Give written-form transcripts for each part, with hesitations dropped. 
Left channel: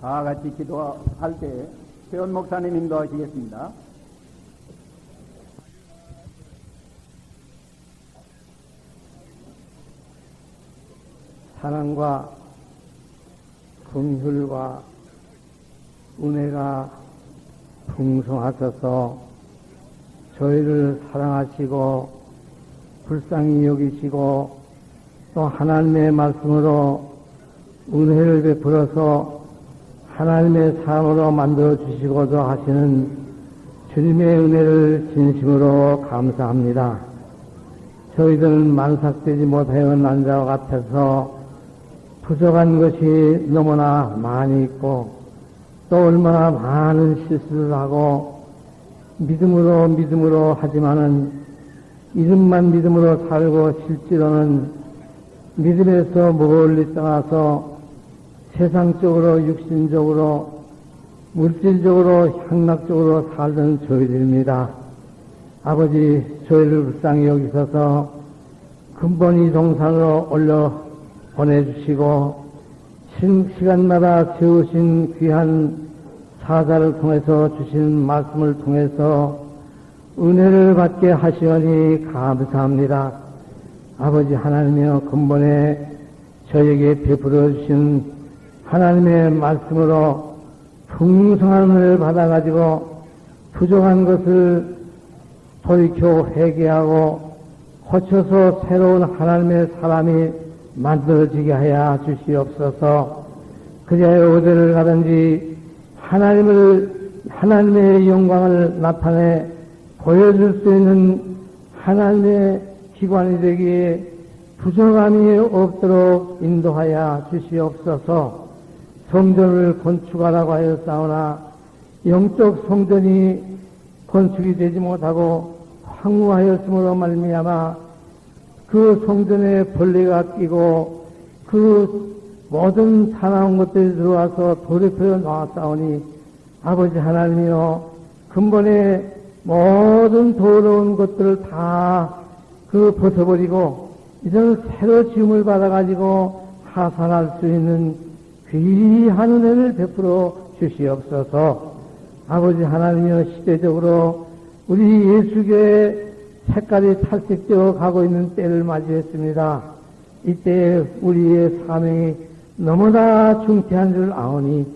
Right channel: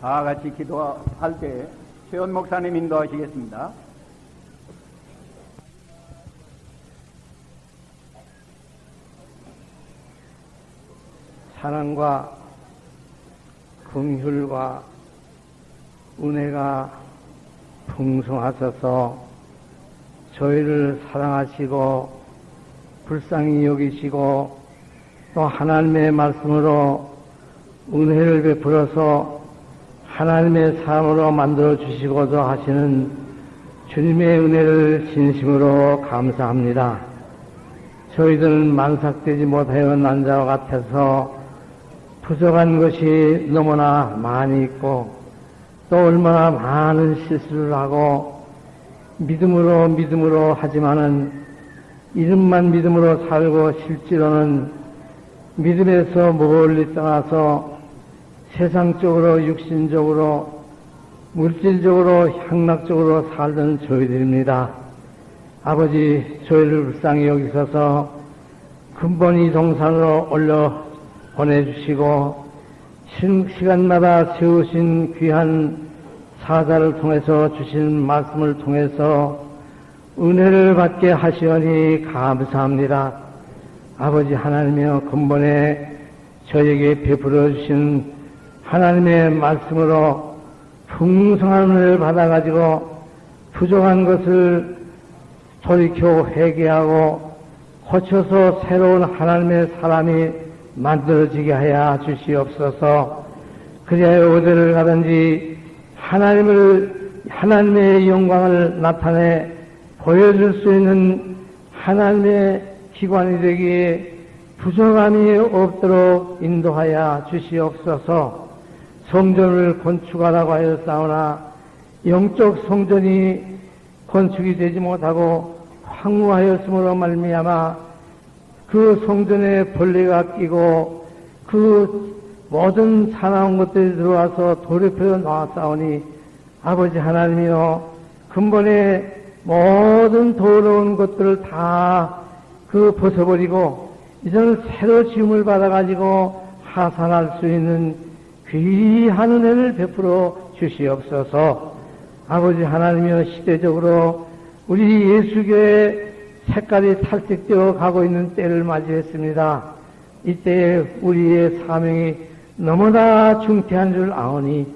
다 같이 기도할 때 최원 목사님 인도하시겠습니다. 사랑과 긍휼과 은혜가 풍성하셔서 저희를 사랑하시고 불쌍히 여기시고 또 하나님의 말씀으로 은혜를 베풀어서 하나님의 사람으로 만들어 주시고자 하시는 주님의 은혜를 진심으로 감사합니다. 저희들은 만삭되지 못하여 난 자와 같아서 부족한 것이 너무나 많이 있고 또 얼마나 많은 실수를 하고 믿음으로 하지만은 이름만 믿음으로 살고 실제로는 믿음에서 멀리 떠나서 세상적으로 육신적으로 물질적으로 향락적으로 살던 저희들입니다. 아버지 저희를 불쌍히 여기셔서 근본이 동산으로 올려 보내주시고 시간마다 세우신 귀한 사자를 통해서 주신 말씀을 통해서 은혜를 받게 하시오니 감사합니다. 아버지 하나님이여 근본에 저에게 베풀어 주신 하나님의 말씀으로 풍성한 은혜를 받아가지고 부족한 것을 돌이켜 회개하고 고쳐서 새로운 하나님의 사람이 만들어지게 하여 주시옵소서. 그리하여 어디를 가든지 하나님의 영광을 나타내 보여줄 수 있는 하나님의 기관이 되기에 부족함이 없도록 인도하여 주시옵소서. 성전을 건축하라고 하였사오나 영적 성전이 건축이 되지 못하고 황무하였으므로 말미암아 그 성전에 벌레가 끼고 그 모든 사나운 것들이 들어와서 돌이켜 나왔사오니 아버지 하나님이여 근본에 모든 더러운 것들을 다 벗어버리고 이제는 새로 지음을 받아가지고 하산할 수 있는 귀한 은혜를 베풀어 주시옵소서. 아버지 하나님이여 시대적으로 우리 예수교의 색깔이 탈색되어 가고 있는 때를 맞이했습니다. 이때에 우리의 사명이 너무나 중대한 줄 아오니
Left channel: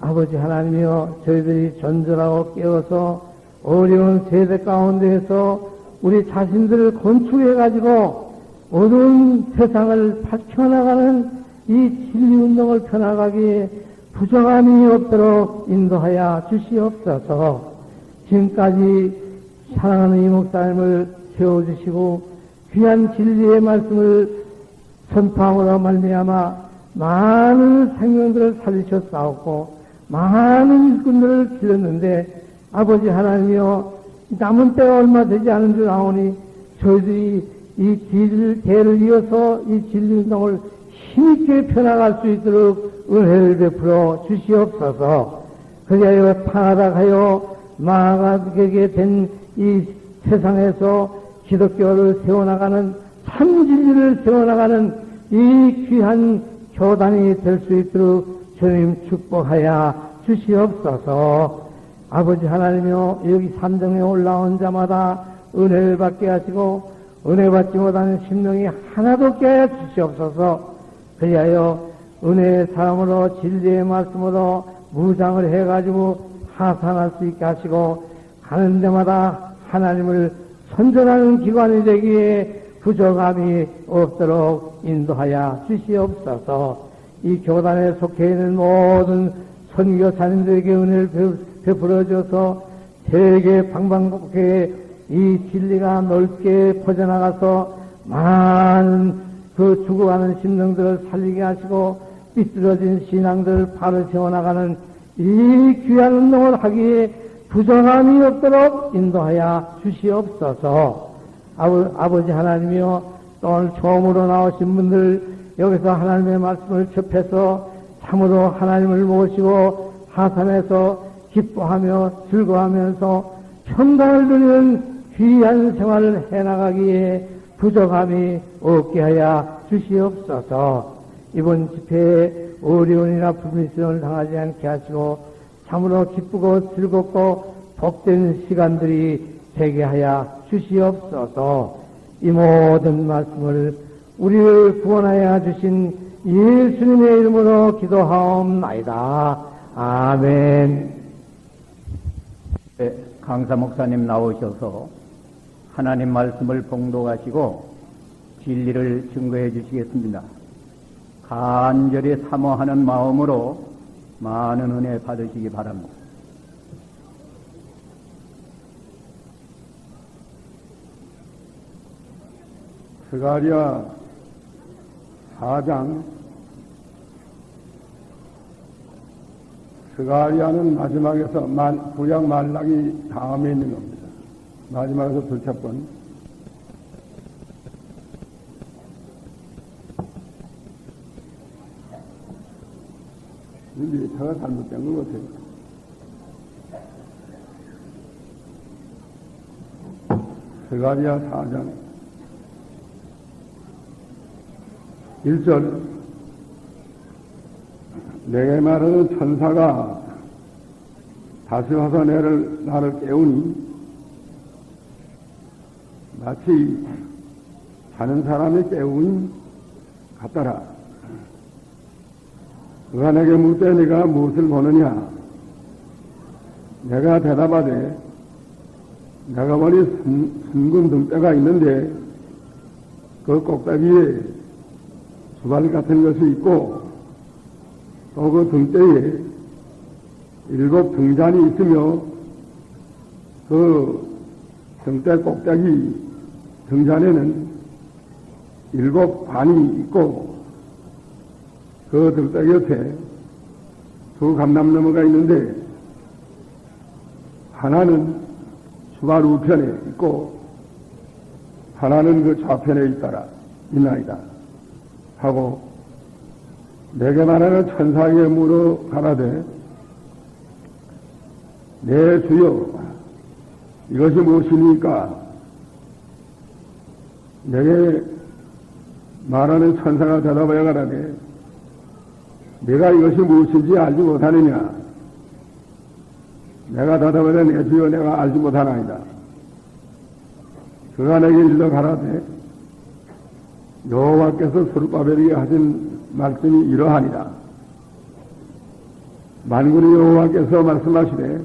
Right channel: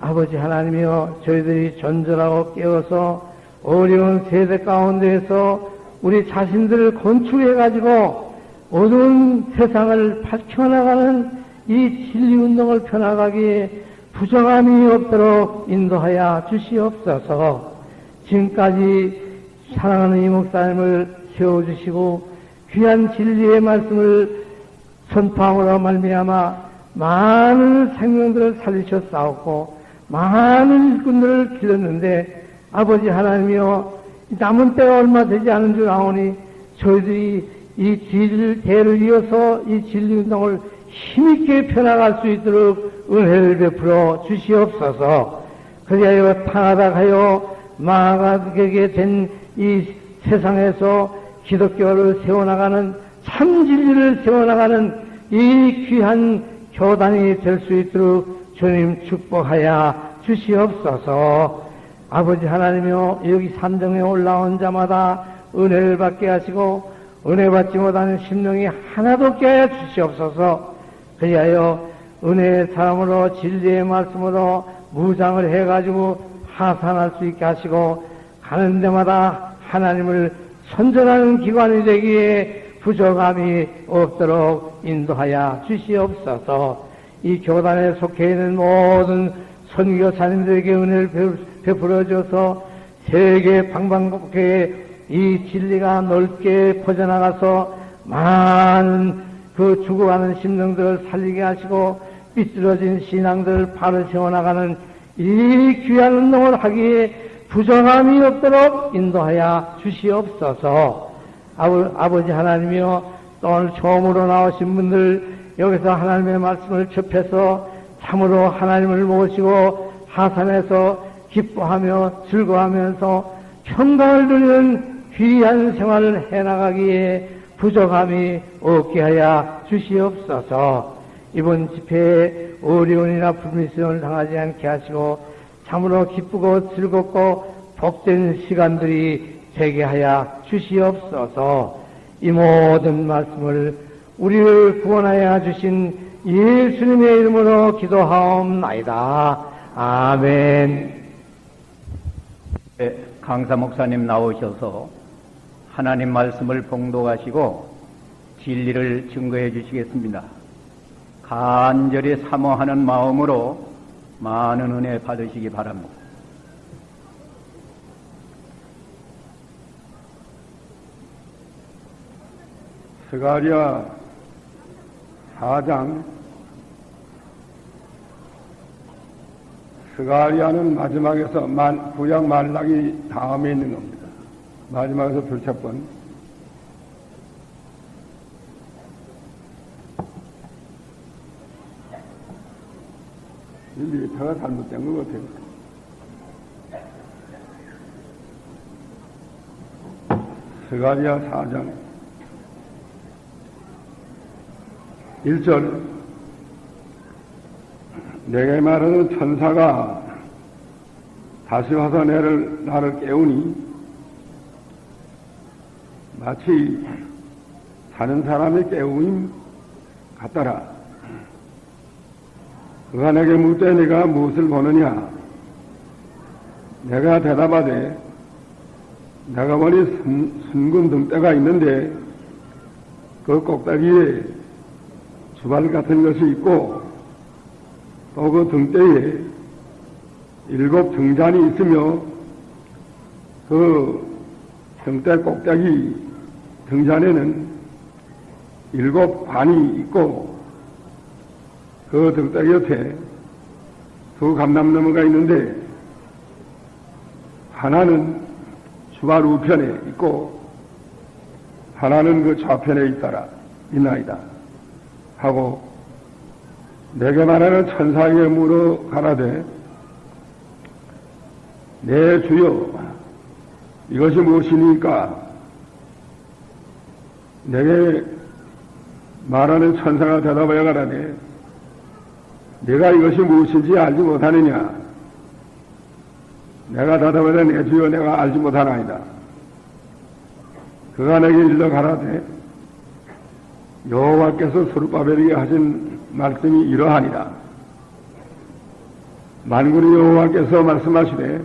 아버지 하나님이여 저희들이 존절하고 깨어서 어려운 세대 가운데에서 우리 자신들을 건축해가지고 어두운 세상을 밝혀나가는 이 진리운동을 펴나가기에 부정함이 없도록 인도하여 주시옵소서. 지금까지 사랑하는 이 목사님을 세워주시고 귀한 진리의 말씀을 선포함으로 말미암아 많은 생명들을 살리셨사옵고 많은 일꾼들을 길렀는데 아버지 하나님이여 남은 때가 얼마 되지 않은 줄 아오니 저희들이 이 대를 이어서 이 진리운동을 힘있게 펴나갈 수 있도록 은혜를 베풀어 주시옵소서. 그리하여 편하다 하여 망하게 된 이 세상에서 기독교를 세워나가는 참 진리를 세워나가는 이 귀한 교단이 될 수 있도록 주님 축복하여 주시옵소서. 아버지 하나님이여 여기 산정에 올라온 자마다 은혜를 받게 하시고 은혜 받지 못하는 심령이 하나도 없게 하여 주시옵소서. 그리하여 은혜의 사람으로 진리의 말씀으로 무장을 해가지고 하산할 수 있게 하시고 가는 데마다 하나님을 선전하는 기관이 되기에 부족함이 없도록 인도하여 주시옵소서. 이 교단에 속해 있는 모든 선교사님들에게 은혜를 베풀어 줘서 세계 방방곡곡에 이 진리가 넓게 퍼져나가서 많은 그 죽어가는 심령들을 살리게 하시고 삐뚤어진 신앙들을 바로 세워나가는 이 귀한 운동을 하기에 부정함이 없도록 인도하여 주시옵소서. 아버지 하나님이여 또 오늘 처음으로 나오신 분들 여기서 하나님의 말씀을 접해서 참으로 하나님을 모시고 하산해서 기뻐하며 즐거워하면서 평강을 누리는 귀한 생활을 해나가기에 부족함이 없게 하여 주시옵소서. 이번 집회에 어려움이나 불미스러움을 당하지 않게 하시고 참으로 기쁘고 즐겁고 복된 시간들이 되게 하여 주시옵소서. 이 모든 말씀을 우리를 구원하여 주신 예수님의 이름으로 기도하옵나이다. 아멘. 네, 강사 목사님 나오셔서 하나님 말씀을 봉독하시고 진리를 증거해 주시겠습니다. 간절히 사모하는 마음으로 많은 은혜 받으시기 바랍니다. 스가랴 4장. 스가랴는 마지막에서 구약 말라기 다음에 있는 겁니다. 마지막에서 둘째 번. 일리터가 잘못된 것 같아요. 스가랴 4장 1절. 내게 말하는 천사가 다시 와서 나를 깨우니 마치 자는 사람의 깨우임 같더라. 그가 내게 묻되 내가 무엇을 보느냐? 내가 대답하되 내가 보니 순금 등대가 있는데 그 꼭대기에 주발 같은 것이 있고 또 그 등대에 7 등잔이 있으며 그 등대 꼭대기 등잔에는 7 관이 있고 그 등대 옆에 2 감람나무가 있는데 하나는 주발 우편에 있고 하나는 그 좌편에 있나이다 하고 내게 말하는 천사에게 물어 가라되 내 주여 이것이 무엇이니까? 내게 말하는 천사가 대답하여 가라되 내가 이것이 무엇인지 알지 못하느냐? 내가 대답하되 내 주여 내가 알지 못하나이다. 그가 내게 일러 가라되 여호와께서 스룹바벨에게 하신 말씀이 이러하니라. 만군의 여호와께서 말씀하시되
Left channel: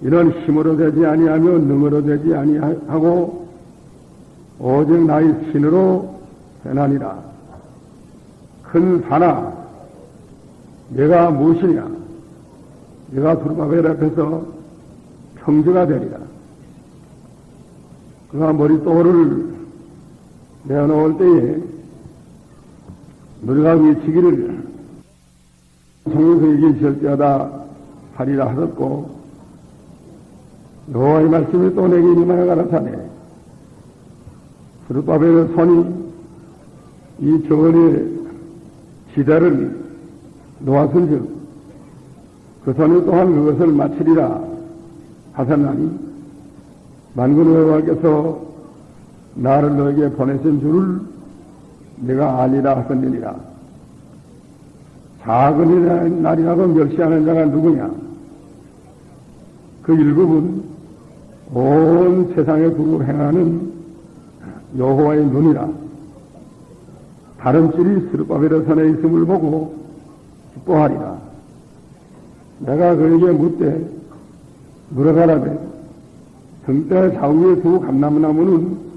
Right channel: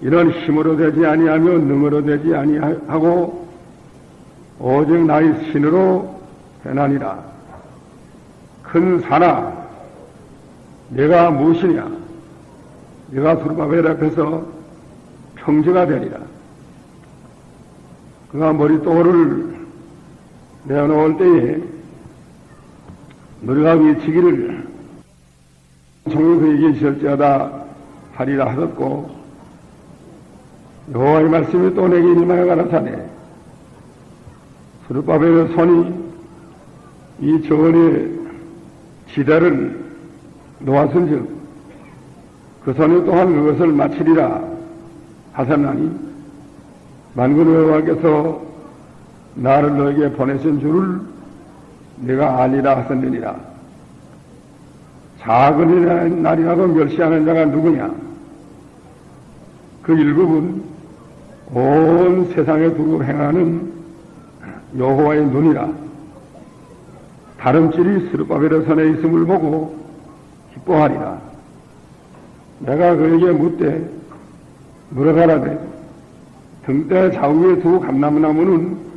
이는 힘으로 되지 아니하며 능으로 되지 아니하고 오직 나의 신으로 되나니라. 큰 산아 내가 무엇이냐? 내가 스룹바벨 앞에서 평지가 되리라. 그가 머릿돌을 내어놓을 때에 너희가 외치기를 정의 그에게 있을지어다 하리라 하셨고 여호와의 말씀이 또 내게 임하여 가라사대 스룹바벨의 손이 이 정원의 지대를 놓았은즉 그 손이 또한 그것을 마치리라 하셨나니 만군의 여호와께서 나를 너에게 보내신 줄을 내가 알리라 하셨느니라. 작은 날이라도 멸시하는 자가 누구냐? 그 일급은 온 세상에 두고 행하는 여호와의 눈이라. 다름질이 스룹바벨의 손에 있음을 보고 기뻐하리라. 내가 그에게 묻되 물어가라되 등대 좌우에 2 감람나무는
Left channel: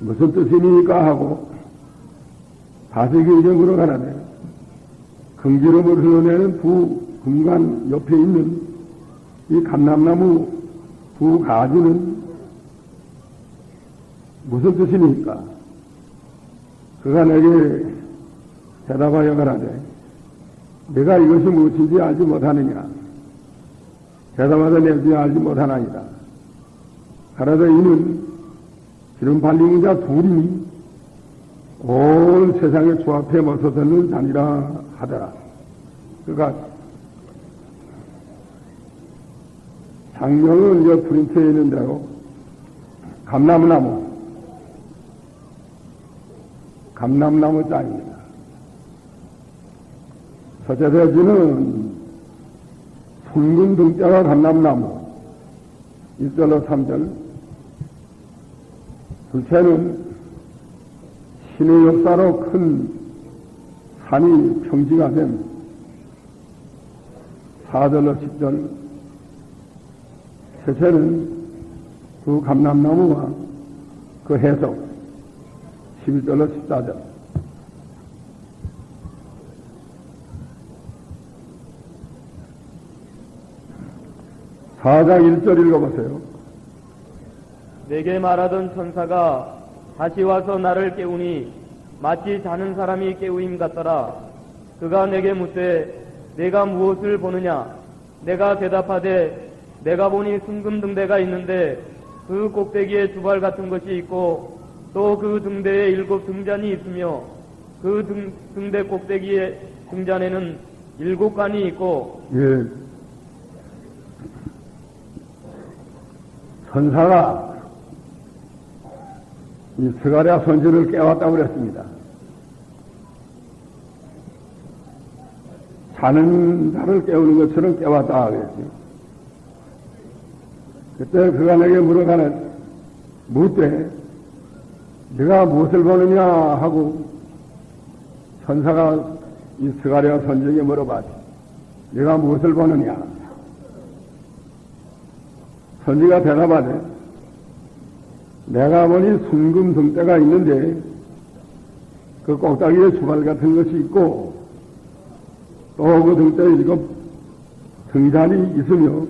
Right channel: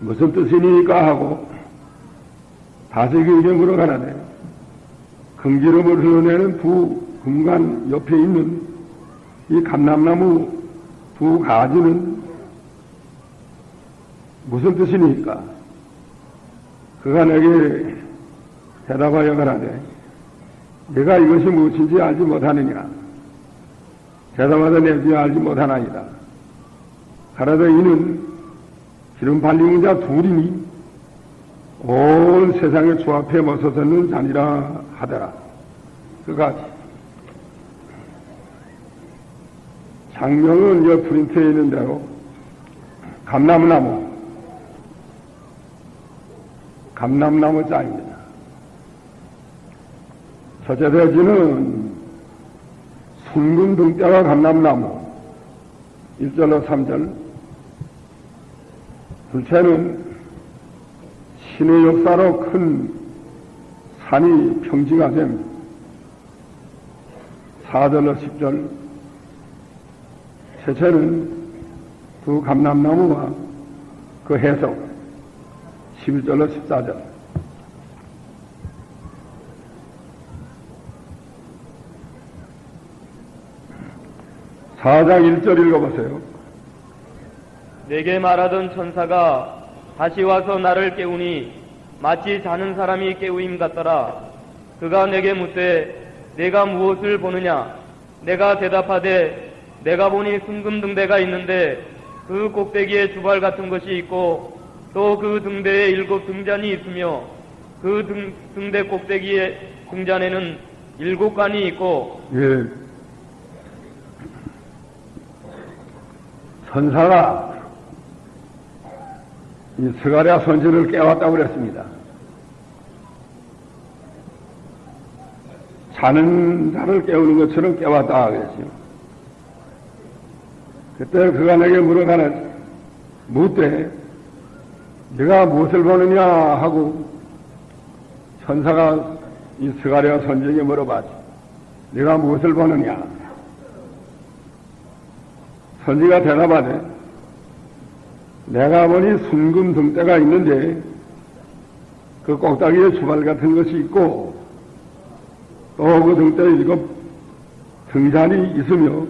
무슨 뜻이니까 하고 다시 그에게 물어가라되 금기름을 흘러내는 2 금관 옆에 있는 이 감람나무 2 가지는 무슨 뜻이니까? 그가 내게 대답하여 가라되 내가 이것이 무엇인지 알지 못하느냐? 대답하되 내 주여 알지 못하나이다. 가라되 이는 기름 발리는 자 2이니 온 세상의 주 앞에 모서서는 자니라 하더라. 그가 장면은 여 프린트에 있는 대로 감람나무 자입니다. 첫째 대지는 순금 등대와 감람나무 1절로 3절. 둘째는 신의 역사로 큰 산이 평지가 된 4절로 10절. 셋째는 두 감람나무와 그 해석 11절로 14절. 사장 1절 읽어보세요. 내게 말하던 천사가 다시 와서 나를 깨우니 마치 자는 사람이 깨우임 같더라. 그가 내게 묻되 내가 무엇을 보느냐? 내가 대답하되 내가 보니 순금 등대가 있는데 그 꼭대기에 주발 같은 것이 있고 또 그 등대에 7 등잔이 있으며 그 등대 꼭대기의 등잔에는 7관이 있고. 예. 천사가 이 스가랴 선지를 깨웠다고 그랬습니다. 자는 자를 깨우는 것처럼 깨웠다 그랬죠. 그때 그가 내게 물어가는 묻되 네가 무엇을 보느냐 하고 천사가 이 스가랴 선지에게 물어봤지. 네가 무엇을 보느냐? 선지가 대답하되 내가 보니 순금 등대가 있는데 그 꼭다기에 주발 같은 것이 있고 또 그 등대에 7 등잔이 있으며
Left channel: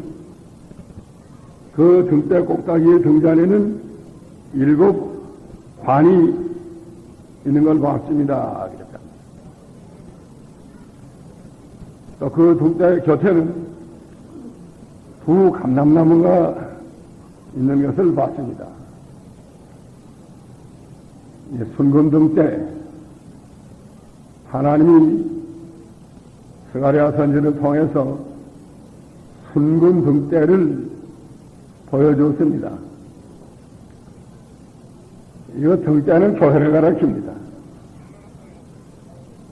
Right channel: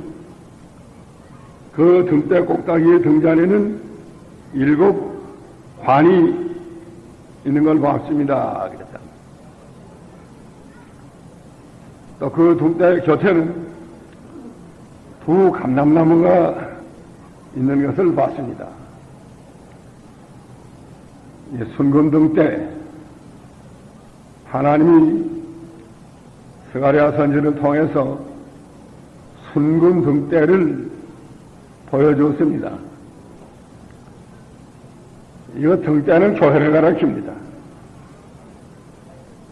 그 등대 꼭다기의 등잔에는 7 관이 있는 걸 봤습니다. 그랬다. 또 그 등대 곁에는 두 감람나무가 있는 것을 봤습니다. 이 순금등 때 하나님이 스가랴 선지를 통해서 순금등 때를 보여줬습니다. 이거 등대는 교회를 가리킵니다.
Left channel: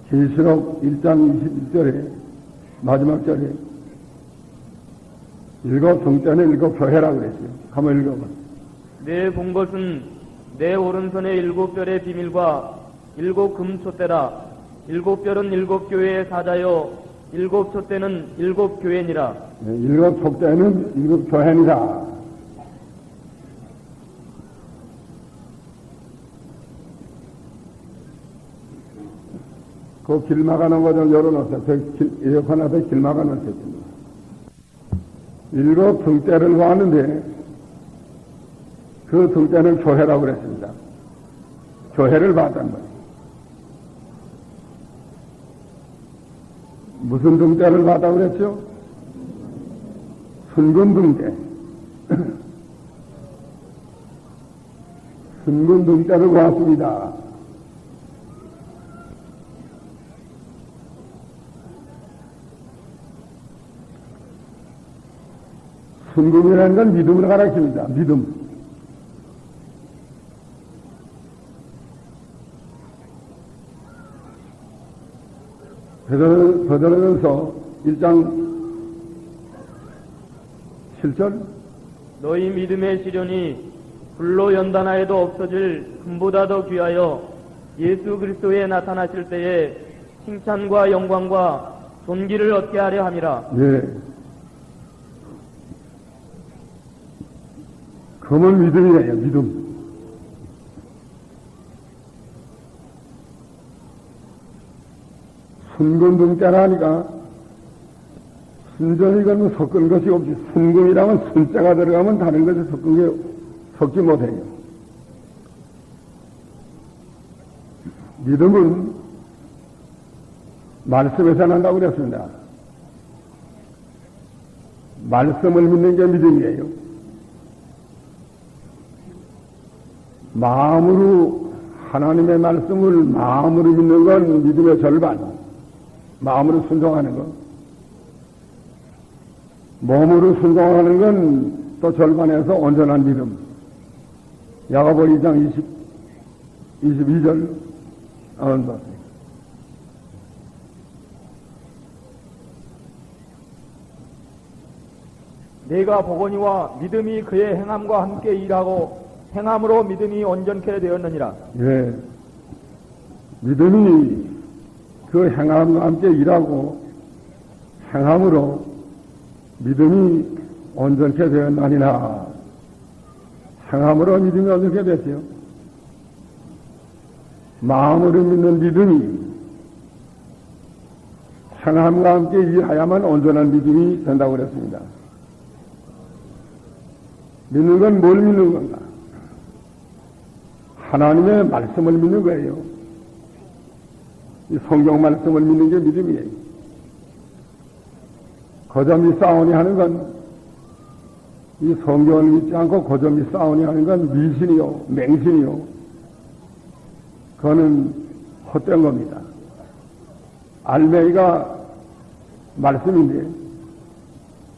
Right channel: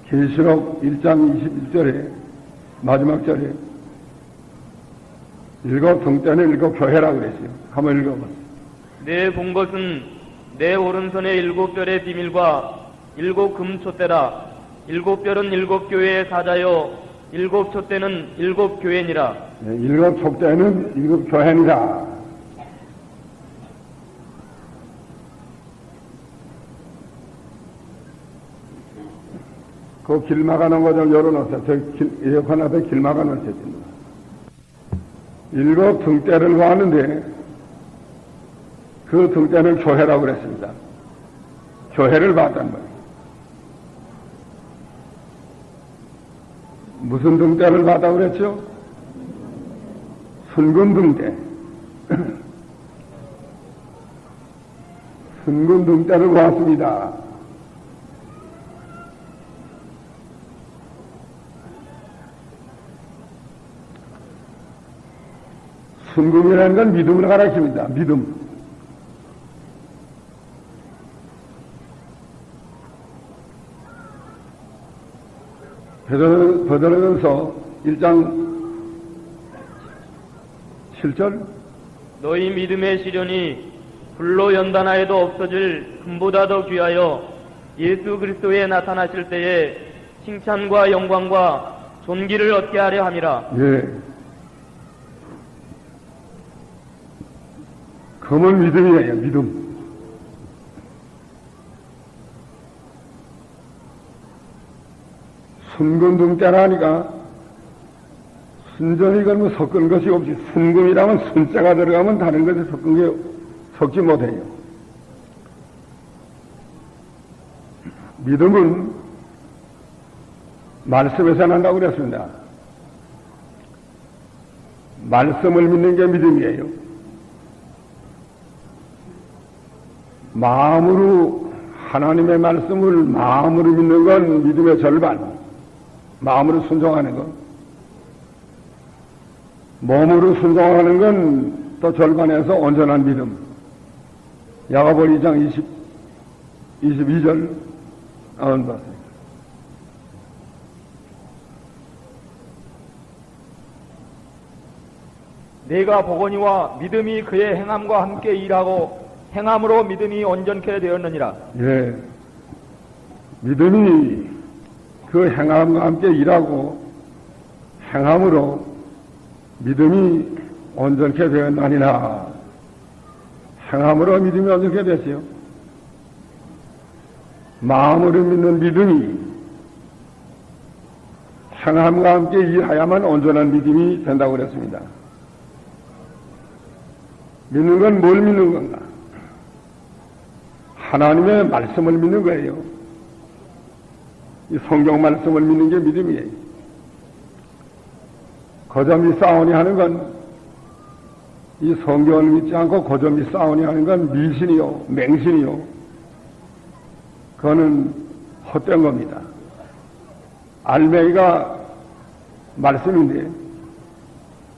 계시록 1장 21절에 마지막 절에 7 등대는 7 교회라고 그랬어요. 한번 읽어보세요. 내 본 것은 내 오른손의 7별의 비밀과 7 금촛대라. 7별은 7 교회의 사자요 7 촛대는 7 교회니라. 7 촛대는 7 교회니라. 그 길 막아놓은 거 좀 열어놓으세요. 저 에어컨 앞에 길 막아놓으세요. 7 등대를 보았는데 그 등대는 교회라고 그랬습니다. 교회를 봤단 말이에요. 무슨 등대를 봤다고 그랬죠? 순금 등대. 순금 등대를 보았습니다. 순금이라는 건 믿음을 가리킵니다. 믿음. 베드로전서 1장 7절. 너희 믿음의 시련이 불로 연단하여도 없어질 금보다 더 귀하여 예수 그리스도에 나타나실 때에 칭찬과 영광과 존귀를 얻게 하려 함이라. 예. 금은 믿음이에요. 믿음. 순금 등대라니까 순전히 그러면 섞은 것이 없이 순금이라면 순자가 들어가면 다른 것에 섞지 못해요. 믿음은 말씀에서 난다고 그랬습니다. 말씀을 믿는 게 믿음이에요. 마음으로 하나님의 말씀을 마음으로 믿는 건 믿음의 절반. 마음으로 순종하는 것. 몸으로 순종하는 건 또 절반에서 온전한 믿음. 야고보 2장 22절. 내가 보거니와 믿음이 그의 행함과 함께 일하고 행함으로 믿음이 온전케 되었느니라. 예. 믿음이 그 행함과 함께 일하고 행함으로 믿음이 온전케 되었나니라. 행함으로 믿음이 온전케 됐어요. 마음으로 믿는 믿음이 행함과 함께 일하야만 온전한 믿음이 된다고 그랬습니다. 믿는 건 뭘 믿는 건가? 하나님의 말씀을 믿는 거예요. 이 성경 말씀을 믿는 게 믿음이에요. 거점이 싸우니 하는 건 이 성경을 믿지 않고 거점이 싸우니 하는 건 미신이요, 맹신이요. 그거는 헛된 겁니다. 알맹이가 말씀인데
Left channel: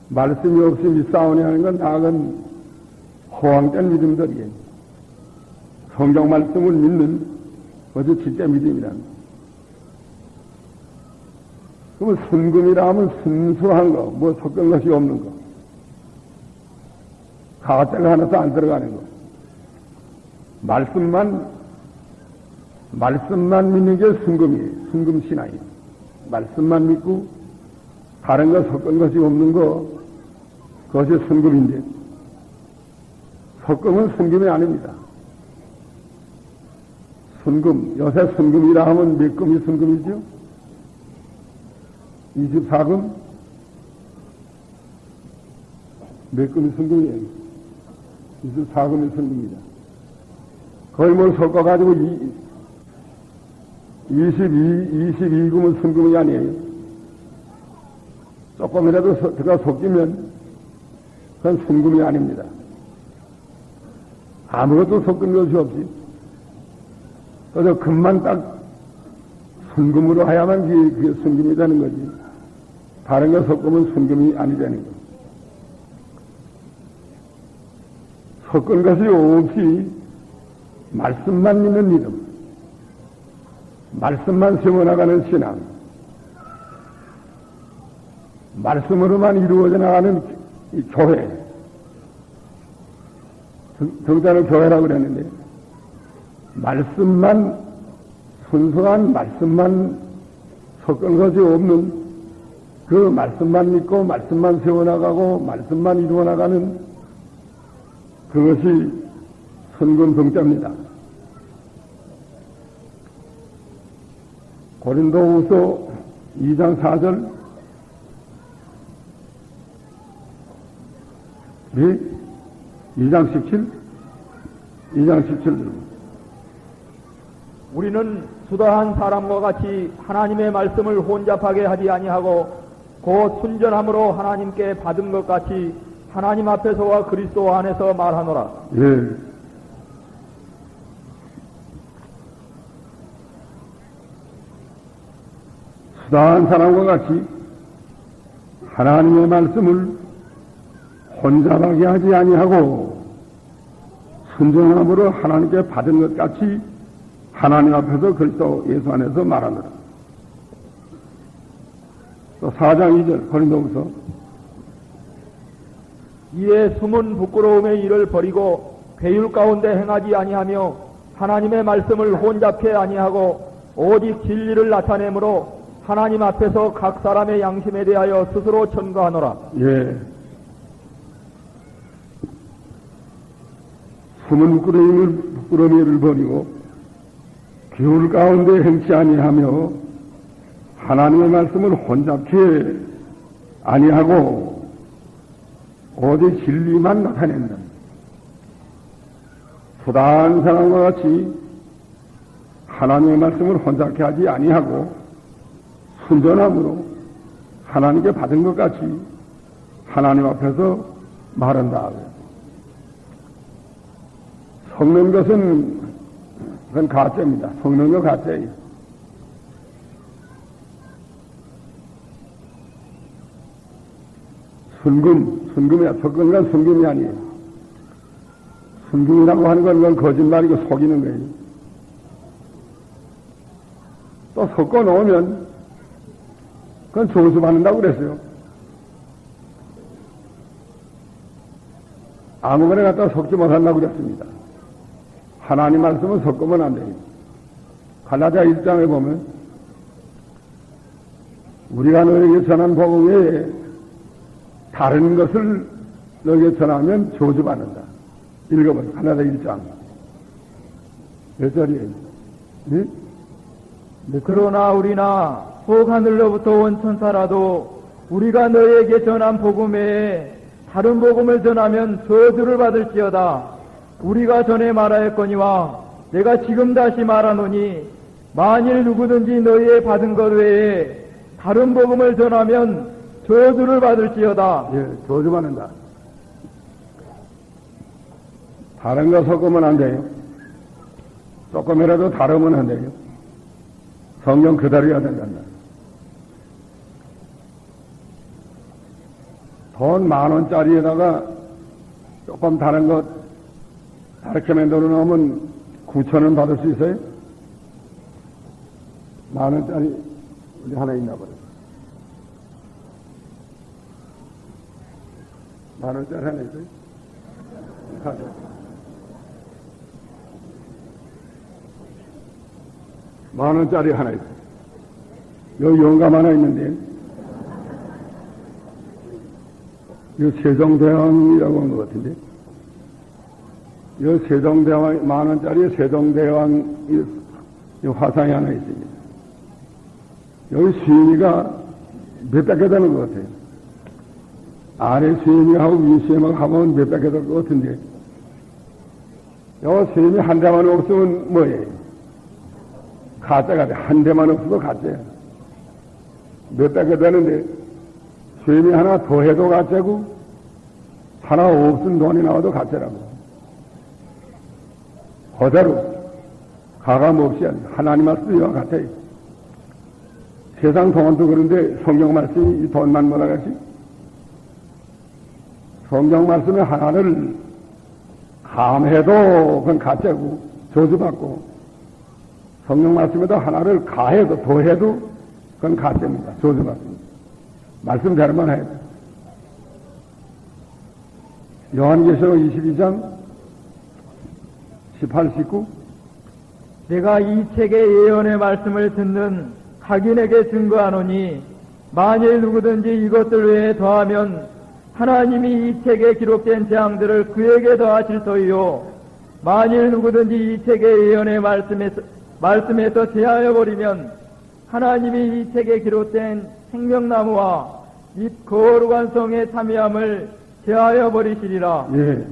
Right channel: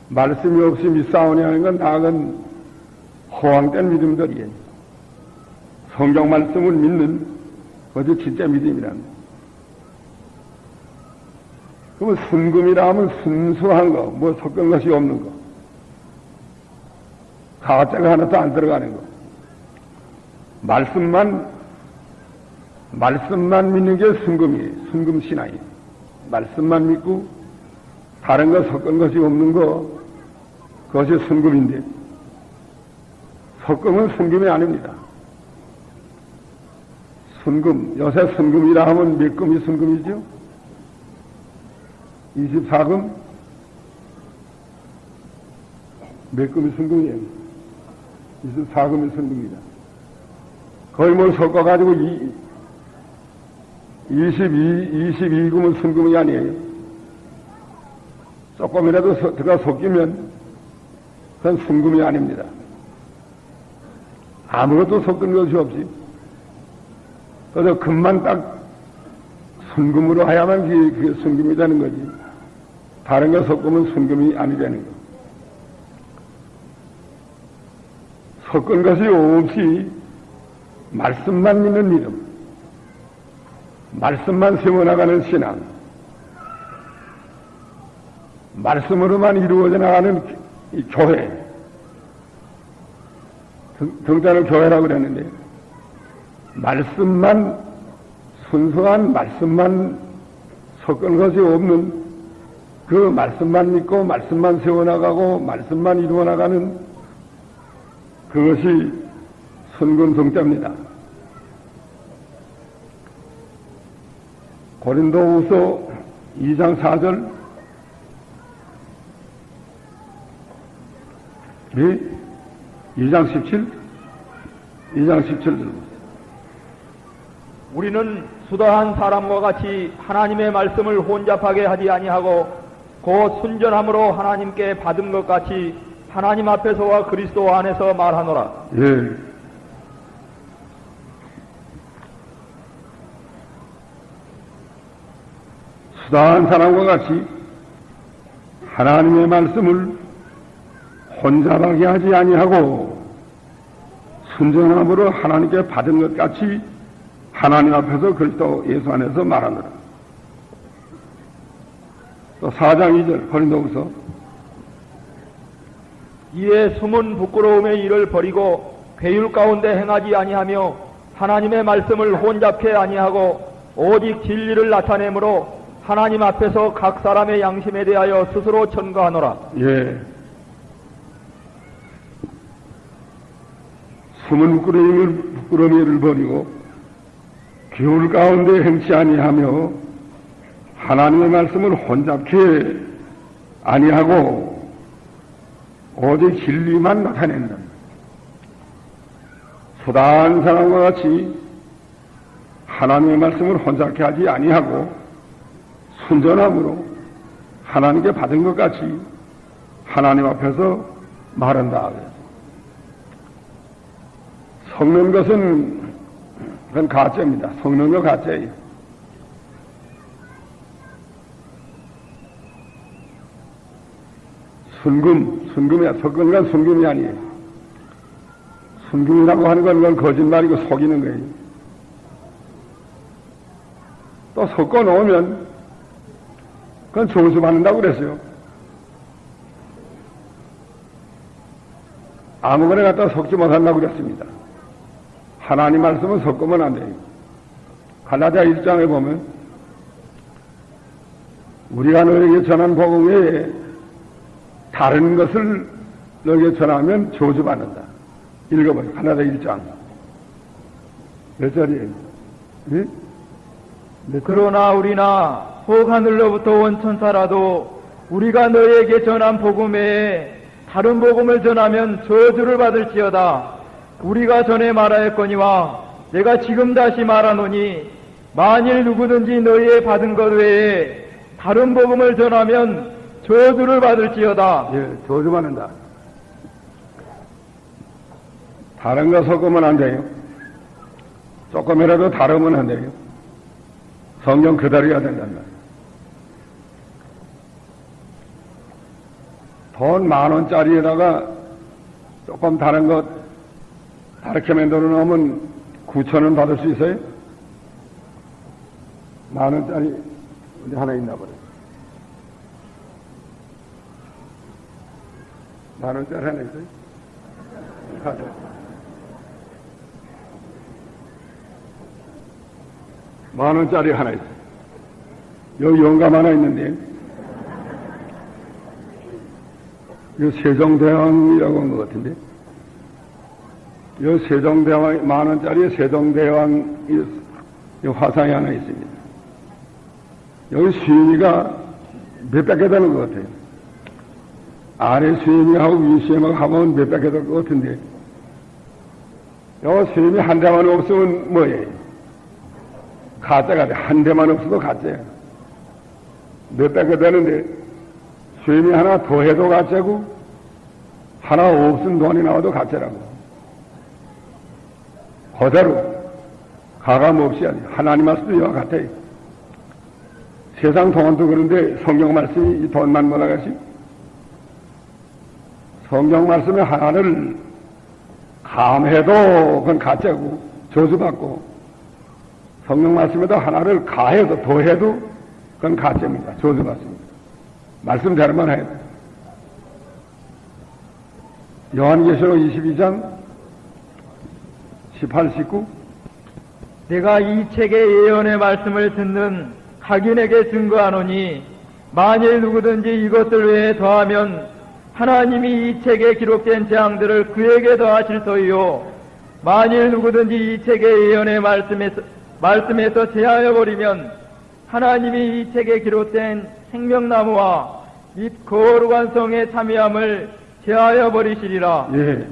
말씀이 없이 믿사오니 하는 건 나은 허황된 믿음들이에요. 성경 말씀을 믿는 그것이 진짜 믿음이란. 그러면 순금이라 하면 순수한 거, 뭐 섞은 것이 없는 거, 가짜가 하나도 안 들어가는 거. 말씀만 믿는 게 순금이에요. 순금 신앙이에요. 말씀만 믿고 다른 거 섞은 것이 없는 거, 그것이 순금인데 섞음은 순금이 아닙니다. 순금, 요새 순금이라 하면 몇 금이 순금이죠? 24금? 몇 금이 순금이에요? 24금이 순금이다. 거의 뭐 섞어가지고 22금은 순금이 아니에요. 조금이라도 들어가 섞이면 그건 순금이 아닙니다. 아무것도 섞은 것이 없이 그래서 금만 딱 순금으로 하야만 그게 순금이 되는 거지. 다른 거 섞으면 순금이 아니 되는 거. 섞은 것이 없이 말씀만 믿는 믿음, 말씀만 세워나가는 신앙, 말씀으로만 이루어져 나가는 이 교회, 등자는 교회라고 그랬는데 말씀만, 순수한 말씀만 섞은 것이 없는 그 말씀만 믿고 말씀만 세워나가고 말씀만 이루어나가는 그것이 순금성자입니다. 고린도후서 2장 4절 2장 17? 2장 17절 우리는 수다한 사람과 같이 하나님의 말씀을 혼잡하게 하지 아니하고 곧 순전함으로 하나님께 받은 것 같이 하나님 앞에서와 그리스도 안에서 말하노라. 예. 수다한 사람과 같이 하나님의 말씀을 혼잡하게 하지 아니하고 순전함으로 하나님께 받은 것 같이 하나님 앞에서 그리스도 예수 안에서 말하노라. 또 4장 2절 고린도후서 이에 숨은 부끄러움의 일을 버리고 괴율 가운데 행하지 아니하며 하나님의 말씀을 혼잡케 아니하고 오직 진리를 나타내므로 하나님 앞에서 각 사람의 양심에 대하여 스스로 천거하노라. 예. 숨은 부끄러움의 일을 버리고 괴율 가운데 행치 아니하며 하나님의 말씀을 혼잡케 아니하고 오직 진리만 나타낸다. 수다한 사람과 같이 하나님의 말씀을 혼잡케 하지 아니하고 순전함으로 하나님께 받은 것 같이 하나님 앞에서 말한다. 섞는 것은 그건 가짜입니다. 섞는 거 가짜예요. 순금이야. 섞은 건 순금이 아니에요. 순금이라고 하는 건 그건 거짓말이고 속이는 거예요. 또 섞어 놓으면 그건 점수 받는다고 그랬어요. 아무거나 갖다 섞지 못한다고 그랬습니다. 하나님 말씀은 섞으면 안 돼요. 갈라디아 1장에 보면 우리가 너에게 전한 복음 외에 다른 것을 너에게 전하면 저주받는다. 읽어봐요. 갈라디아 1장. 몇 절이에요? 네? 그러나 우리나 혹 하늘로부터 온 천사라도 우리가 너에게 전한 복음 외에 다른 복음을 전하면 저주를 받을지어다. 우리가 전에 말하였거니와 내가 지금 다시 말하노니 만일 누구든지 너희의 받은 것 외에 다른 복음을 전하면 저주를 받을지어다. 예, 저주받는다. 다른 거 섞으면 안 돼요. 조금이라도 다르면 안 돼요. 성경 그대로야 된단다. 돈 10,000원짜리에다가 조금 다른 것 다르게 만들어 놓으면 9,000원 받을 수 있어요? 10,000원짜리 어디 하나 있나 보네. 10,000원짜리 하나 있어요? 가자. 10,000원짜리 하나 있어요. 여기 영감 하나 있는데 이 세종대왕이라고 한 것 같은데, 이 세종대왕, 10,000원짜리 세종대왕 이 화상이 하나 있습니다. 여기 수인이가 몇백 개 되는 것 같아요. 아래 수인이하고 위 수인하고 하면 몇백 개 될 것 같은데, 여기 수인이 한 대만 없으면 뭐예요? 가짜가 돼. 한 대만 없어도 가짜야. 몇백 개 되는데, 수임이 하나 더 해도 가짜고 하나 없은 돈이 나와도 가짜라고. 그대로 가감 없이 아니 하나님 말씀도 이와 같아요. 세상 돈도 그런데 성경 말씀이 이 돈만 몰아가시. 성경 말씀에 하나를 감해도 그건 가짜고 저주받고, 성경 말씀에도 하나를 가해도 더해도 그건 가짜입니다. 저주받습니다. 말씀대로만 해요. 요한계시록 22장 18, 19. 내가 이 책의 예언의 말씀을 듣는 각인에게 증거하노니 만일 누구든지 이것을 외에 더하면 하나님이 이 책에 기록된 재앙들을 그에게 더하실 터이요 만일 누구든지 이 책의 예언의 말씀에서 제하여 버리면 하나님이 이 책에 기록된 생명나무와 및 거룩한 성의 참여함을 제하여 버리시리라. 예.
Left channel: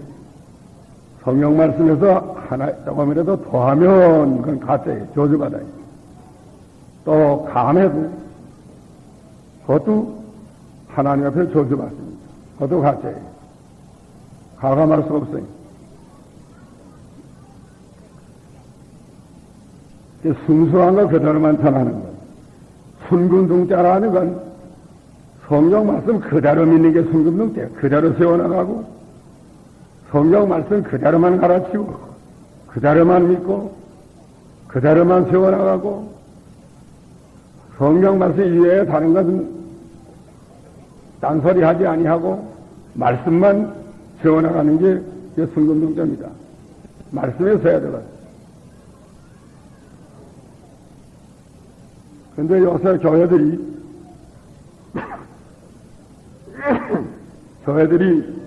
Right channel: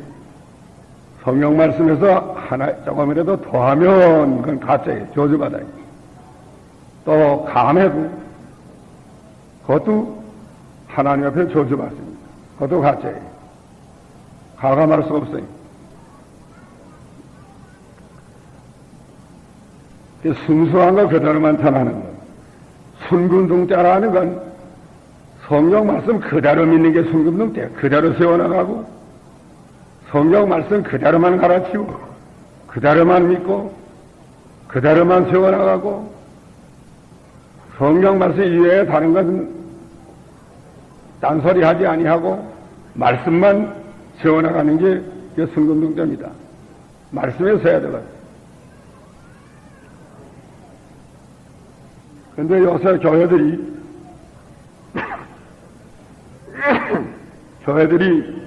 성경 말씀에서 하나 조금이라도 더하면 그건 가짜예요. 저주받아요. 또 감해도 그것도 하나님 앞에 저주받습니다. 그것도 가짜예요. 가감할 수가 없어요. 순수한 거 그대로만 전하는 거. 순금둥자라는 건 성경 말씀 그대로 믿는 게 순금둥자야. 그대로 세워나가고 성경 말씀 그대로만 가르치고 그대로만 믿고 그대로만 세워나가고 성경 말씀 이외에 다른 것은 딴소리 하지 아니하고 말씀만 세워나가는 게 순금둥자입니다. 말씀에 서야 되거든요. 근데 요새 교회들이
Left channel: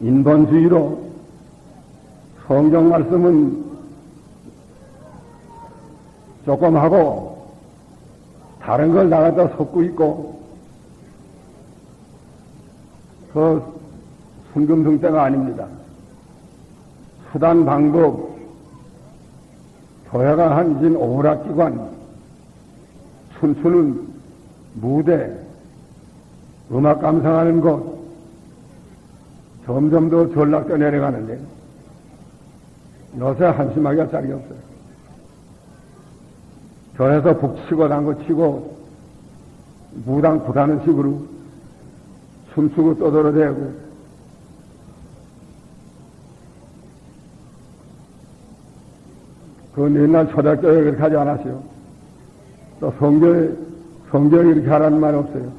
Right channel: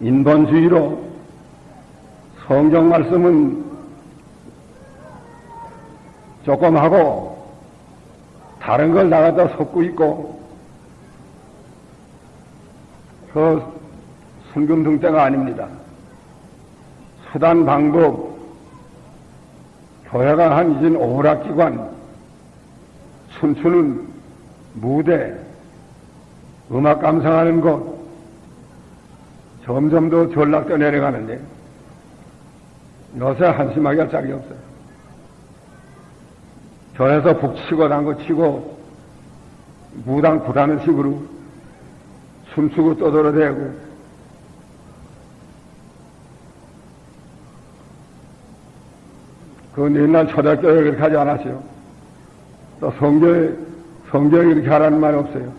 인본주의로 성경 말씀은 조금 하고 다른 걸 나가다 섞고 있고 그 순금등대가 아닙니다. 수단 방법 교회가 한 이젠 오락기관, 춤추는 무대, 음악 감상하는 곳, 점점 더 전락돼 내려가는데 요새 한심하게 할 짝이 없어요. 교회에서 북치고 단거 치고 무당 부다는 식으로 춤추고 떠들어대고 그건 옛날 초대교회 그렇게 하지 않았어요. 또 성경에 이렇게 하라는 말이 없어요.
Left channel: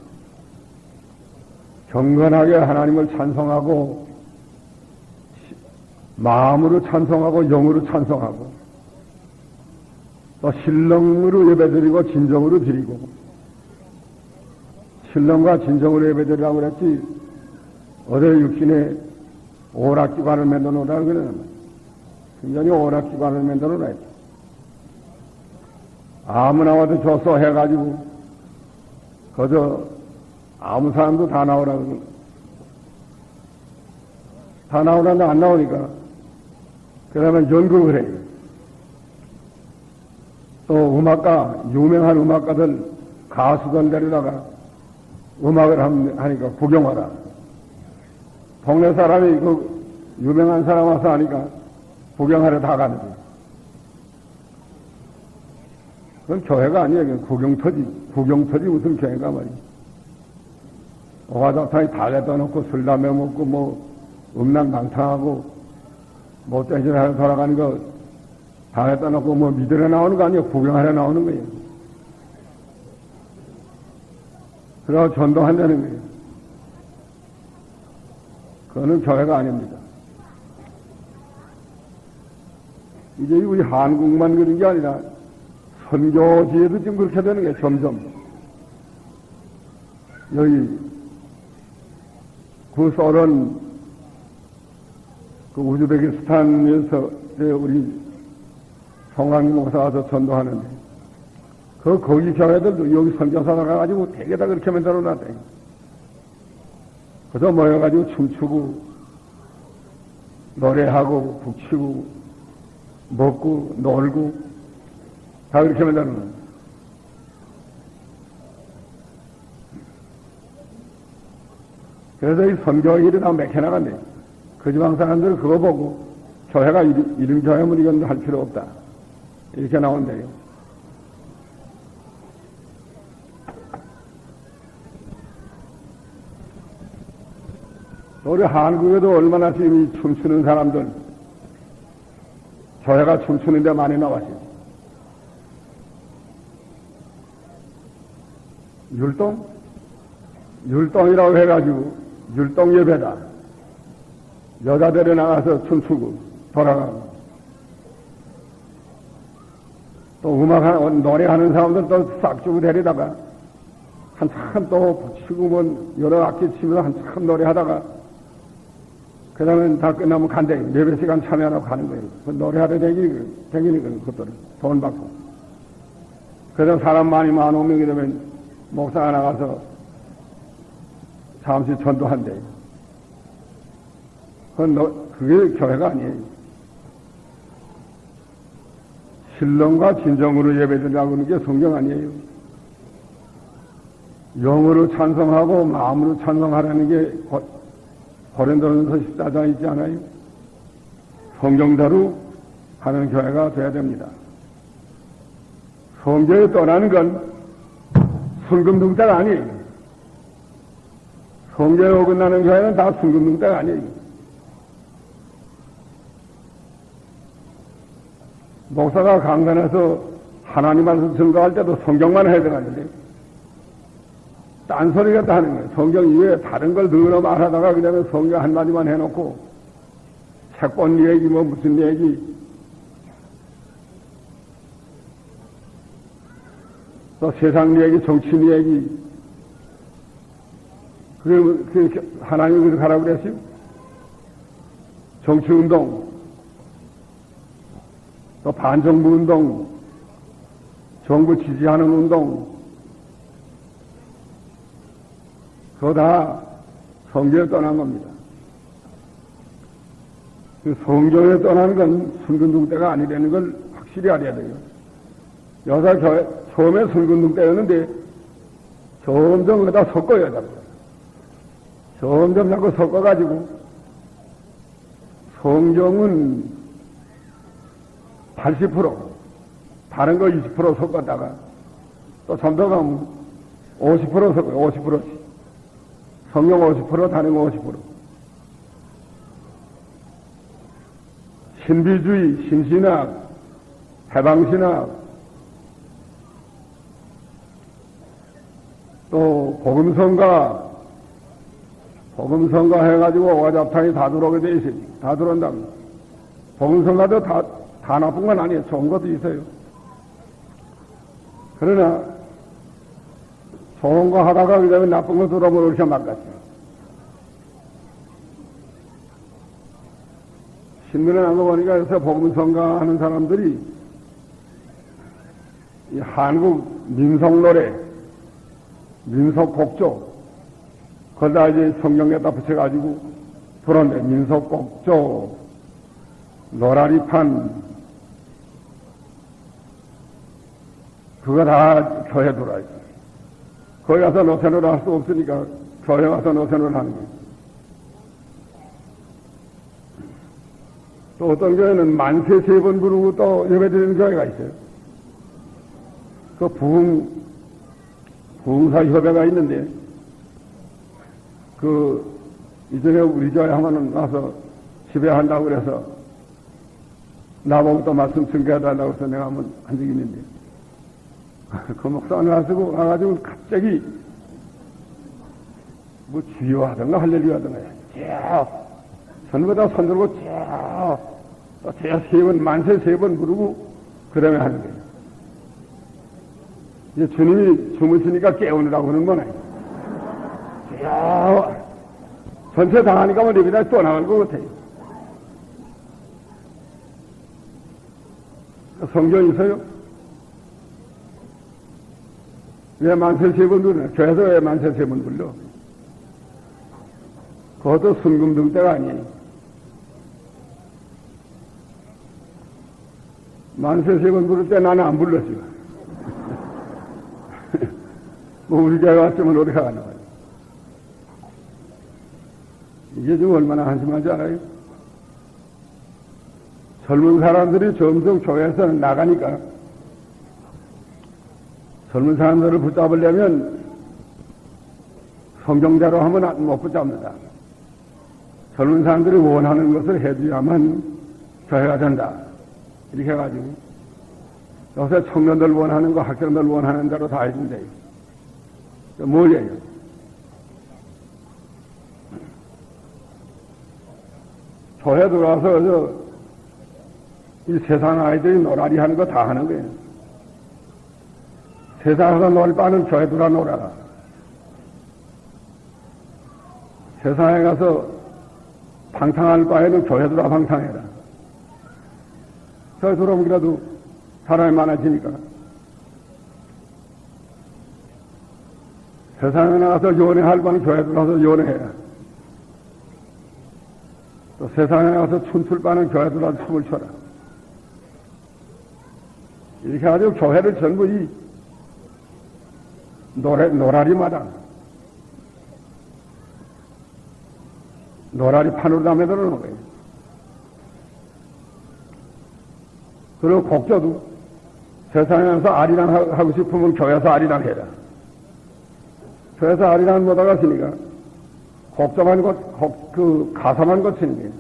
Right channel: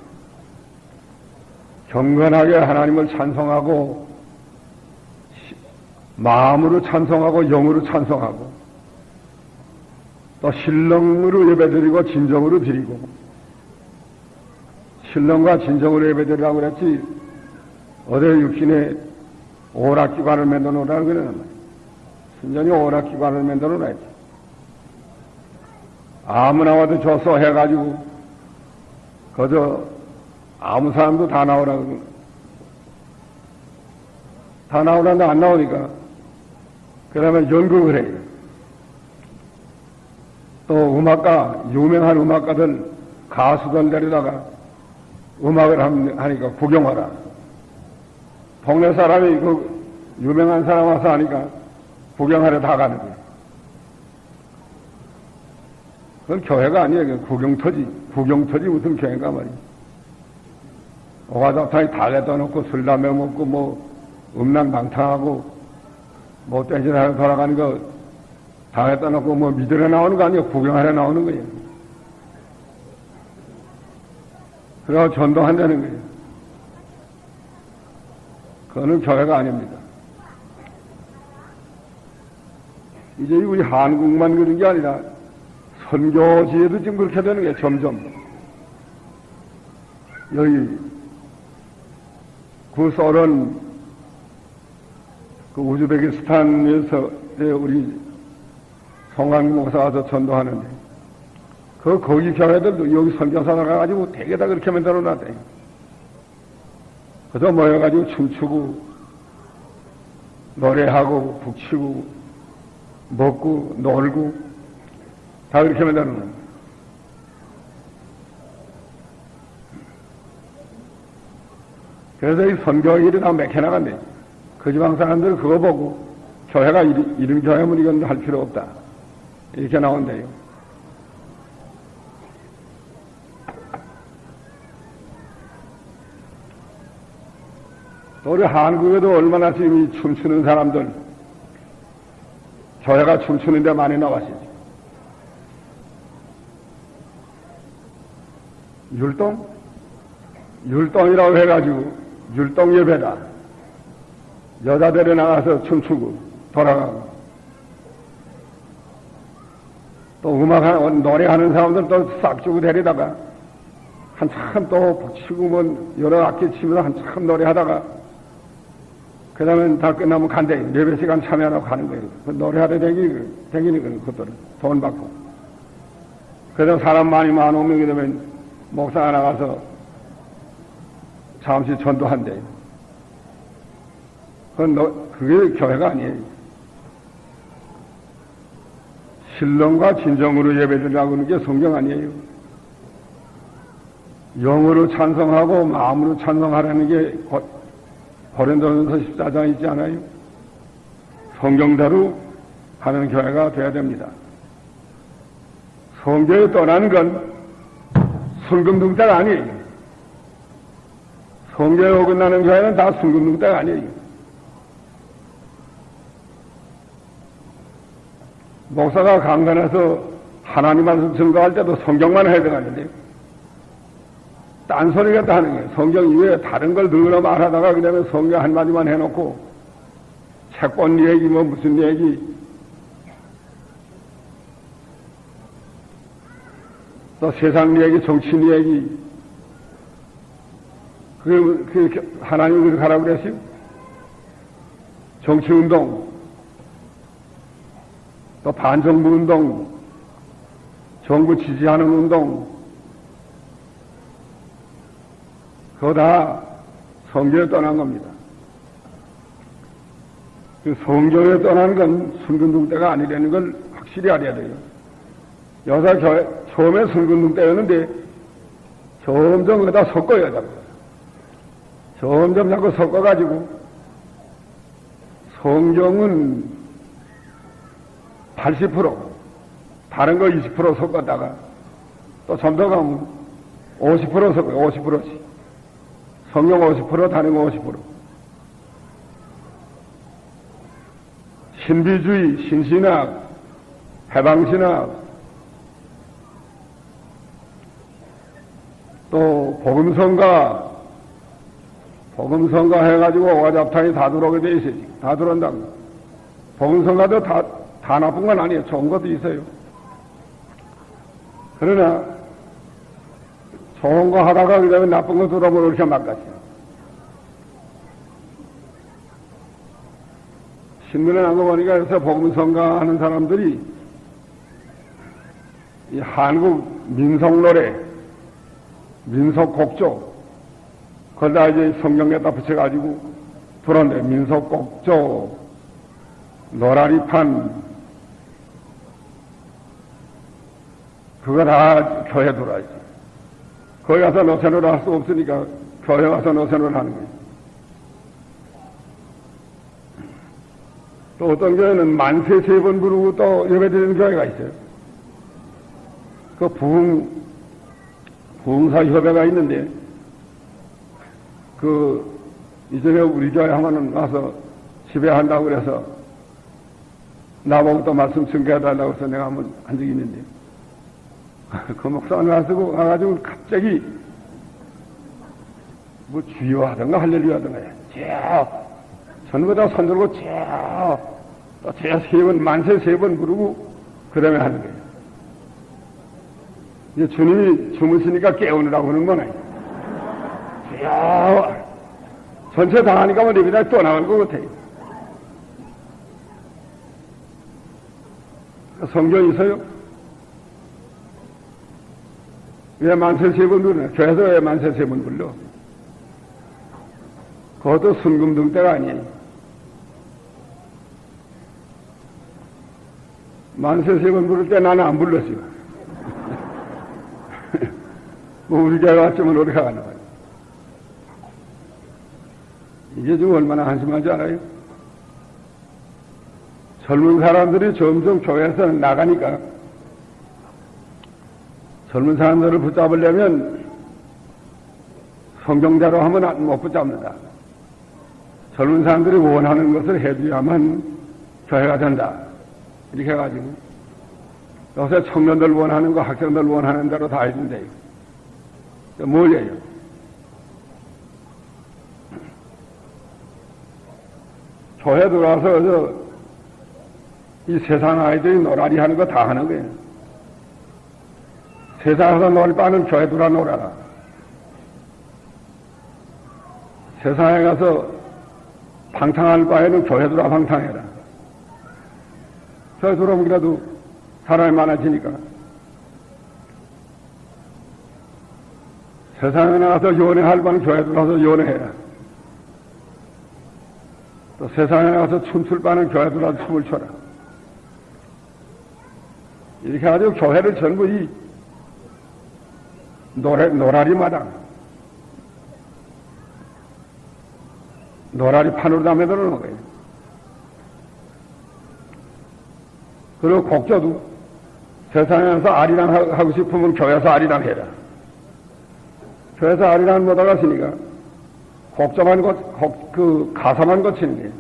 경건하게 하나님을 찬송하고 마음으로 찬송하고 영으로 찬송하고 또 신령으로 예배드리고 진정으로 드리고 신령과 진정으로 예배드리라고 그랬지 어디 육신에 오락기관을 만들어 놓으라고 그러는 순전히 오락기관을 만들어 놨지. 아무나 와도 줘서 해가지고 그저 아무 사람도 다 나오라고 다 나오라는데 안 나오니까 그러면 연극을 해요. 또 음악가 유명한 음악가들 가수들 데려다가 음악을 하니까 구경하라. 동네 사람이 그 유명한 사람 와서 하니까 구경하러 다 가는 거예요. 그건 교회가 아니에요. 구경터지 무슨 교회가 말이지. 오가닥타이 다 갖다 놓고 술 담배 먹고 뭐 음란방탕하고 뭐 떼지하러 돌아가는 거 다 갖다 놓고 뭐 믿으러 나오는 거 아니에요. 구경하러 나오는 거예요. 그러고 전도한다는 거예요. 그거는 교회가 아닙니다. 이제 우리 한국만 그런 게 아니라 선교지에도 지금 그렇게 되는 거예요. 점점. 여기 그 소련 그 우즈베키스탄에서 우리 송한 목사 와서 전도하는데 거기 교회들도 여기 선교사 나가가지고 되게 다 그렇게 만들어 놨대. 그래서 모여가지고 춤추고 노래하고 북치고 먹고 놀고 다 그렇게 만들어 놨대. 그래서 이 선교 일이 다 맥혀나간대. 그 지방 사람들은 그거 보고 교회가 이런 교회면 이건 할 필요 없다. 이렇게 나온대요. 또 우리 한국에도 얼마나 지금 이 춤추는 사람들, 교회가 춤추는 데 많이 나왔지. 율동이라고 해가지고 율동 예배다. 여자들이 나가서 춤추고 돌아가고 또 음악하고 노래하는 사람들 또 싹 주고 데리다가 한참 또 붙이고 뭐 여러 악기 치면서 한참 노래하다가 그 다음에 다 끝나면 간대. 예배 시간 참여하라고 가는 거예요. 그 노래하다 댕기는 거예요. 그것들은 돈 받고. 그래서 사람 많이 오면 그러면 목사가 나가서 잠시 전도한대. 그게 교회가 아니에요. 신령과 진정으로 예배드리라고 하는 게 성경 아니에요. 영으로 찬송하고 마음으로 찬송하라는 게 고린도전서 14장에 있지 않아요? 성경대로 하는 교회가 되어야 됩니다. 성교에 떠난 건 순금둥대가 아니에요. 성교에 어긋나는 교회는 다 순금둥대가 아니에요. 목사가 강단에서 하나님한테 증거할 때도 성경만 해석하는데요. 딴소리 같다 하는 거예요. 성경 이외에 다른 걸 늘 말하다가 그냥 성경 한마디만 해놓고 책 본 얘기 뭐 무슨 얘기 또 세상 얘기 정치인 얘기 그게 하나님이 그렇게 하라고 그랬어요. 정치운동 또 반정부 운동 정부 지지하는 운동 그거 다 성교에 떠난 겁니다. 그 성교에 떠난 건 순근둥대가 아니라는 걸 확실히 알아야 돼요. 여자교회 처음에 순근둥대였는데 점점 거기다 섞어야 돼요. 점점 자꾸 섞어가지고 성경은 80% 다른 거 20% 섞었다가 또 좀 더 가면 50% 섞어요. 50%씩. 성경 50% 다른 거 50%. 신비주의, 신신학, 해방신학, 또 복음성가, 복음성가 해가지고 오가잡탕이 다 들어오게 돼 있어요. 다 들어온다고. 복음성가도 다 나쁜 건 아니에요. 좋은 것도 있어요. 그러나 좋은 거 하다가 그 다음에 나쁜 거 들어보면 이렇게 막갔어요. 신문에 난 거 보니까 그래서 복음성가 하는 사람들이 이 한국 민속노래, 민속곡조, 그걸 이제 성경에다 붙여가지고 들었는데, 민속곡조, 노라리판, 그거 다 교회 들어와야지. 거기 가서 노선을 할 수 없으니까 교회 가서 노선을 하는 거예요. 또 어떤 교회는 만세 3번 부르고 또 예배드리는 교회가 있어요. 그 부흥사 협회가 있는데, 이전에 우리 교회 하면은 와서 지배한다고 그래서 나보고 또 말씀 증거해달라고 해서 내가 한번 한 적이 있는데, 그 목사님 와가지고 갑자기 뭐 주여 하던가 할렐루야 하던가 전부 다 손들고 또 제가 3번, 만세 3번 부르고 그 다음에 하는 거예요. 이제 주님이 주무시니까 깨우느라고 하는 건 아니에요. 주여 전체 다 하니까 뭐 내비다 또 나올 것 같아요. 성경 있어요? 왜 만세 3번 불러? 교회에서 왜 만세 3번 불러? 그것도 순금등 때가 아니에요. 만세 3번 부를 때 나는 안 불렀어요. 뭐 우리 교회 왔으면 어디가 나와요. 이게 지금 얼마나 한심하지 않아요? 젊은 사람들이 점점 교회에서 나가니까 젊은 사람들을 붙잡으려면 성경대로 하면 못 붙잡는다. 젊은 사람들이 원하는 것을 해줘야만 교회가 된다. 이렇게 해가지고 요새 청년들 원하는 거, 학생들 원하는 대로 다 해준대요. 뭐예요? 교회 들어와서 이 세상 아이들이 놀아리 하는 거 다 하는 거예요. 세상에서 놀 바는 교회 들어와 놀아라. 세상에 가서 방탕할 바에는 교회 들어와 방탕해라. 교회 들어오기라도 사람이 많아지니까. 세상에 나가서 연애할 바는 교회 들어와서 연애해라. 또 세상에 나가서 춤출 바는 교회 들어와서 춤을 춰라. 이렇게 해가지고 교회를 전부 이 노라리 마당, 노라리 판으로 다 매달아 놓은 거예요. 그리고 곡조도 세상에서 아리랑 하고 싶으면 교회에서 아리랑 해라. 교회에서 아리랑 못 하갔으니까 곡조만 가사만 고치는 거예요.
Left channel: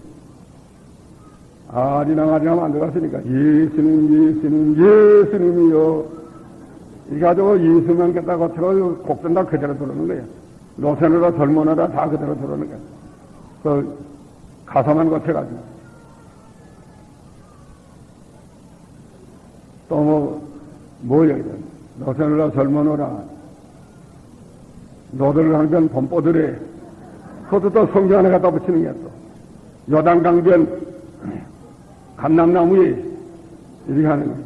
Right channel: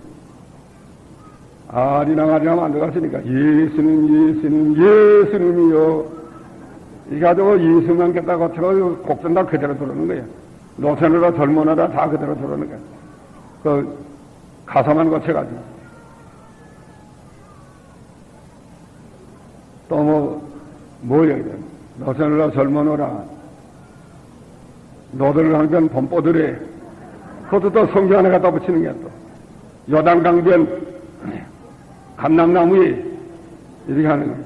아리랑 안 들어갔으니까 예수님이요. 이게 가지고 예수만 겠다 고치고 곡전 다 그대로 들어오는 거예요. 노선으로 젊은이라 다 그대로 들어오는 거예요. 그 가사만 고쳐가지고. 또 뭐예요? 노선으로 젊은이라 노들을 항변 범뽀들에 그것도 또 성경 안에 갖다 붙이는 게 또 요단강변 감람나무에 이렇게 하는 거예요.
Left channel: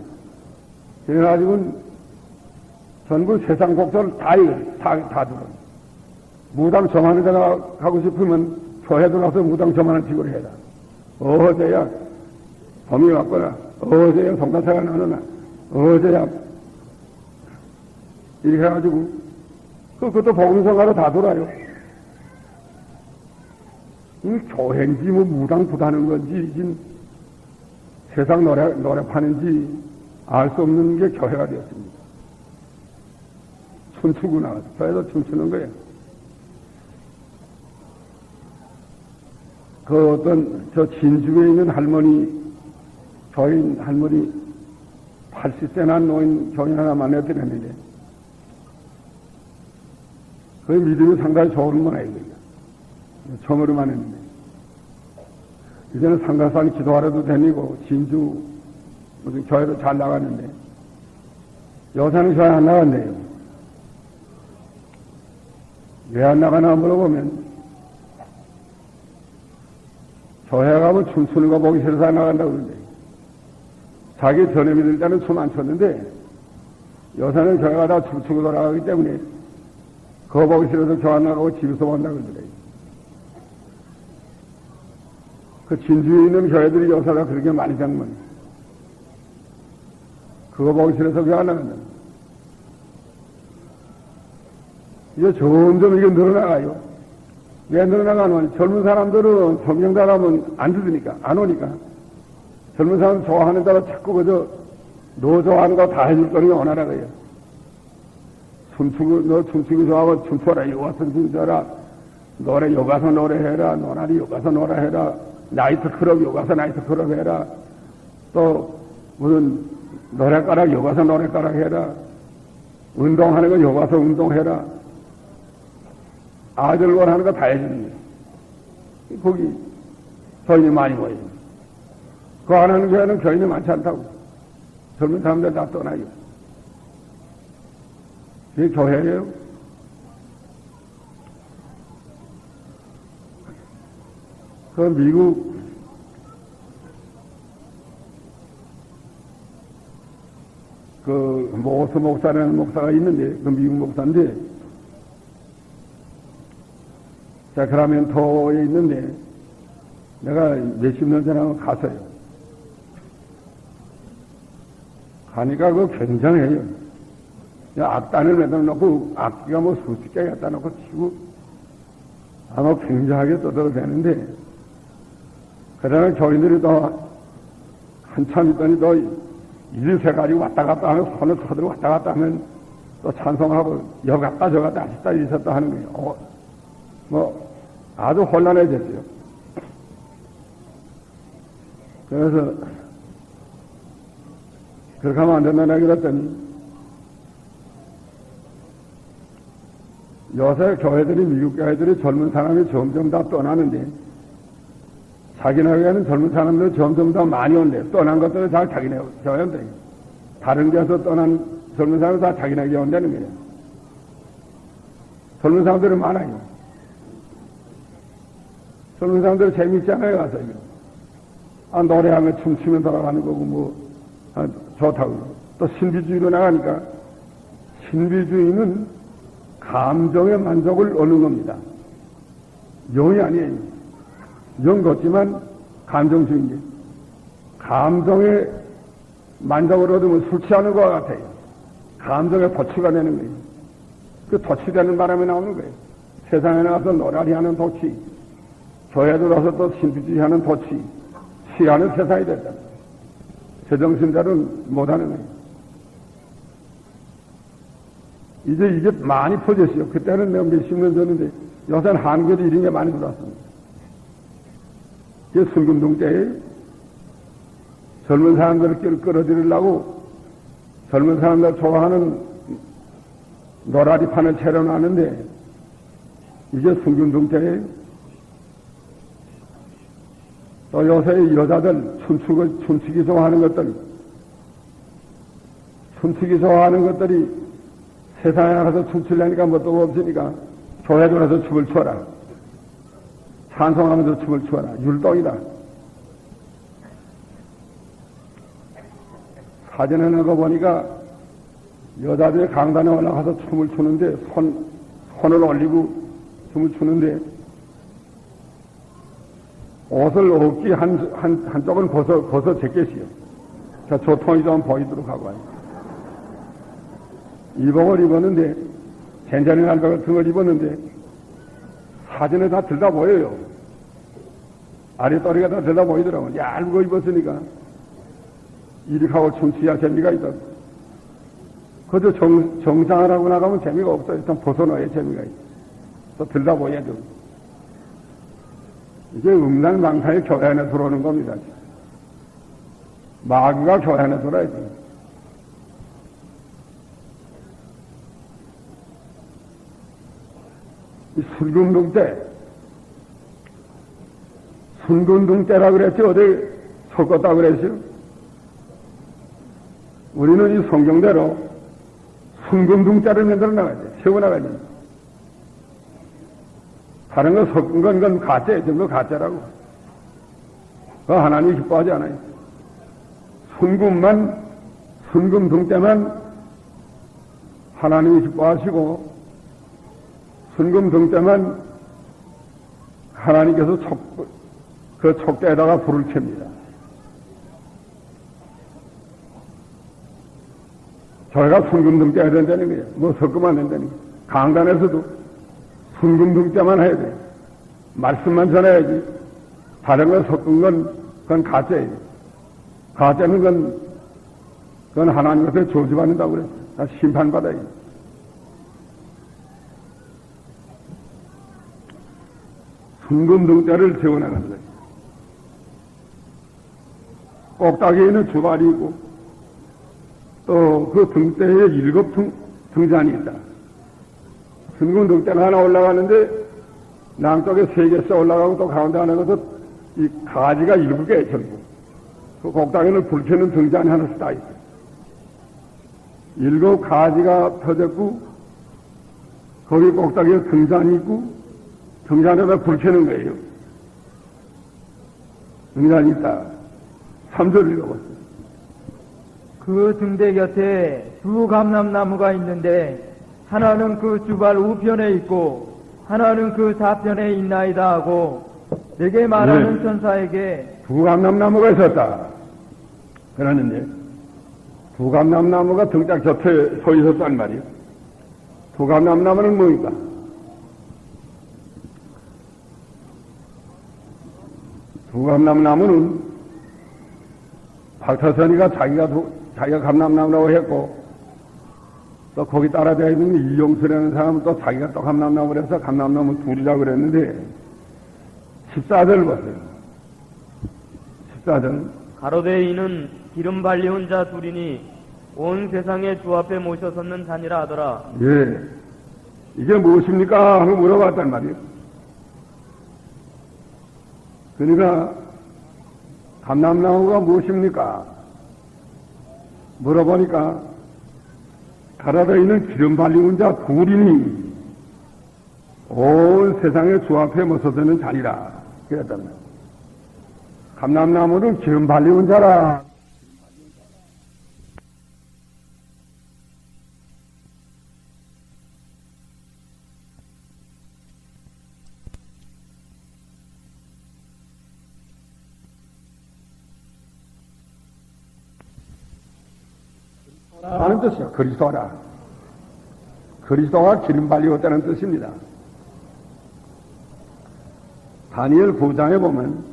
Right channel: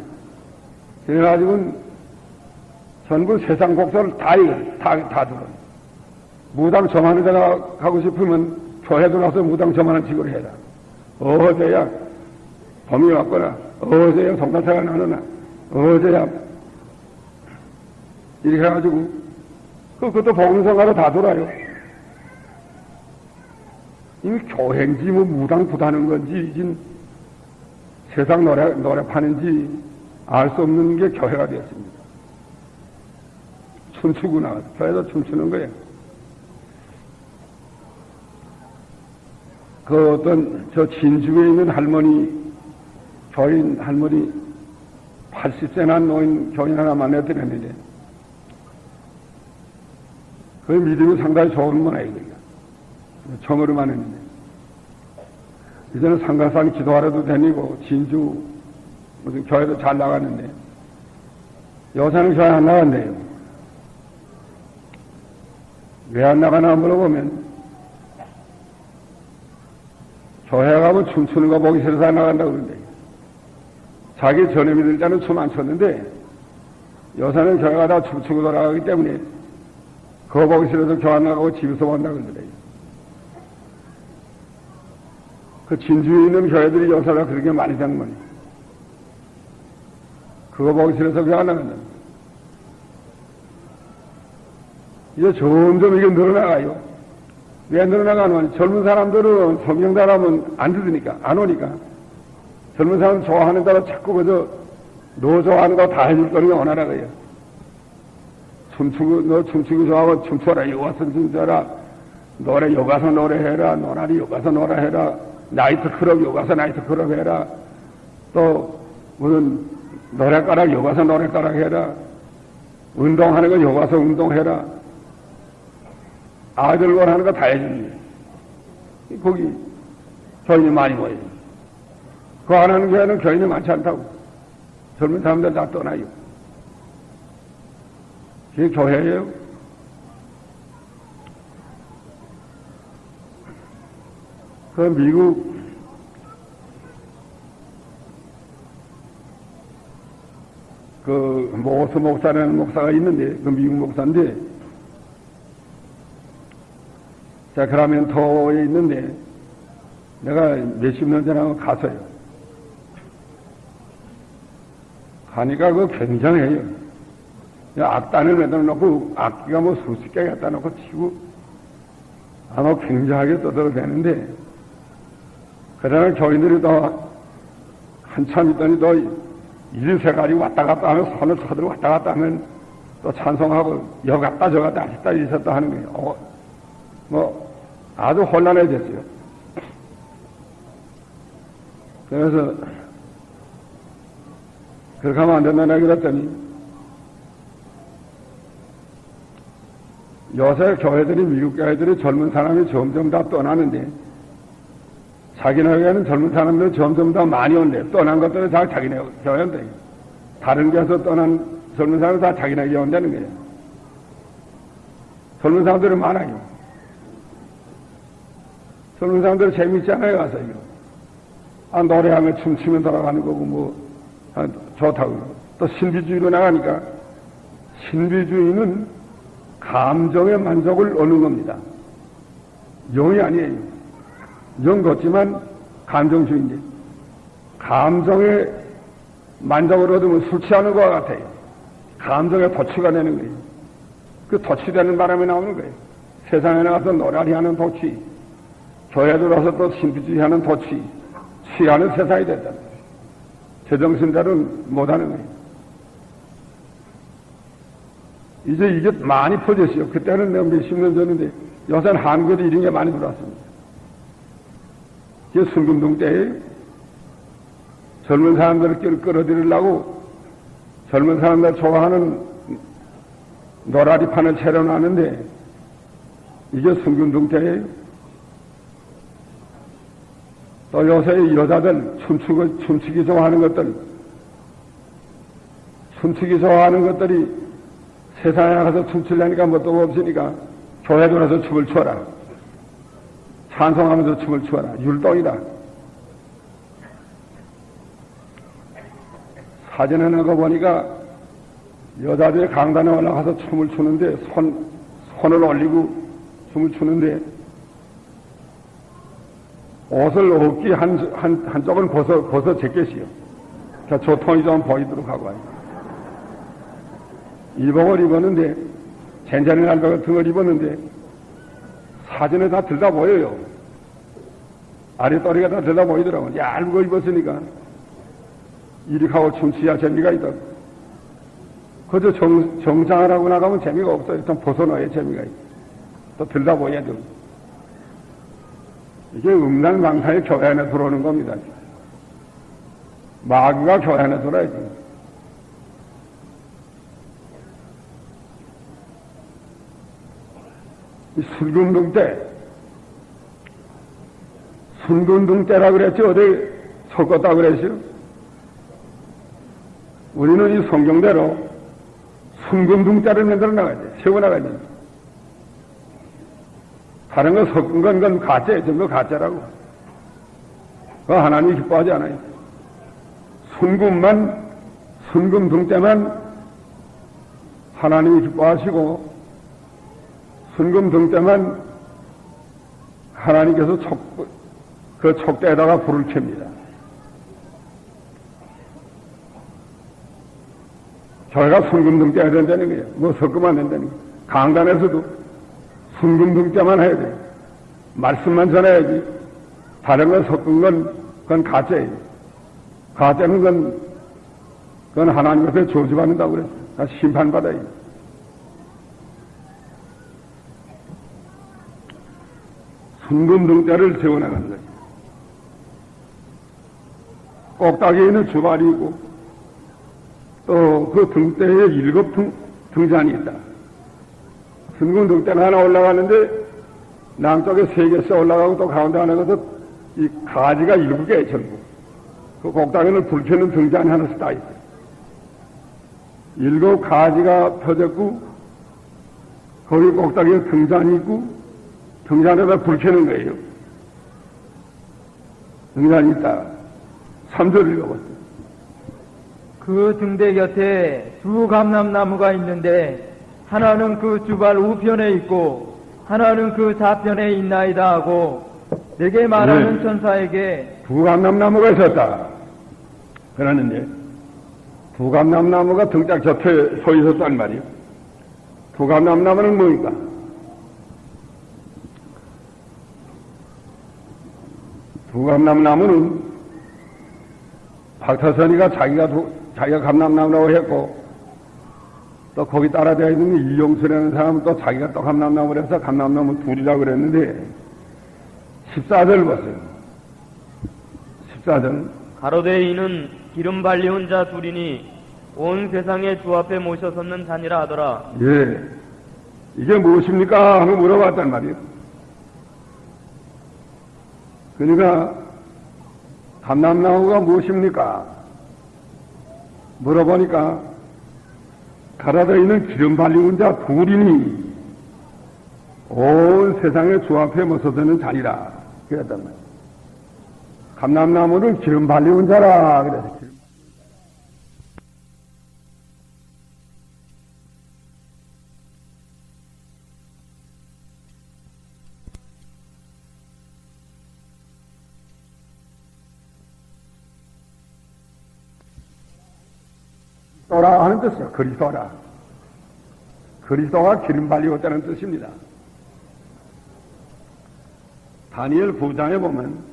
그래가지고 전부 세상 곡소를 다 들어. 무당 점하는 데가 가고 싶으면 교회 들어와서 무당 점하는 직을 해라. 어제야 범이 왔거나, 어제야 성가사가 나느나, 어제야 이렇게 해가지고 그것도 복음성가로 다 돌아요. 이미 교회인지 뭐 무당 부다는 건지 지금 세상 노래 파는지 알 수 없는 게 교회가 되었습니다. 춤추구나. 교회도 춤추는 거예요. 그 어떤 저 진주에 있는 할머니, 교인 할머니 80세나 노인 교인 하나 만나드렸는데 그 믿음이 상당히 좋은 건 아니에요. 정으로만 했는데 이제는 상가산 기도하러도 다니고 진주 무슨 교회도 잘 나가는데 요새는 교회 안 나간대요. 왜 안 나가나 물어보면 교회 가면 춤추는 거 보기 싫어서 안 나간다고 그러는데 자기 전에 믿을 때는 춤 안 췄는데 요새는 교회 가다 춤추고 돌아가기 때문에 그거 보기 싫어서 교회 안 나가고 집에서 본다고 그러더래요. 그 진주에 있는 교회들이 요새가 그렇게 많이 장만이 그거 보기 싫어서 교회 안 나간다. 이거 점점 이게 늘어나가요. 왜 늘어나가는 젊은 사람들은 성경 사람은 안 들으니까 안 오니까 젊은 사람 좋아하는 대로 자꾸 그저 너 좋아하는 거 다 해줄 거니 원하라 그래요. 너 춤추기 좋아하고 춤춰라. 여기 와서 춤춰라. 노래 여기 가서 노래해라. 노라리 여기 가서 노래해라. 나이트 클럽 여기 가서 나이트 클럽 해라. 또 무슨 노래가락 여기 가서 노래가락 해라. 운동하는 거 여기 가서 운동해라. 아들 원하는 거 다 해줍니다. 거기 교인이 많이 모여요. 그거 안 하는 교회는 교인이 많지 않다고. 젊은 사람들 다 떠나요. 그게 교회예요. 그 미국 그 모스 목사라는 목사가 있는데 그 미국 목사인데 사크라멘토에 있는데 내가 몇십 년 전에 갔어요. 가니까 그거 굉장해요. 악단을 매달아 놓고 악기가 뭐 수십 개 갖다 놓고 치고 아마 굉장하게 떠들어대는데 그러나 교인들이 또 한참 있더니 또 일세가지 왔다 갔다 하면 손을 쳐들어 왔다 갔다 하면 또 찬송하고 여 갔다 저 갔다 아시다 이셨다 하는 거예요. 뭐 아주 혼란해졌어요. 그래서 그렇게 하면 안 된다고 그랬더니 요새 교회들이 미국 교회들이 젊은 사람이 점점 다 떠나는데 자기네에게는 젊은 사람들이 점점 더 많이 온대. 떠난 것들은 다 자기네 교회 온대. 다른 데서 떠난 젊은 사람은 다 자기네에게 온다는 거예요. 젊은 사람들이 많아요. 젊은 사람들 재밌잖아요, 가서 이거. 아, 노래하면 춤추면 돌아가는 거고, 뭐, 아, 좋다고. 또 신비주의로 나가니까, 신비주의는 감정의 만족을 얻는 겁니다. 영이 아니에요. 영 같지만 감정주의인데, 감정의 만족을 얻으면 술 취하는 것과 같아요. 감정의 도취가 되는 거예요. 그 도취되는 바람에 나오는 거예요. 세상에 나가서 노래하리 하는 도취, 교회 들어서 또 신비주의 하는 도취, 취하는 세상이 됐잖아요. 제정신자는 못하는 거예요. 이제 이게 많이 퍼졌어요. 그때는 몇십 년 전인데 요새는 한국에도 이런 게 많이 들어왔습니다. 이게 순금동 때에 젊은 사람들을 끌어들이려고 젊은 사람들 좋아하는 노라리판을 차려놨는데 이게 순금동 때에 또 요새 여자들 춤추기 좋아하는 것들이 세상에 나가서 춤추려니까 뭣도 없으니까 교회 들어서 춤을 추어라. 찬송하면서 춤을 추어라. 율동이다. 사진에 넣어 보니까 여자들이 강단에 올라가서 춤을 추는데 손을 올리고 춤을 추는데 옷을 어깨 한쪽은 벗어 제껴시요. 조통이 좀 보이도록 하고 와요. 이복을 입었는데, 젠자리날 같은 걸 입었는데, 사진에 다 들다 보여요. 아랫도리가 다 들다 보이더라고요. 얇은 거 입었으니까, 이렇게 하고 춤추야 재미가 있다. 그저 정장을 하고 나가면 재미가 없어요. 좀 벗어놓아야 재미가 있다. 또 들다 보여야 돼. 이게 음란망상이 교회 안에 들어오는 겁니다. 마귀가 교회 안에 들어야지. 이 술금동 때 순금등대라 그랬지 어디 섞었다 그랬어요? 우리는 이 성경대로 순금등대를 만들어 나가지, 세워나가지. 다른 거 섞은 건 그건 가짜예요. 전부 가짜라고. 그 하나님이 기뻐하지 않아요. 순금등대만 하나님이 기뻐하시고, 순금등대만 하나님께서 그 촉대에다가 불을 켭니다. 저희가 순금등대 해야 된다는 거예요. 뭐 섞으면 안 된다는 거예요. 강단에서도 순금등대만 해야 돼요. 말씀만 전해야지. 다른 걸 섞은 건 그건 가짜예요. 가짜는 그건 하나님 앞에 저주받는다고 그래서 다 심판받아요. 순금등대를 세워나가는 거예요. 꼭다기에 있는 주발이 있고 또 그 등대에 7 등잔이 있다. 순금등대가 하나 올라가는데 남쪽에 3개씩 올라가고 또 가운데 하나가서 이 가지가 7개 전부. 그 꼭다기는 불 켜는 등잔이 하나씩 다 있어요. 7 가지가 펴졌고 거기 꼭다기에 등잔이 있고 등잔에다 불 켜는 거예요. 등잔이 있다. 3절을 읽어보세요. 그 등대 곁에 2 감람나무가 있는데 하나는 그 주발 우편에 있고 하나는 그 좌편에 있나이다 하고 내게 말하는 네. 천사에게 2 감람나무가 있었다. 그러는데 2 감람나무가 등짝 곁에 서 있었단 말이에요. 2 감람나무는 뭡니까? 두 감람나무는 박태선이가 자기가 감람나무라고 했고, 또 거기 따라되어 있는 이용수라는 사람은 또 자기가 또 감람나무를 해서 감람나무 둘이라고 그랬는데, 14절 보세요. 14절. 가로되 이는 기름 발리온 자 둘이니 온 세상의 주 앞에 모셔 섰는 자니라 하더라. 예. 이게 무엇입니까? 하고 물어봤단 말이에요. 그러니까 감람나무가 무엇입니까? 물어보니까 가라져 있는 기름 발리온 자 둘이니 온 세상의 주 앞에 모서드는 자리라. 그랬단 말이에요. 감람나무는 기름 발리온 자라. 그래서 그리스도라 하는 뜻이에요. 그리스도라. 그리스도가 기름 발리었다는 뜻입니다. 다니엘 9장에 보면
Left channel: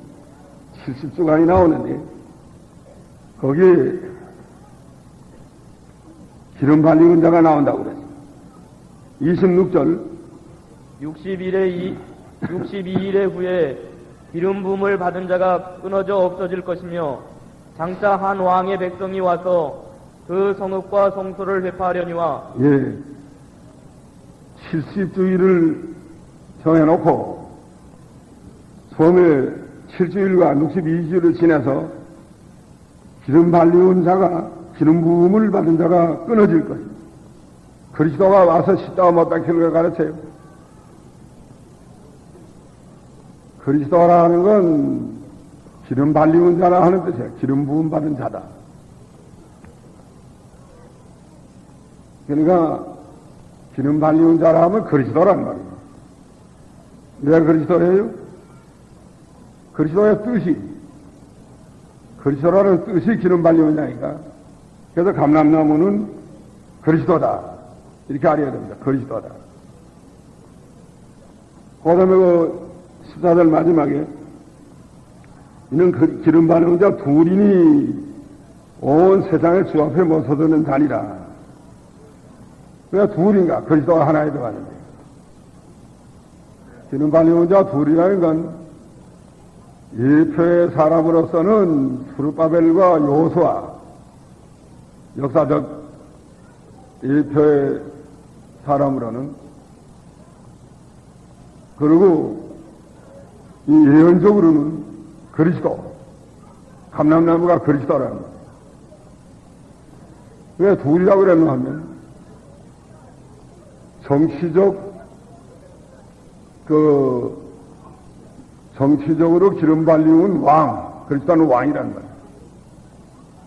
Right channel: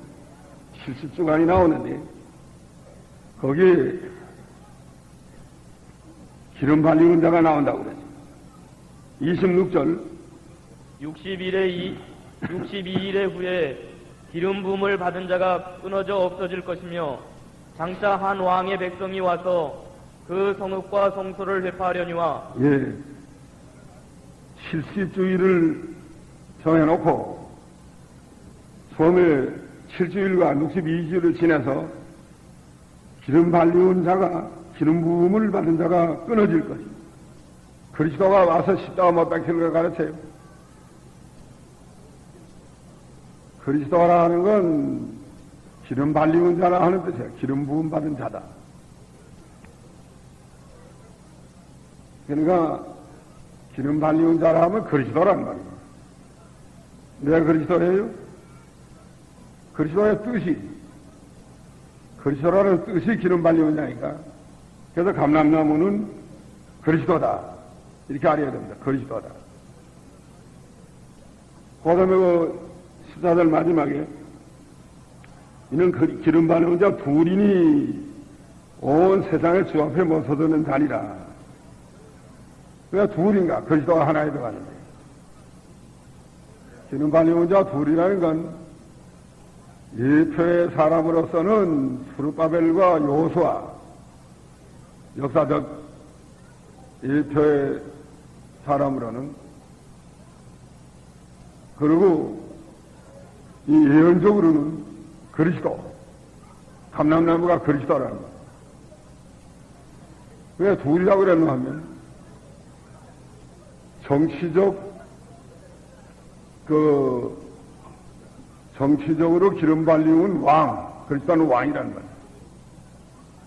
70주간이 나오는데 거기에 기름 발리는 자가 나온다고 그랬어요. 26절 62일의 후에 기름 부음을 받은 자가 끊어져 없어질 것이며 장차 한 왕의 백성이 와서 그 성읍과 성소를 회파하려니와 예, 70주일을 정해놓고 처음에 7주일과 62주일을 지나서 기름 발리온 자가 기름 부음을 받은 자가 끊어질 것입니다. 그리스도가 와서 십자가 못 박히는 걸 가르쳐요. 그리스도라는 건 기름 발리온 자라 하는 뜻이에요. 기름 부음 받은 자다. 그러니까 기름 발리온 자라 하면 그리스도란 말이에요. 왜 그리스도예요? 그리스도의 뜻이, 그리스도라는 뜻이 기름 발리온 자니까. 그래서 감람나무는 그리스도다. 이렇게 알아야 됩니다. 그리스도다. 그 다음에 그 14절 마지막에 이는 기름 발리온 자 둘이니 온 세상의 주 앞에 모서드는 자니라. 그가 둘인가? 그리스도가 하나에 들어가는데. 기름 발리온 자 둘이라는 건 일표의 사람으로서는 수르바벨과 여호수아, 역사적 일표의 사람으로는, 그리고 이 예언적으로는 그리스도. 감람나무가 그리스도라는 거예요. 왜 둘이라고 그랬나 하면, 정치적으로 기름 발림은 왕, 그리스도는 왕이라는 거예요.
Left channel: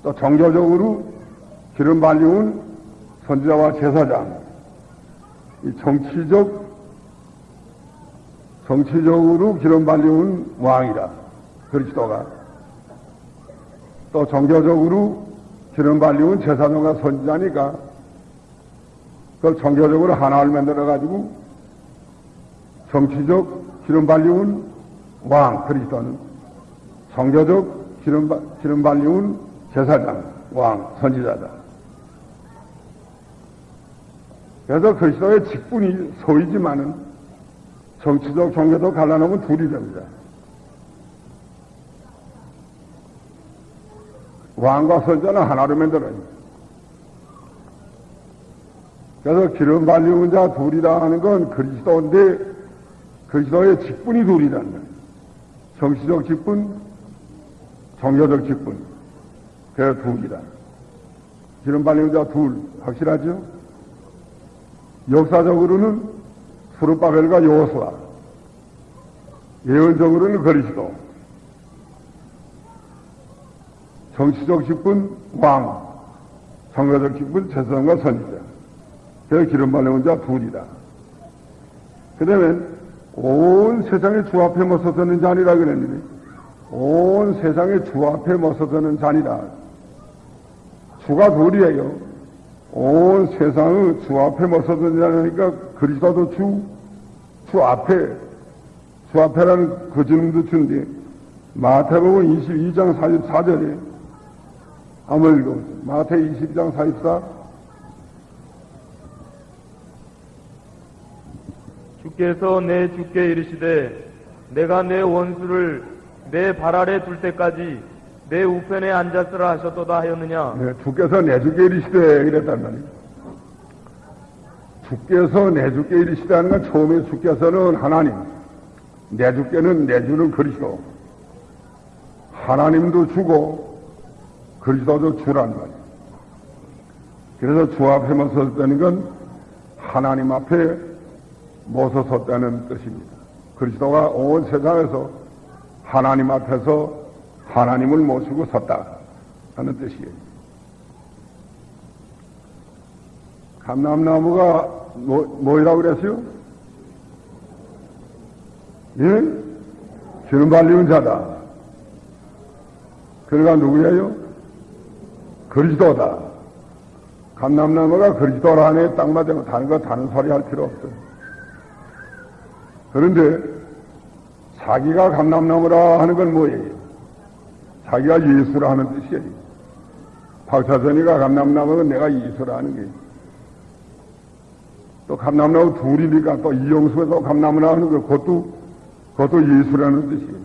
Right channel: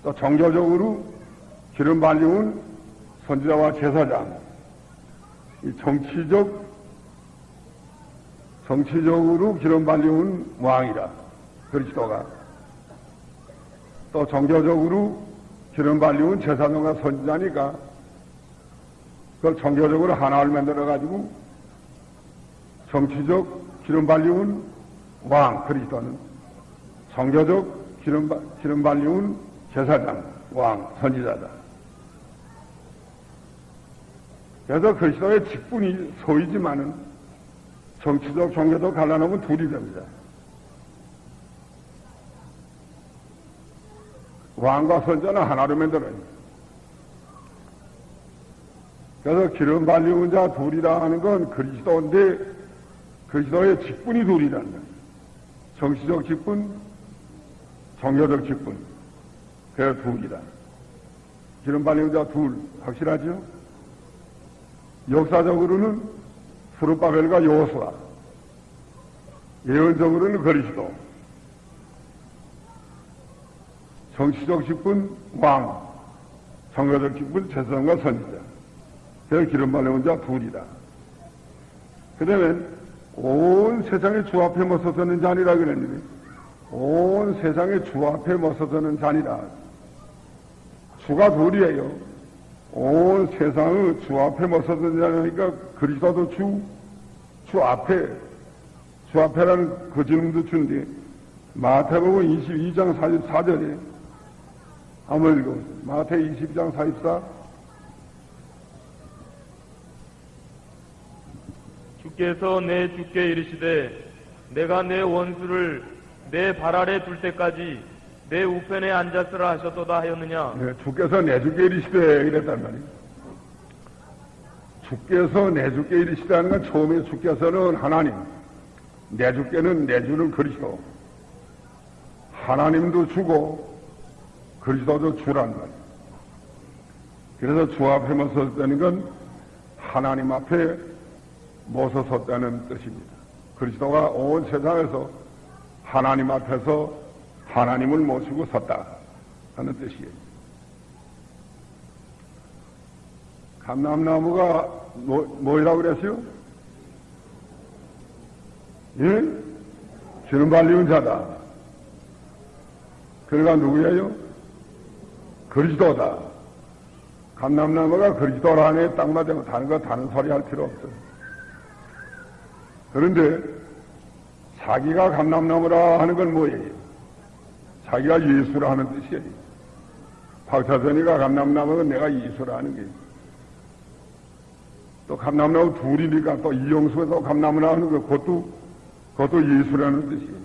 또 정교적으로 기름 발림은 선지자와 제사장. 이 정치적으로 기름 발림은 왕이다. 그리스도가. 또 정교적으로 기름 발림은 제사장과 선지자니까 그걸 정교적으로 하나를 만들어가지고 정치적 기름 발림은 왕, 그리스도는 정교적 기름 발림은 제사장, 왕, 선지자다. 그래서 그리스도의 직분이 소이지만은 정치적, 종교적 갈라놓으면 둘이 됩니다. 왕과 선지자는 하나로 만들어요. 그래서 기름 발림은 자 둘이라 하는 건 그리스도인데 그리스도의 직분이 둘이라는 거예요. 정치적 직분, 종교적 직분. 그 둘이다. 기름 발림은 자 둘. 확실하죠? 역사적으로는 수르바벨과 여호수아, 예언적으로는 그리스도, 정치적 직분 왕, 종교적 직분 제사장과 선지자. 그 기름 발림은 자 둘이다. 그러면 온 세상의 주 앞에 모서서는 잔이라 그랬는데 온 세상의 주 앞에 모서서는 잔이다. 주가 둘이에요. 온 세상의 주 앞에 모서서는 잔이니까 그리스도도 주 앞에라는 그 질문도 주는 게 마태복음 22장 44절이에요. 한번 읽어보세요. 마태 22장 44. 주께서 내 주께 이르시되 내가 내 원수를 내 발 아래 둘 때까지 내 우편에 앉았으라 하셨도다 하였느냐. 네, 주께서 내 주께 이르시되 이랬단 말이에요. 주께서 내 주께 이르시다는 건 처음에 주께서는 하나님, 내 주께는 내 주는 그리스도. 하나님도 주고 그리스도도 주란 말이에요. 그래서 주 앞에 모서섰다는 건 하나님 앞에 모서섰다는 뜻입니다. 그리스도가 온 세상에서 하나님 앞에서 하나님을 모시고 섰다 하는 뜻이에요. 감람나무가 뭐라고 그랬어요? 예? 기름 발리는 자다. 그가 누구예요? 그리스도다. 감람나무가 그리스도라는 딱 맞으면 다른 소리 할 필요 없어요. 그런데 자기가 감람나무라 하는 건 뭐예요? 자기가 예수라 하는 뜻이에요. 박사선이가 감람나무는 내가 예수라 하는 거예요. 또 감람나무 둘이니까 또 이영수에서 감람나무라 하는 거 그것도 예수라는 뜻이에요.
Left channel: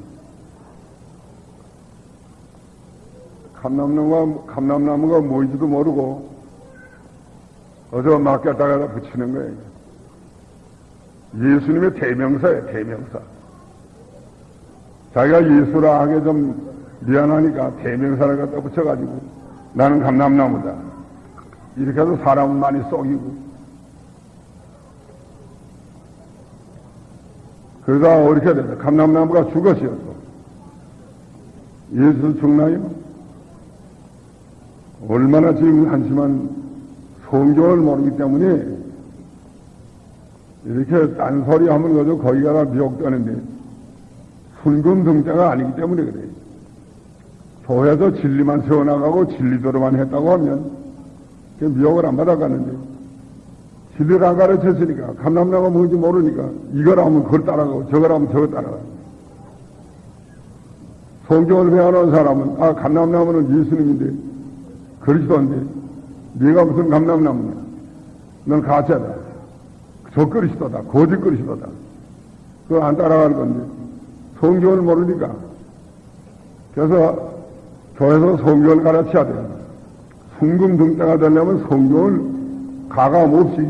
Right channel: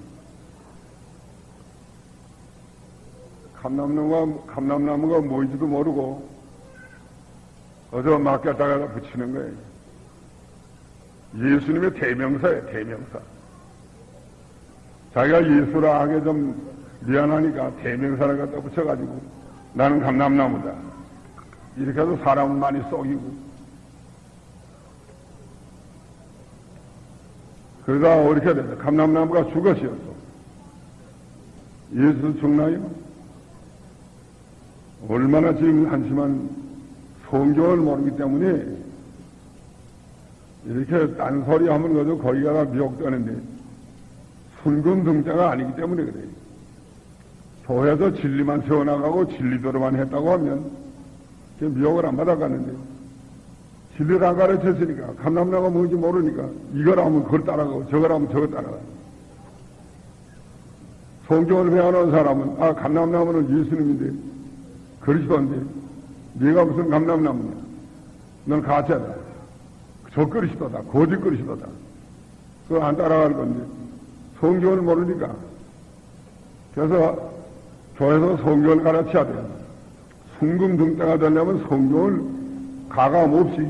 감람나무가 뭔지도 모르고 어디서 맡겼다가 붙이는 거예요. 예수님의 대명사예요, 대명사. 자기가 예수라 하게 좀 미안하니까 대명사를 갖다 붙여가지고 나는 감람나무다. 이렇게 해서 사람은 많이 쏘이고. 그가 어떻게 됐어요? 감람나무가 죽었어요. 예수 죽나요? 얼마나 지금 한심한 성경을 모르기 때문에 이렇게 딴소리 하면 그래도 거기가 다 미혹되는데 순금등자가 아니기 때문에 그래요. 교회에서 진리만 세워나가고 진리대로만 했다고 하면 미혹을 안 받아가는데 진리를 안 가르쳤으니까 감람나무가 뭔지 모르니까 이걸 하면 그걸 따라가고 저걸 하면 저걸 따라가고. 성경을 배워놓은 사람은 감람나무는 예수님인데 그리스도인데 네가 무슨 감람나무냐. 넌 가짜다. 저 그리스도다. 거짓 그리스도다. 그걸 안 따라가는 건데 성경을 모르니까. 그래서 교회에서 성경을 가르쳐야 돼요. 순금등자가 되려면 성경을 가감 없이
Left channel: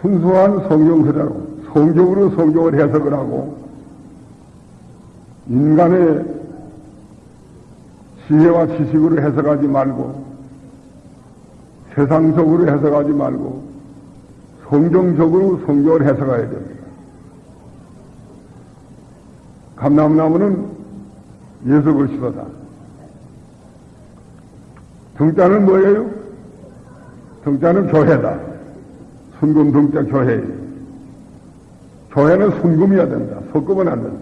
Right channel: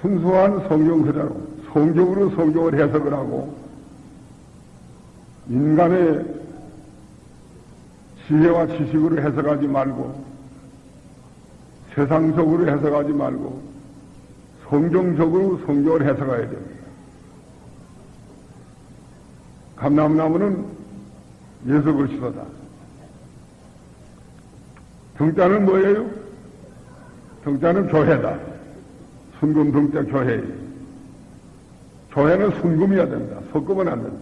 순수한 성경 그대로 성경으로 성경을 해석을 하고 인간의 지혜와 지식으로 해석하지 말고 세상적으로 해석하지 말고 성경적으로 성경을 해석해야 됩니다. 감람나무는 예수 그리스도다. 등자는 뭐예요? 등자는 교회다. 순금 등자 교회. 교회는 순금이어야 된다. 석금은 안 된다.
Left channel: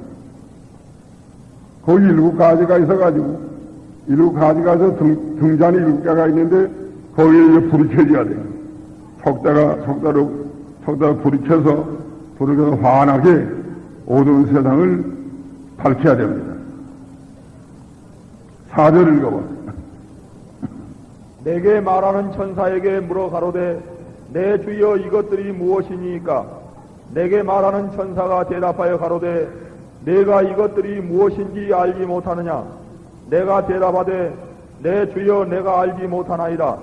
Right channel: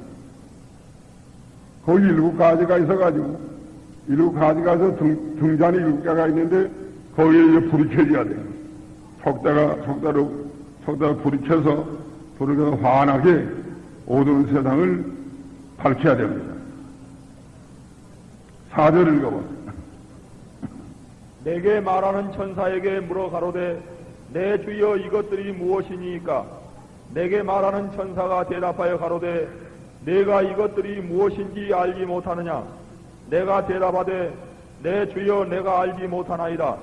거기 일곱 가지가 있어가지고 일곱 가지가 서 등잔이 일곱 개가 있는데 거기에 불이 켜져야 돼요. 속다가 불이 켜서 불을 켜서 환하게 어두운 세상을 밝혀야 됩니다. 4절 읽어봅니다. 내게 말하는 천사에게 물어 가로되 내 주여 이것들이 무엇이니까? 내게 말하는 천사가 대답하여 가로되 내가 이것들이 무엇인지 알지 못하느냐? 내가 대답하되 내 주여 내가 알지 못하나이다.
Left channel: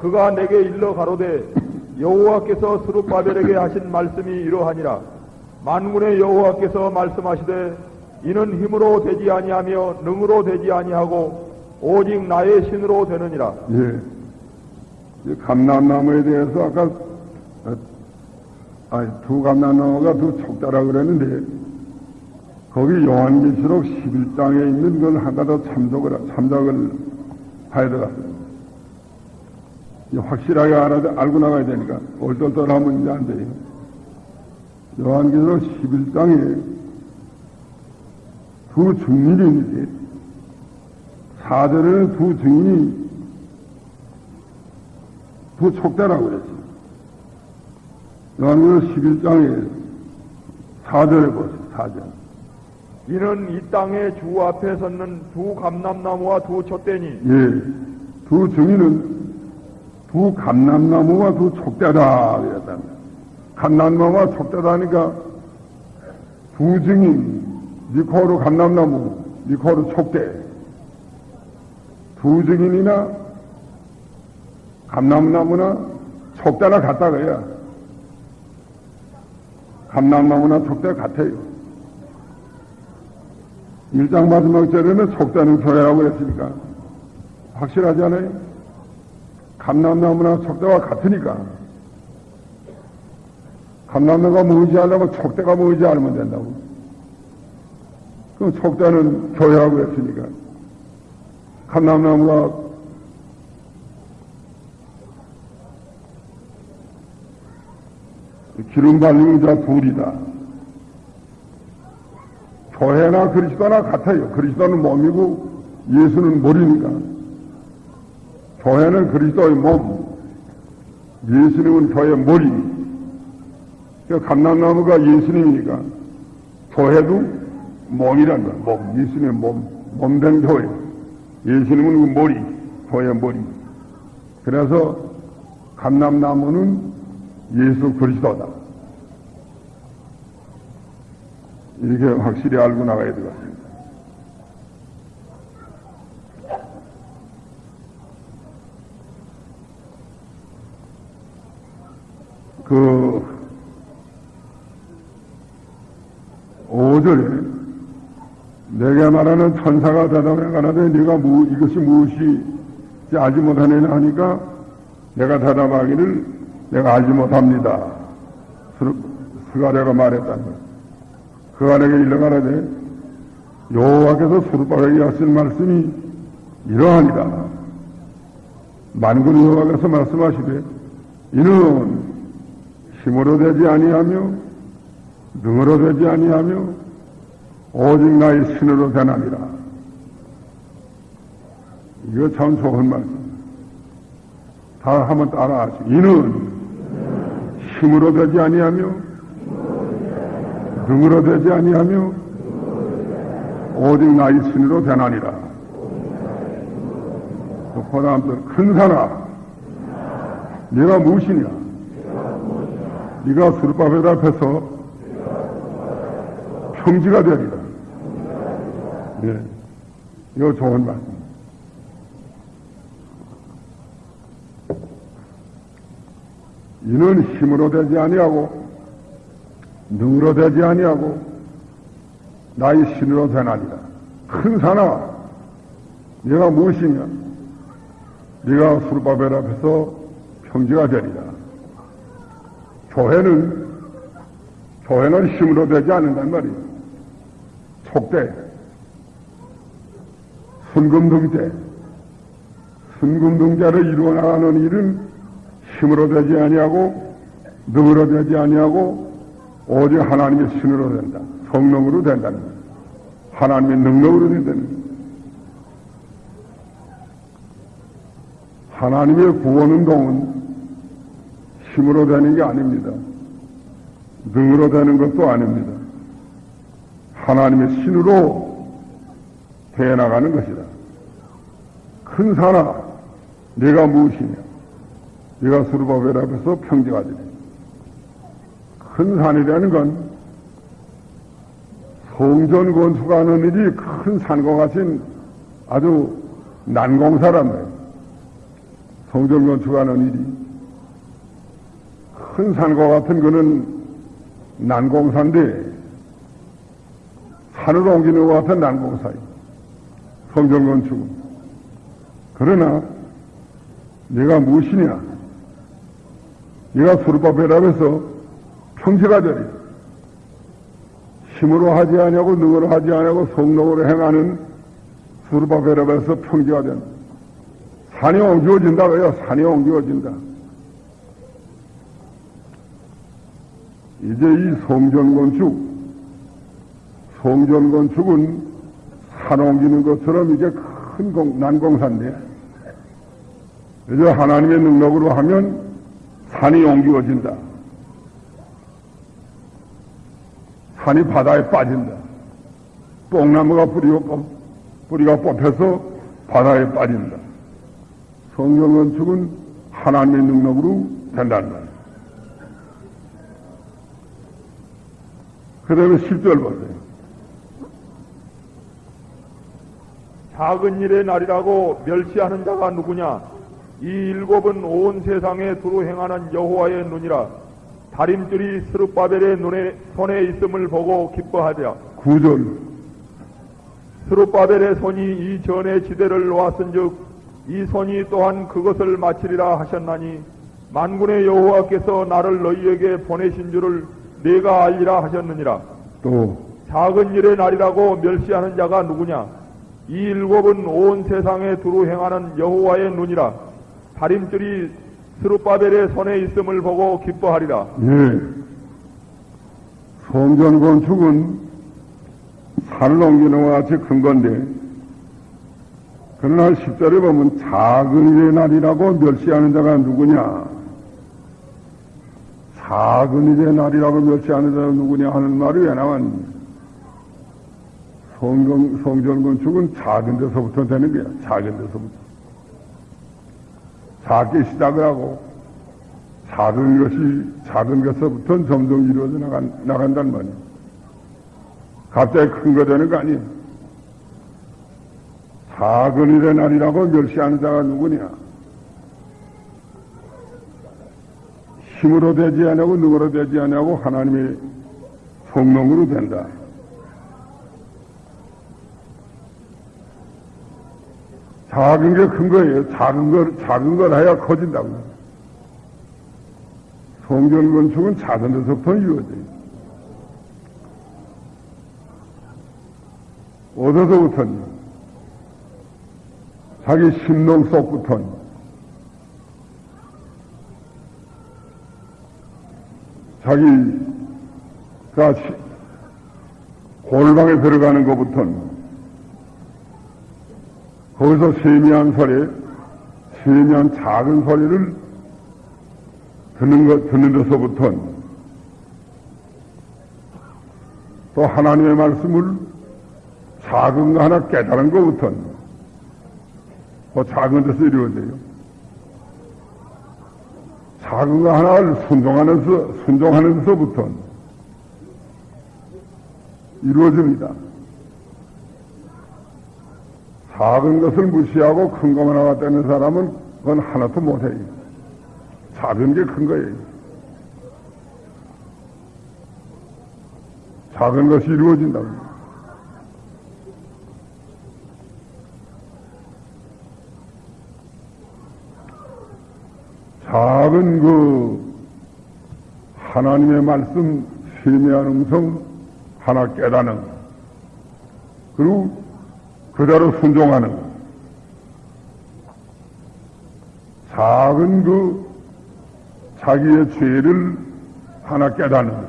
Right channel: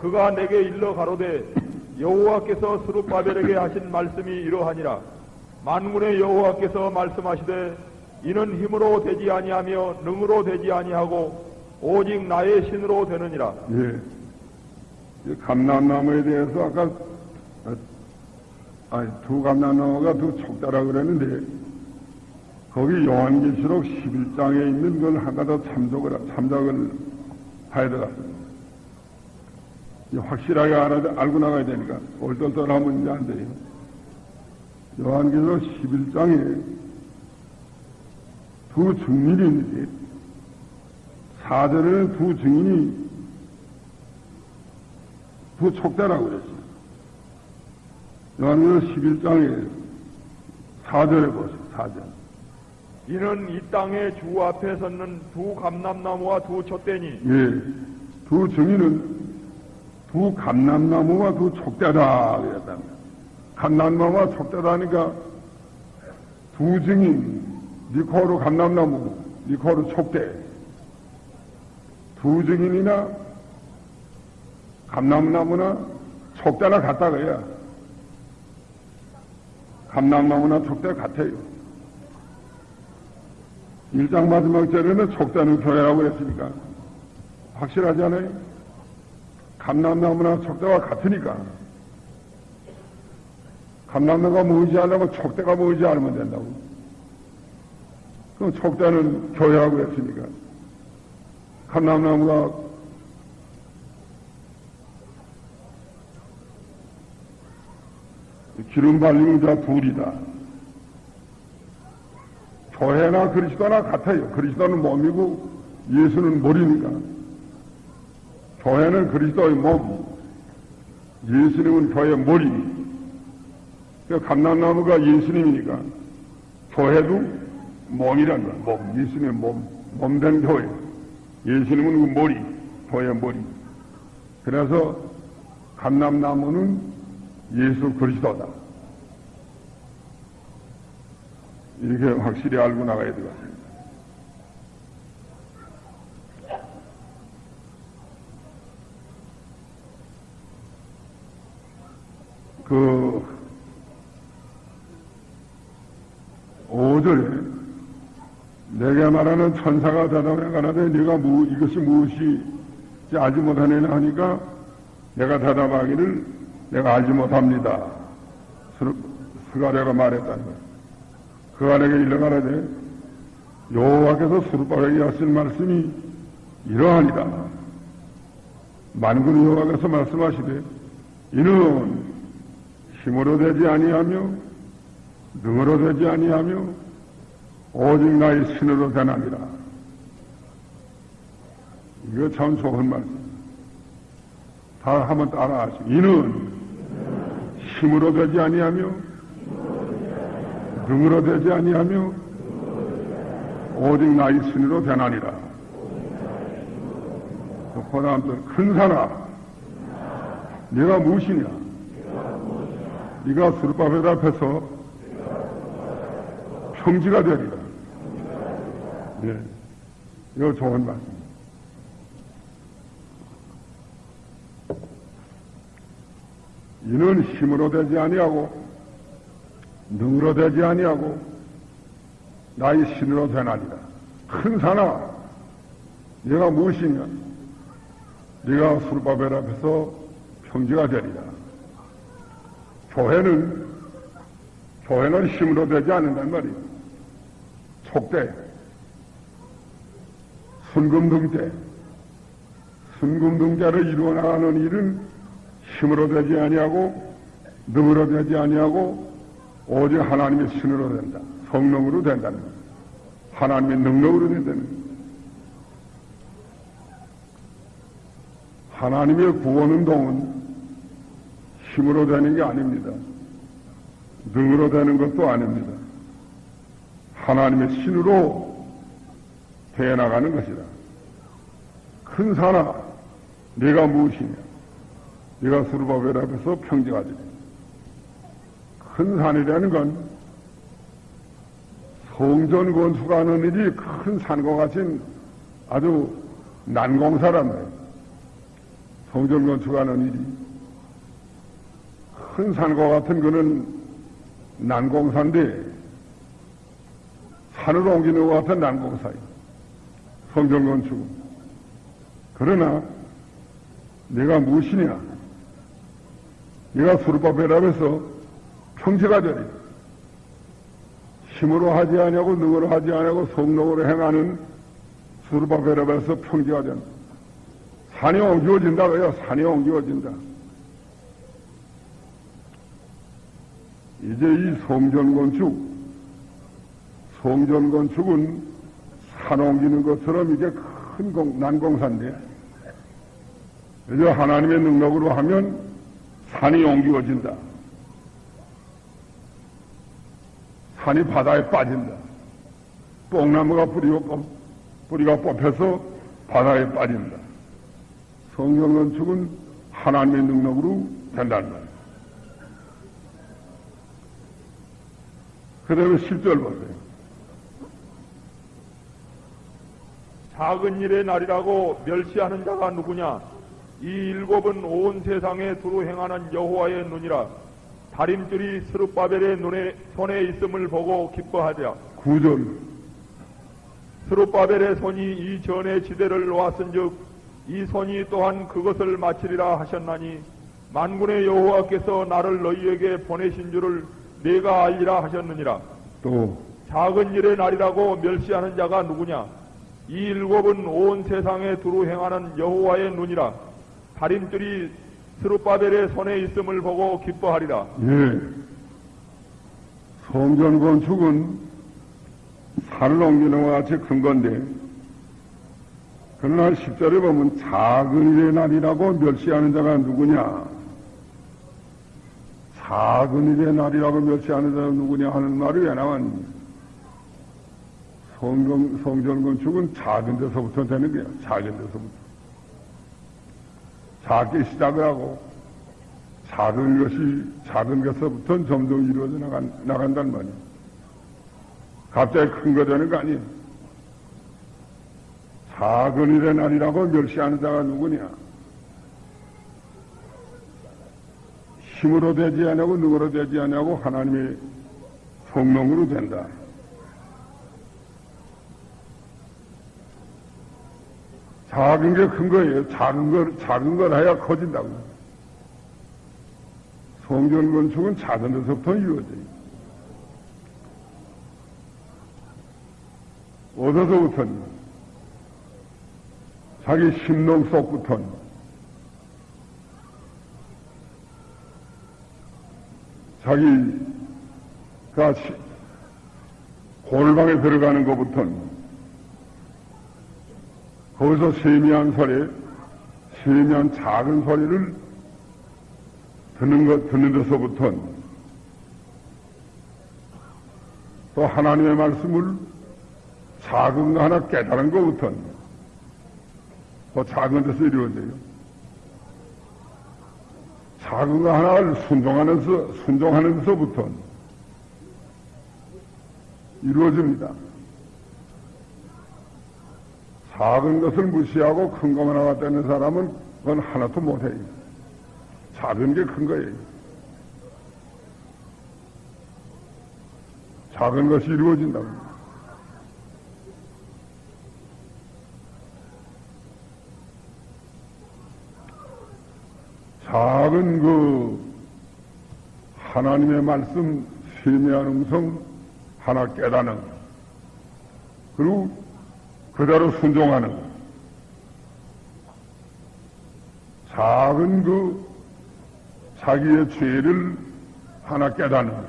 그가 내게 일러 가로되 여호와께서 스룹바벨에게 하신 말씀이 이러하니라. 만군의 여호와께서 말씀하시되 이는 힘으로 되지 아니하며 능으로 되지 아니하고 오직 나의 신으로 되느니라. 예. 이 감람나무에 대해서 아까 두 감람나무가 두 촉자라 그랬는데 거기 요한계시록 11장에 있는 걸 하나 더 참작을 해야 되겠습니다. 확실하게 알고 나가야 되니까 얼떨떨하면 이제 안 돼요. 요한계시록 11장에 두 증인이 있는데 4절에는 두 증인이 두 촉자라고 그랬어요. 요한계시록 11장에 4절에 보세요. 4절. 이는 이 땅의 주 앞에 섰는 두 감람나무와 두 촛대니. 예. 두 증인은 두 감람나무와 두 촉대다 그랬다. 감람나무와 촉대다니까 두 증인, 니코로 감람나무, 니코로 촉대. 두 증인이나 감람나무나 촉대나 같다 그래야. 감람나무나 촉대 같아요. 1장 마지막 절에는 촉대는 교회라고 했으니까 확실하지 않아요? 감람나무나 촉대와 같으니까 감람나무가 모이지 않으면 촉대가 모이지 않으면 된다고. 그럼 촉대는 교회라고 했으니까 감람나무가 기름 발리는 자 둘이다. 교회나 그리스도나 같아요. 그리스도는 몸이고 예수는 머리입니다. 교회는 그리스도의 몸, 예수님은 저의 머리. 그러니까 감람나무가 예수님이니까 교회도 몸이란 거야. 몸, 예수님의 몸된 교회. 예수님은 그 머리, 교회의 머리. 그래서 감람나무는 예수 그리스도다. 이렇게 확실히 알고 나가야 되겠습니다. 그 5절에 내게 말하는 천사가 대답해 가라되 네가 이것이 무엇이 알지 못하느냐 하니까 내가 대답하기를 내가 알지 못합니다. 스가랴가 말했다는 그가 내게 일러가라되 여호와께서 스룹바벨에게 하신 말씀이 이러하니라. 만군의 여호와께서 말씀하시되 이는 힘으로 되지 아니하며 능으로 되지 아니하며 오직 나의 신으로 되나니라. 이거 참 좋은 말씀. 다 한번 따라하시오. 이는 힘으로 되지 아니하며 능으로 되지 아니하며 오직 나의 신으로 되나니라. 그 다음 큰 사람 네가 무엇이냐? 네가 스룹바벨 앞에서 평지가 되리라. 예, 이거 좋은 말씀. 이는 힘으로 되지 아니하고 능으로 되지 아니하고 나의 신으로 되나니라. 큰 산아, 네가 무엇이냐? 네가 수르바벨 앞에서 평지가 되리라. 교회는 힘으로 되지 않는단 말이야. 촉대, 순금등대, 순금등대를 이루어 나가는 일은 힘으로 되지 아니하고 능으로 되지 아니하고 오직 하나님의 신으로 된다. 성령으로 된다는 거야. 하나님의 능력으로 된다는 거야. 하나님의 구원운동은 힘으로 되는 게 아닙니다. 능으로 되는 것도 아닙니다. 하나님의 신으로 되어나가는 것이다. 큰 산아, 네가 무엇이냐? 네가 수르바벨 앞에서 평지가 되리. 큰 산이라는 건 성전 건축하는 일이 큰 산과 같은 아주 난공사란 말이에요. 성전 건축하는 일이 큰 산과 같은 거는 난공사인데 산을 옮기는 것 같은 난공사예요. 성전 건축은. 그러나 네가 무엇이냐? 네가 수르바벨 앞에서 평지가 되리. 힘으로 하지 아니하고 능으로 하지 아니하고 성령으로 행하는 수르바벨 앞에서 평지가 된다. 산이 옮겨진다. 왜요? 산이 옮겨진다. 이제 이 성전 건축은 산 옮기는 것처럼 이제 큰 난공사인데, 이제 하나님의 능력으로 하면 산이 옮겨진다. 산이 바다에 빠진다. 뽕나무가 뿌리가 뽑혀서 바다에 빠진다. 성전 건축은 하나님의 능력으로 된다는 말이에요. 그 다음에 10절 보세요. 작은 일의 날이라고 멸시하는 자가 누구냐? 이 일곱은 온 세상에 두루 행하는 여호와의 눈이라. 다림질이 스룹바벨의 손에 있음을 보고 기뻐하랴. 9절. 스룹바벨의 손이 이 전의 지대를 놓았은즉 이 손이 또한 그것을 마치리라 하셨나니 만군의 여호와께서 나를 너희에게 보내신 줄을 내가 알리라 하셨느니라. 또 작은 일의 날이라고 멸시하는 자가 누구냐? 이 일곱은 온 세상에 두루 행하는 여호와의 눈이라. 다림질이 스룹바벨의 손에 있음을 보고 기뻐하리라. 예. 성전 건축은 산을 옮기는 것 같이 큰 건데, 그러나 10절에 보면 작은 일의 날이라고 멸시하는 자가 누구냐? 작은 일의 날이라고 멸시하는 자가 누구냐 하는 말이 왜 나왔니? 성전 건축은 작은 데서부터 되는 거야. 작은 데서부터. 작게 시작을 하고 작은 것서부터 점점 이루어져 나간단 말이야. 갑자기 큰 거 되는 거 아니야. 작은 일의 날이라고 멸시하는 자가 누구냐? 힘으로 되지 않냐고 능으로 되지 않냐고 하나님의 성령으로 된다. 작은 게 큰 거예요. 작은 걸 해야 커진다고. 성전 건축은 작은 데서부터 이루어져요. 어디서부터는 자기 심령 속부터는 자기가 골방에 들어가는 것부터는 거기서 세미한 작은 소리를 듣는 데서부터는 또 하나님의 말씀을 작은 거 하나 깨달은 것부터는 그 작은 데서 이루어져요. 작은 거 하나를 순종하는 데서부터는 이루어집니다. 작은 것을 무시하고 큰 것만 하겠다는 사람은 그건 하나도 못해요. 작은 게 큰 거예요. 작은 것이 이루어진다고. 작은 그 하나님의 말씀 세미한 음성 하나 깨닫는, 그리고 그대로 순종하는, 작은 그 자기의 죄를 하나 깨닫는 것,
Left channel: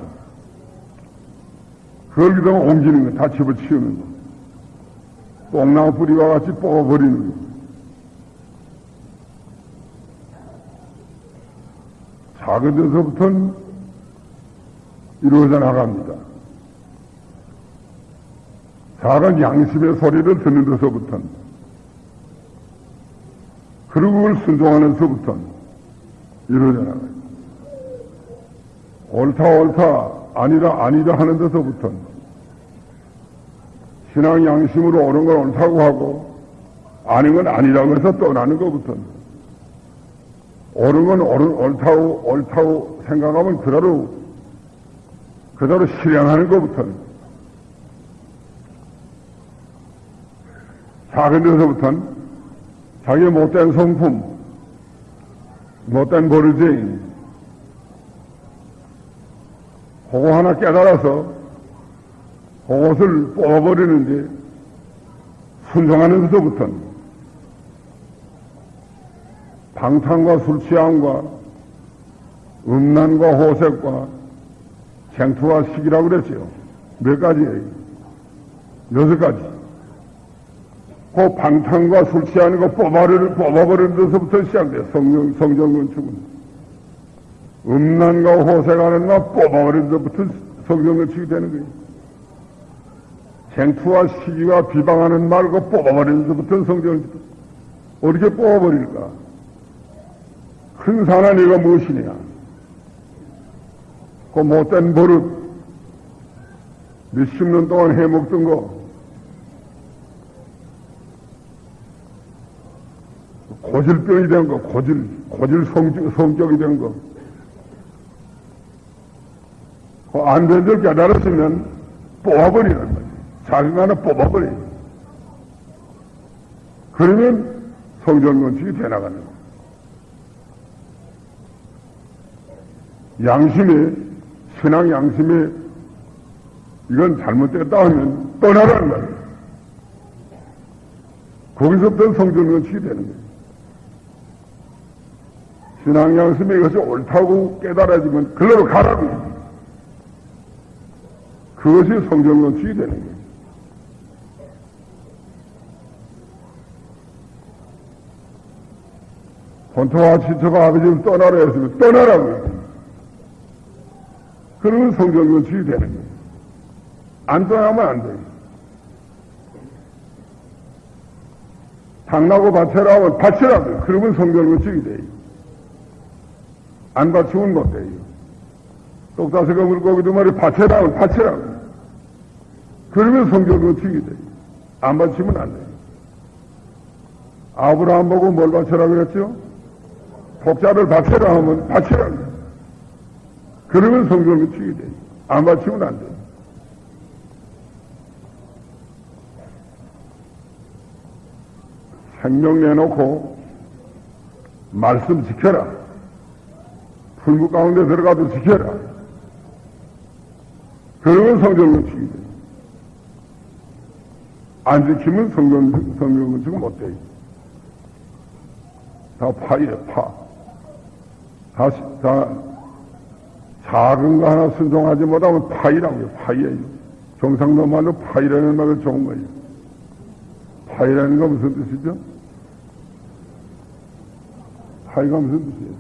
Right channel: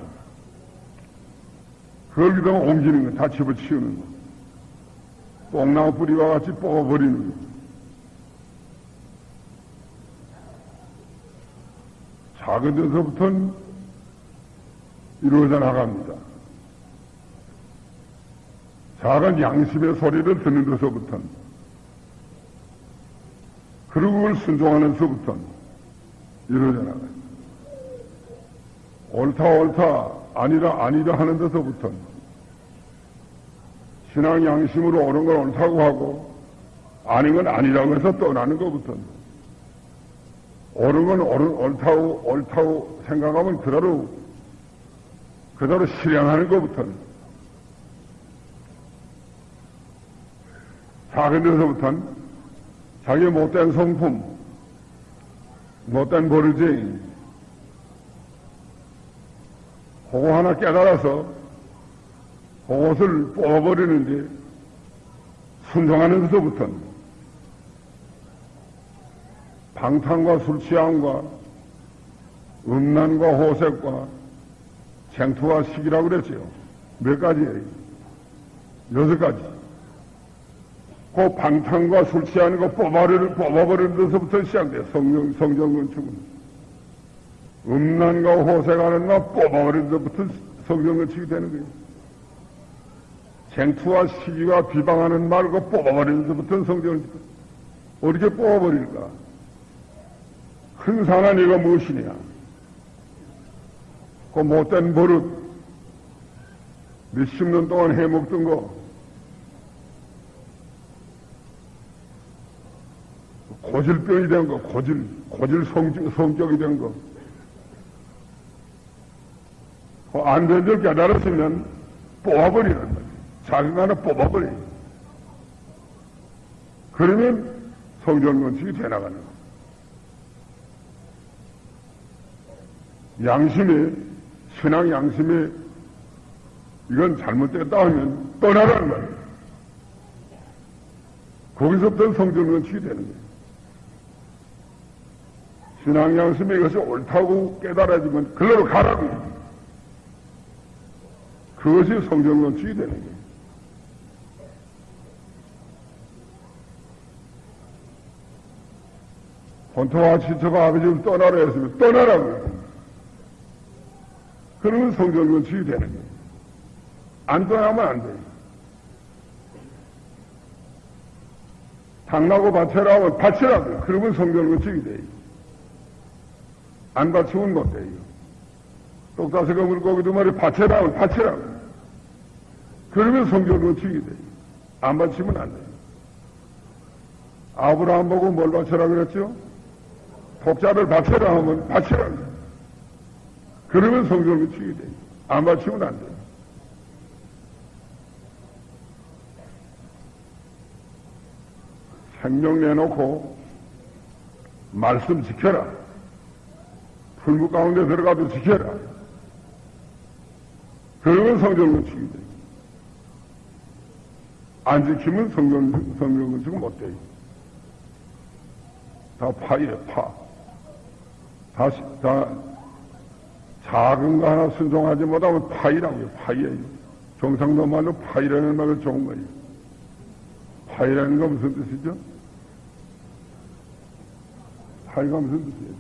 그걸 그대로 옮기는 것, 다 집어치우는 것, 뽕나무 뿌리와 같이 뽑아버리는 것, 작은 데서부터는 이루어져 나갑니다. 작은 양심의 소리를 듣는 데서부터는, 그리고 그걸 순종하는 데서부터는 이루어져 나가요. 옳다 아니다 하는 데서부터는, 신앙 양심으로 옳은 건 옳다고 하고 아닌 건 아니라고 해서 떠나는 것부터는, 옳은 건 옳다고 생각하면 그대로 실행하는 것부터는, 작은 데서부터는 자기의 못된 성품, 못된 버릇쟁이, 그거 하나 깨달아서 그것을 뽑아버리는데, 순종하는 데서부터는 방탕과 술취함과 음란과 호색과 쟁투와 시기라고 그랬어요. 몇 가지예요? 6가지. 그 방탕과 술취하는 거 뽑아버리는 데서부터 시작돼요. 성경건축은. 음란과 호색하는 거 뽑아버리는 데서부터 성경건축이 되는 거예요. 쟁투와 시기와 비방하는 말 그 뽑아버리는 데서부터 성경건축. 어떻게 뽑아버릴까? 큰 산한 이가 무엇이냐? 그 못된 버릇, 몇십 년 동안 해먹던 거, 고질병이 된 거, 고질 성격이 된 거, 그 안 된 줄 깨달았으면 뽑아버리는 거야. 자기가 하나 뽑아버리는 거야. 그러면 성전건축이 되나가는 거야. 양심에, 신앙 양심에 이건 잘못됐다 하면 떠나라는 거예요. 거기서부터 성전건축이 되는 거예요. 신앙 양심에 이것이 옳다고 깨달아지면 글로 가라고. 그것이 성전건축이 되는 거예요. 본토와 지토가 아버지를 떠나라 했으면 떠나라고. 그러면 성전건축이 되는 거예요. 안 떠나면 안 돼요. 당나고 바쳐라 하면 바치라고. 그러면 성전건축이 돼요. 안 바치면 못 돼요. 똑다새가 물고기도 말이 바쳐라 하면 바치라고. 그러면 성전건축이 돼요. 안 바치면 안 돼요. 아브라함 보고 뭘 바쳐라 그랬죠? 독자를 바쳐라 하면 바치라고. 그러면 성전건축이 돼요. 안 바치면 안 돼요. 생명 내놓고 말씀 지켜라. 풀무 가운데 들어가도 지켜라. 그러면 성전건축이 돼요. 안 지키면 성전건축은 못 돼요. 다 파예요, 파. 다 작은 거 하나 순종하지 못하면 파이라고요, 파이예요. 경상도 말로 파이라는 말을 좋은 거예요. 파이라는 거 무슨 뜻이죠? 파이가 무슨 뜻이에요?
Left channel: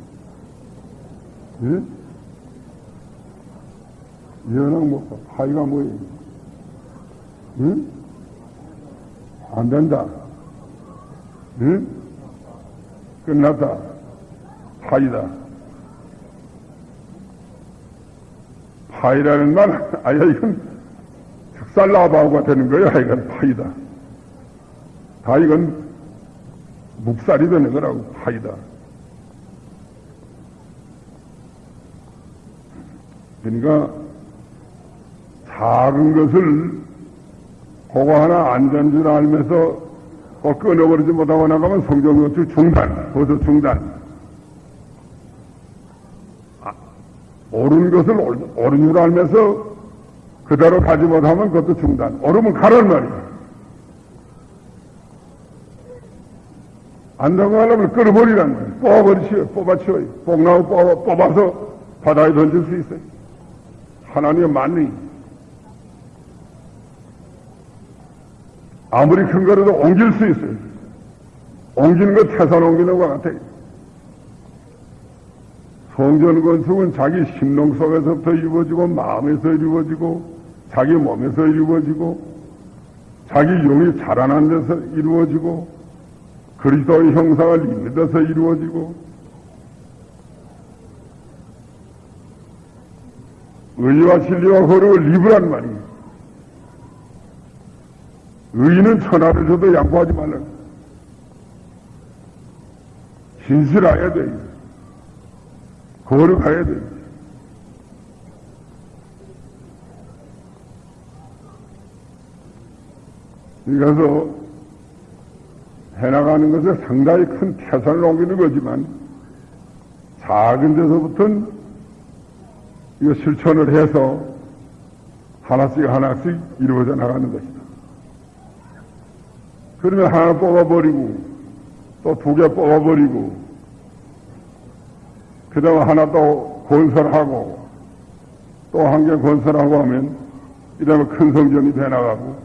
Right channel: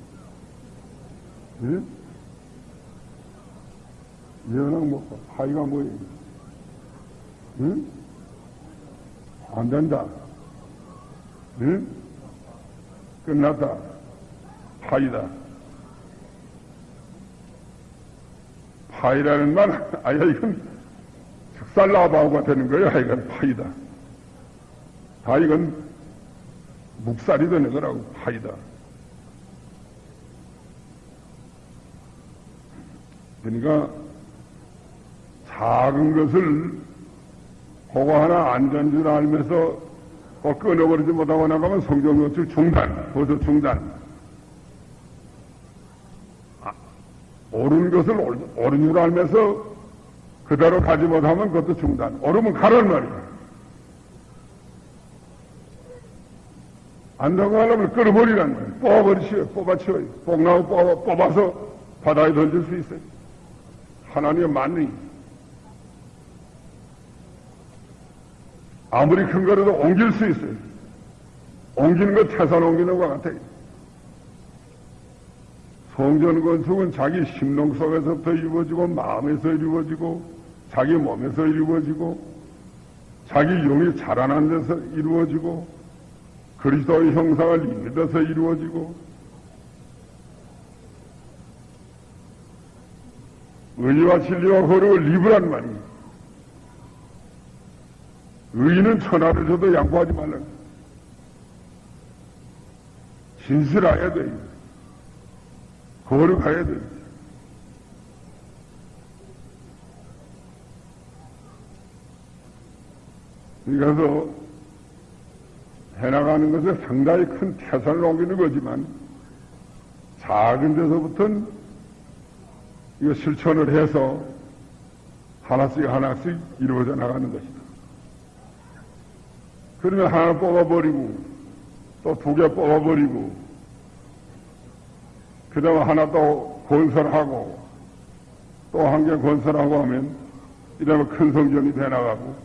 예? 연락 못 봐. 파이가 뭐예요? 응? 안 된다. 응? 끝났다. 파이다. 파이라는 말, 아야, 이건 흑살라바오가 되는 거예요. 이건 파이다. 다 이건 묵살이 되는 거라고, 파이다. 그러니까 작은 것을 그거 하나 안 된 줄 알면서 끊어버리지 못하고 나가면 성전건축 중단, 도서 중단. 옳은 것을 옳은 줄 알면서 그대로 가지 못하면 그것도 중단. 옳으면 가란 말이야. 안 되고 하려면 끌어버리란 말이야. 뽑아버리시오. 뽑아치워요. 뽕나무 뽑아서 바다에 던질 수 있어요. 하나님의 만능. 아무리 큰 거라도 옮길 수 있어요. 옮기는 거 태산 옮기는 것 같아요. 성전 건축은 자기 심령 속에서부터 이루어지고 마음에서 이루어지고 자기 몸에서 이루어지고 자기 영이 자라난 데서 이루어지고 그리스도의 형상을 입는 데서 이루어지고 의와 진리와 허락을 입으란 말이에요. 의인은 천하를 줘도 양보하지 말라. 진실해야 돼. 거룩해야 돼. 이래서 해나가는 것에 상당히 큰 태산을 옮기는 거지만 작은 데서부터는 이거 실천을 해서 하나씩 하나씩 이루어져 나가는 것이다. 그러면 하나 뽑아버리고 또 두 개 뽑아버리고 그 다음에 하나 또 건설하고 또 한 개 건설하고 하면 이러면 큰 성전이 돼나가고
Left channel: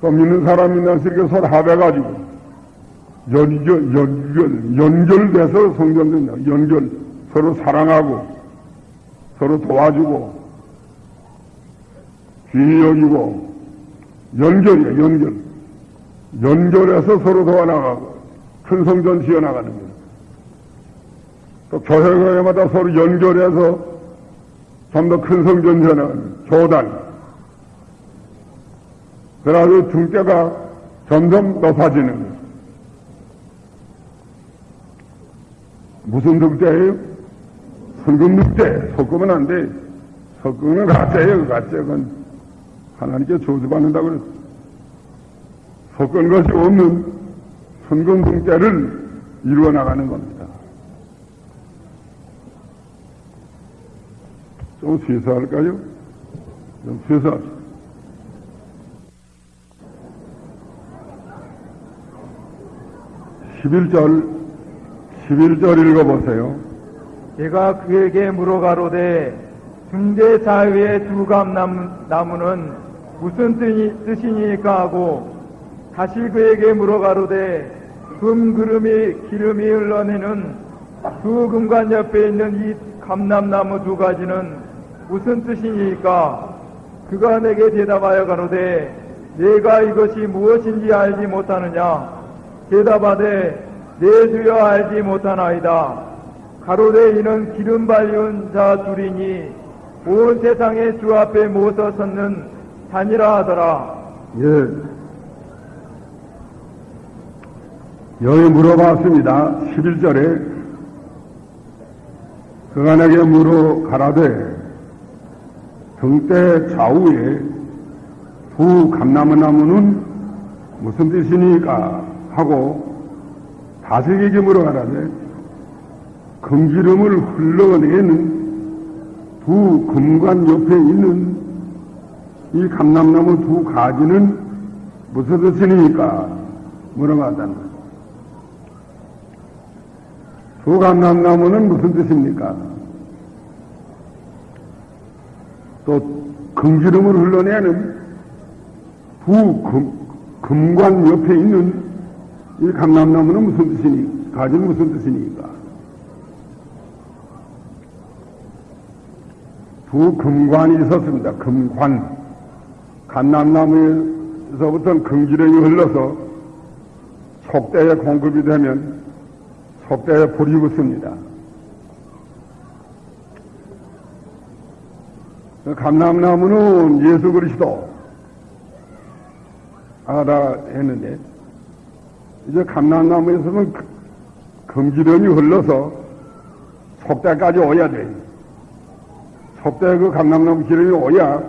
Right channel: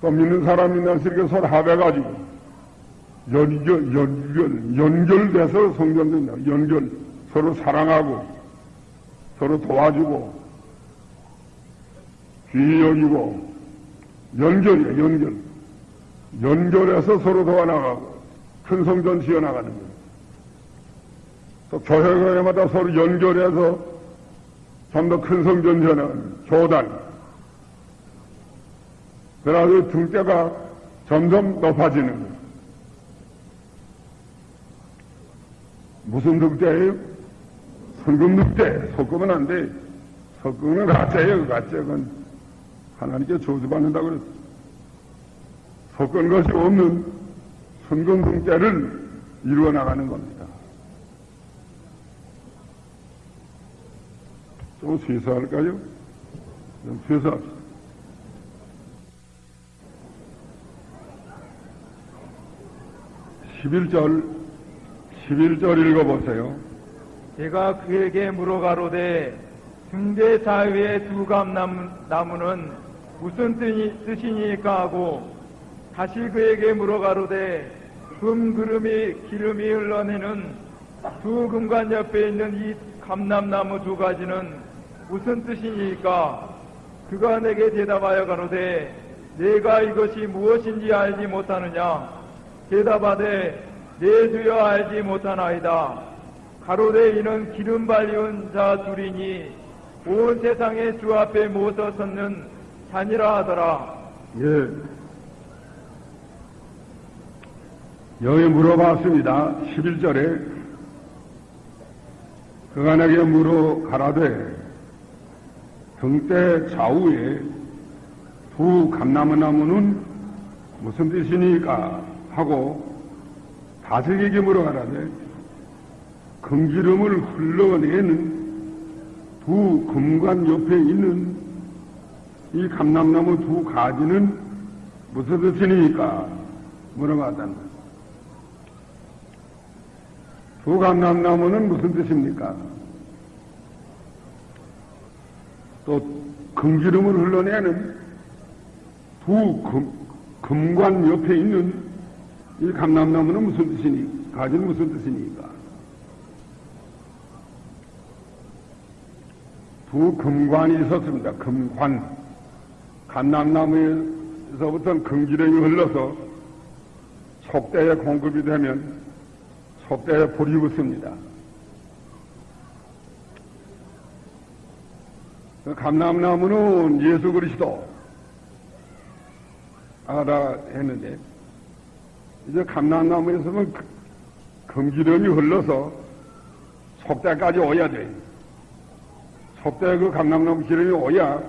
또 믿는 사람 믿는 사람이 서로 합해가지고 연결돼서 성전된다. 연결. 서로 사랑하고 서로 도와주고 귀히 여기고 연결이야. 연결해서 서로 도와나가고 큰 성전 지어나가는 거예요. 또 교회마다 서로 연결해서 좀 더 큰 성전 지어나가는 교단. 그래서 등대가 점점 높아지는 거예요. 무슨 등대예요? 성금 등대. 섞으면 안 돼. 섞으면 가짜예요. 가짜는 하나님께 저주받는다고 그랬어. 섞은 것이 없는 성금 등대를 이루어 나가는 겁니다. 좀 쇠사할까요? 좀 쇠사. 11절 읽어보세요. 내가 그에게 물어가로되 중대 사위의 두 감나무는 무슨 뜻이니까 하고 다시 그에게 물어가로되 금그름이 기름이 흘러내는 두 금관 옆에 있는 이 감람나무 두 가지는 무슨 뜻이니까 그가 내게 대답하여 가로되 내가 이것이 무엇인지 알지 못하느냐 대답하되 내 주여 알지 못하나이다. 가로되 이는 기름 발리운 자 둘이니 온 세상의 주 앞에 모서 섰는 산이라 하더라. 예. 여기 물어봤습니다. 11절에 그가 내게 물어 가라되 등대 좌우에 두 감나무는 무슨 뜻이니까 하고 다시 이게 물어가라되 금기름을 흘러내는 두 금관 옆에 있는 이 감람나무 두 가지는 무슨 뜻이니까 물어봤다는 거예요. 두 감람나무는 무슨 뜻입니까? 또 금기름을 흘러내는 두 금관 옆에 있는 이 감람나무는 무슨 뜻이니? 가지는 무슨 뜻입니까? 두 금관이 있었습니다. 금관. 감람나무에서부터는 금기름이 흘러서 속대에 공급이 되면 속대에 불이 붙습니다. 감람나무는 예수 그리스도 다 했는데 이제 감람나무에서는 금기름이 흘러서 속대까지 오야 돼요. 속대에 그 감람나무 기름이 오야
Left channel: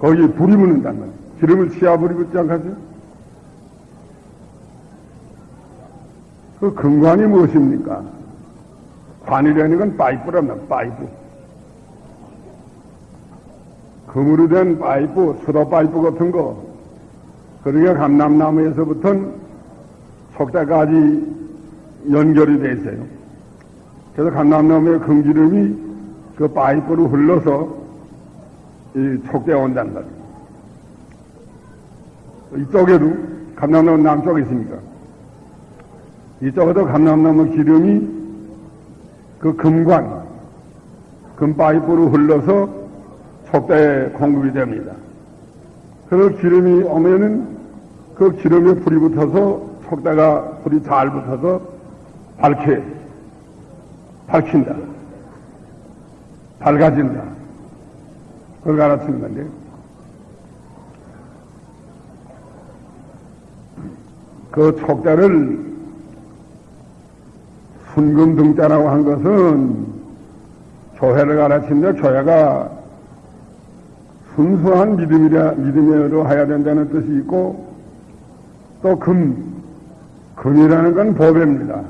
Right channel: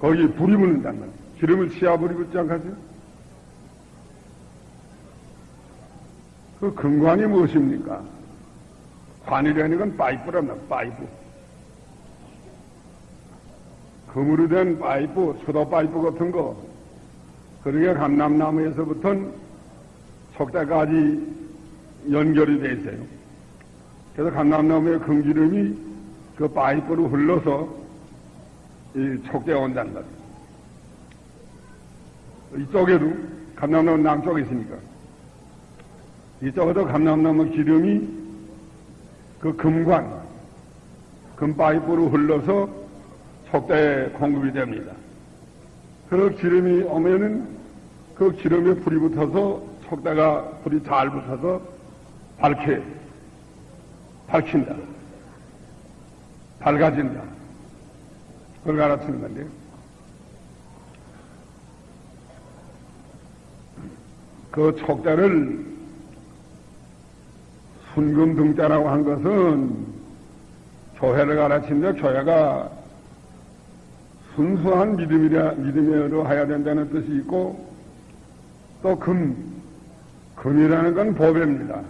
거기 불이 묻는단 말이에요. 기름을 치아 불이 붙지 않겠어요? 그 금관이 무엇입니까? 관이라는 건 파이프란 말이에요. 파이프. 금으로 된 파이프, 수도 파이프 같은 거, 그러게 감람나무에서부터 속대까지 연결이 돼 있어요. 그래서 감람나무의 금기름이 그 파이프로 흘러서 이 촉대에 온단 말이에요. 이쪽에도 감람나무 남쪽에 있으니까 이쪽에도 감람나무 기름이 그 금관, 금파이프로 흘러서 촉대에 공급이 됩니다. 그래서 기름이 오면은 그 기름에 불이 붙어서 촉대가 불이 잘 붙어서 밝힌다. 밝아진다. 그걸 가르치는 건데. 그 촉대를 순금등자라고 한 것은 교회를 가르치는데 교회가 순수한 믿음으로 해야 된다는 뜻이 있고 또 금이라는 건 보배입니다.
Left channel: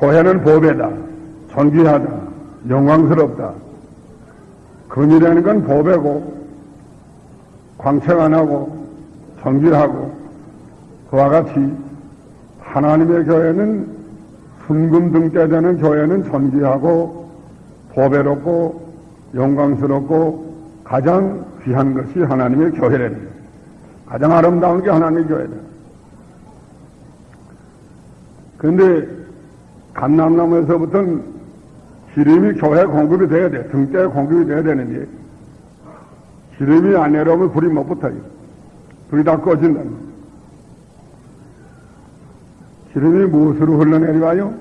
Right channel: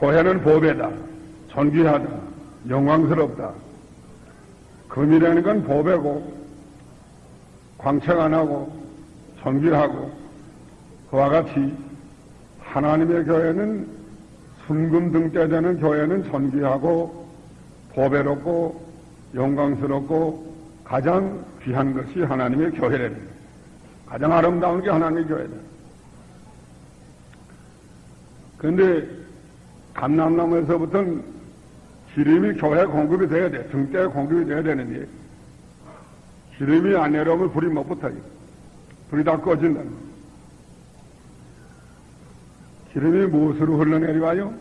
교회는 보배다. 존귀하다. 영광스럽다. 금이라는 건 보배고 광채 안 하고 존귀하고 그와 같이 하나님의 교회는 순금등대되는 교회는 존귀하고 보배롭고 영광스럽고 가장 귀한 것이 하나님의 교회랍니다. 가장 아름다운 게 하나님의 교회다. 그런데 감람나무에서부터는 기름이 교회에 공급이 돼야 돼. 등대에 공급이 돼야 되는데 기름이 안 내려오면 불이 못 붙어요. 불이 다 꺼진다. 기름이 무엇으로 흘러내려와요?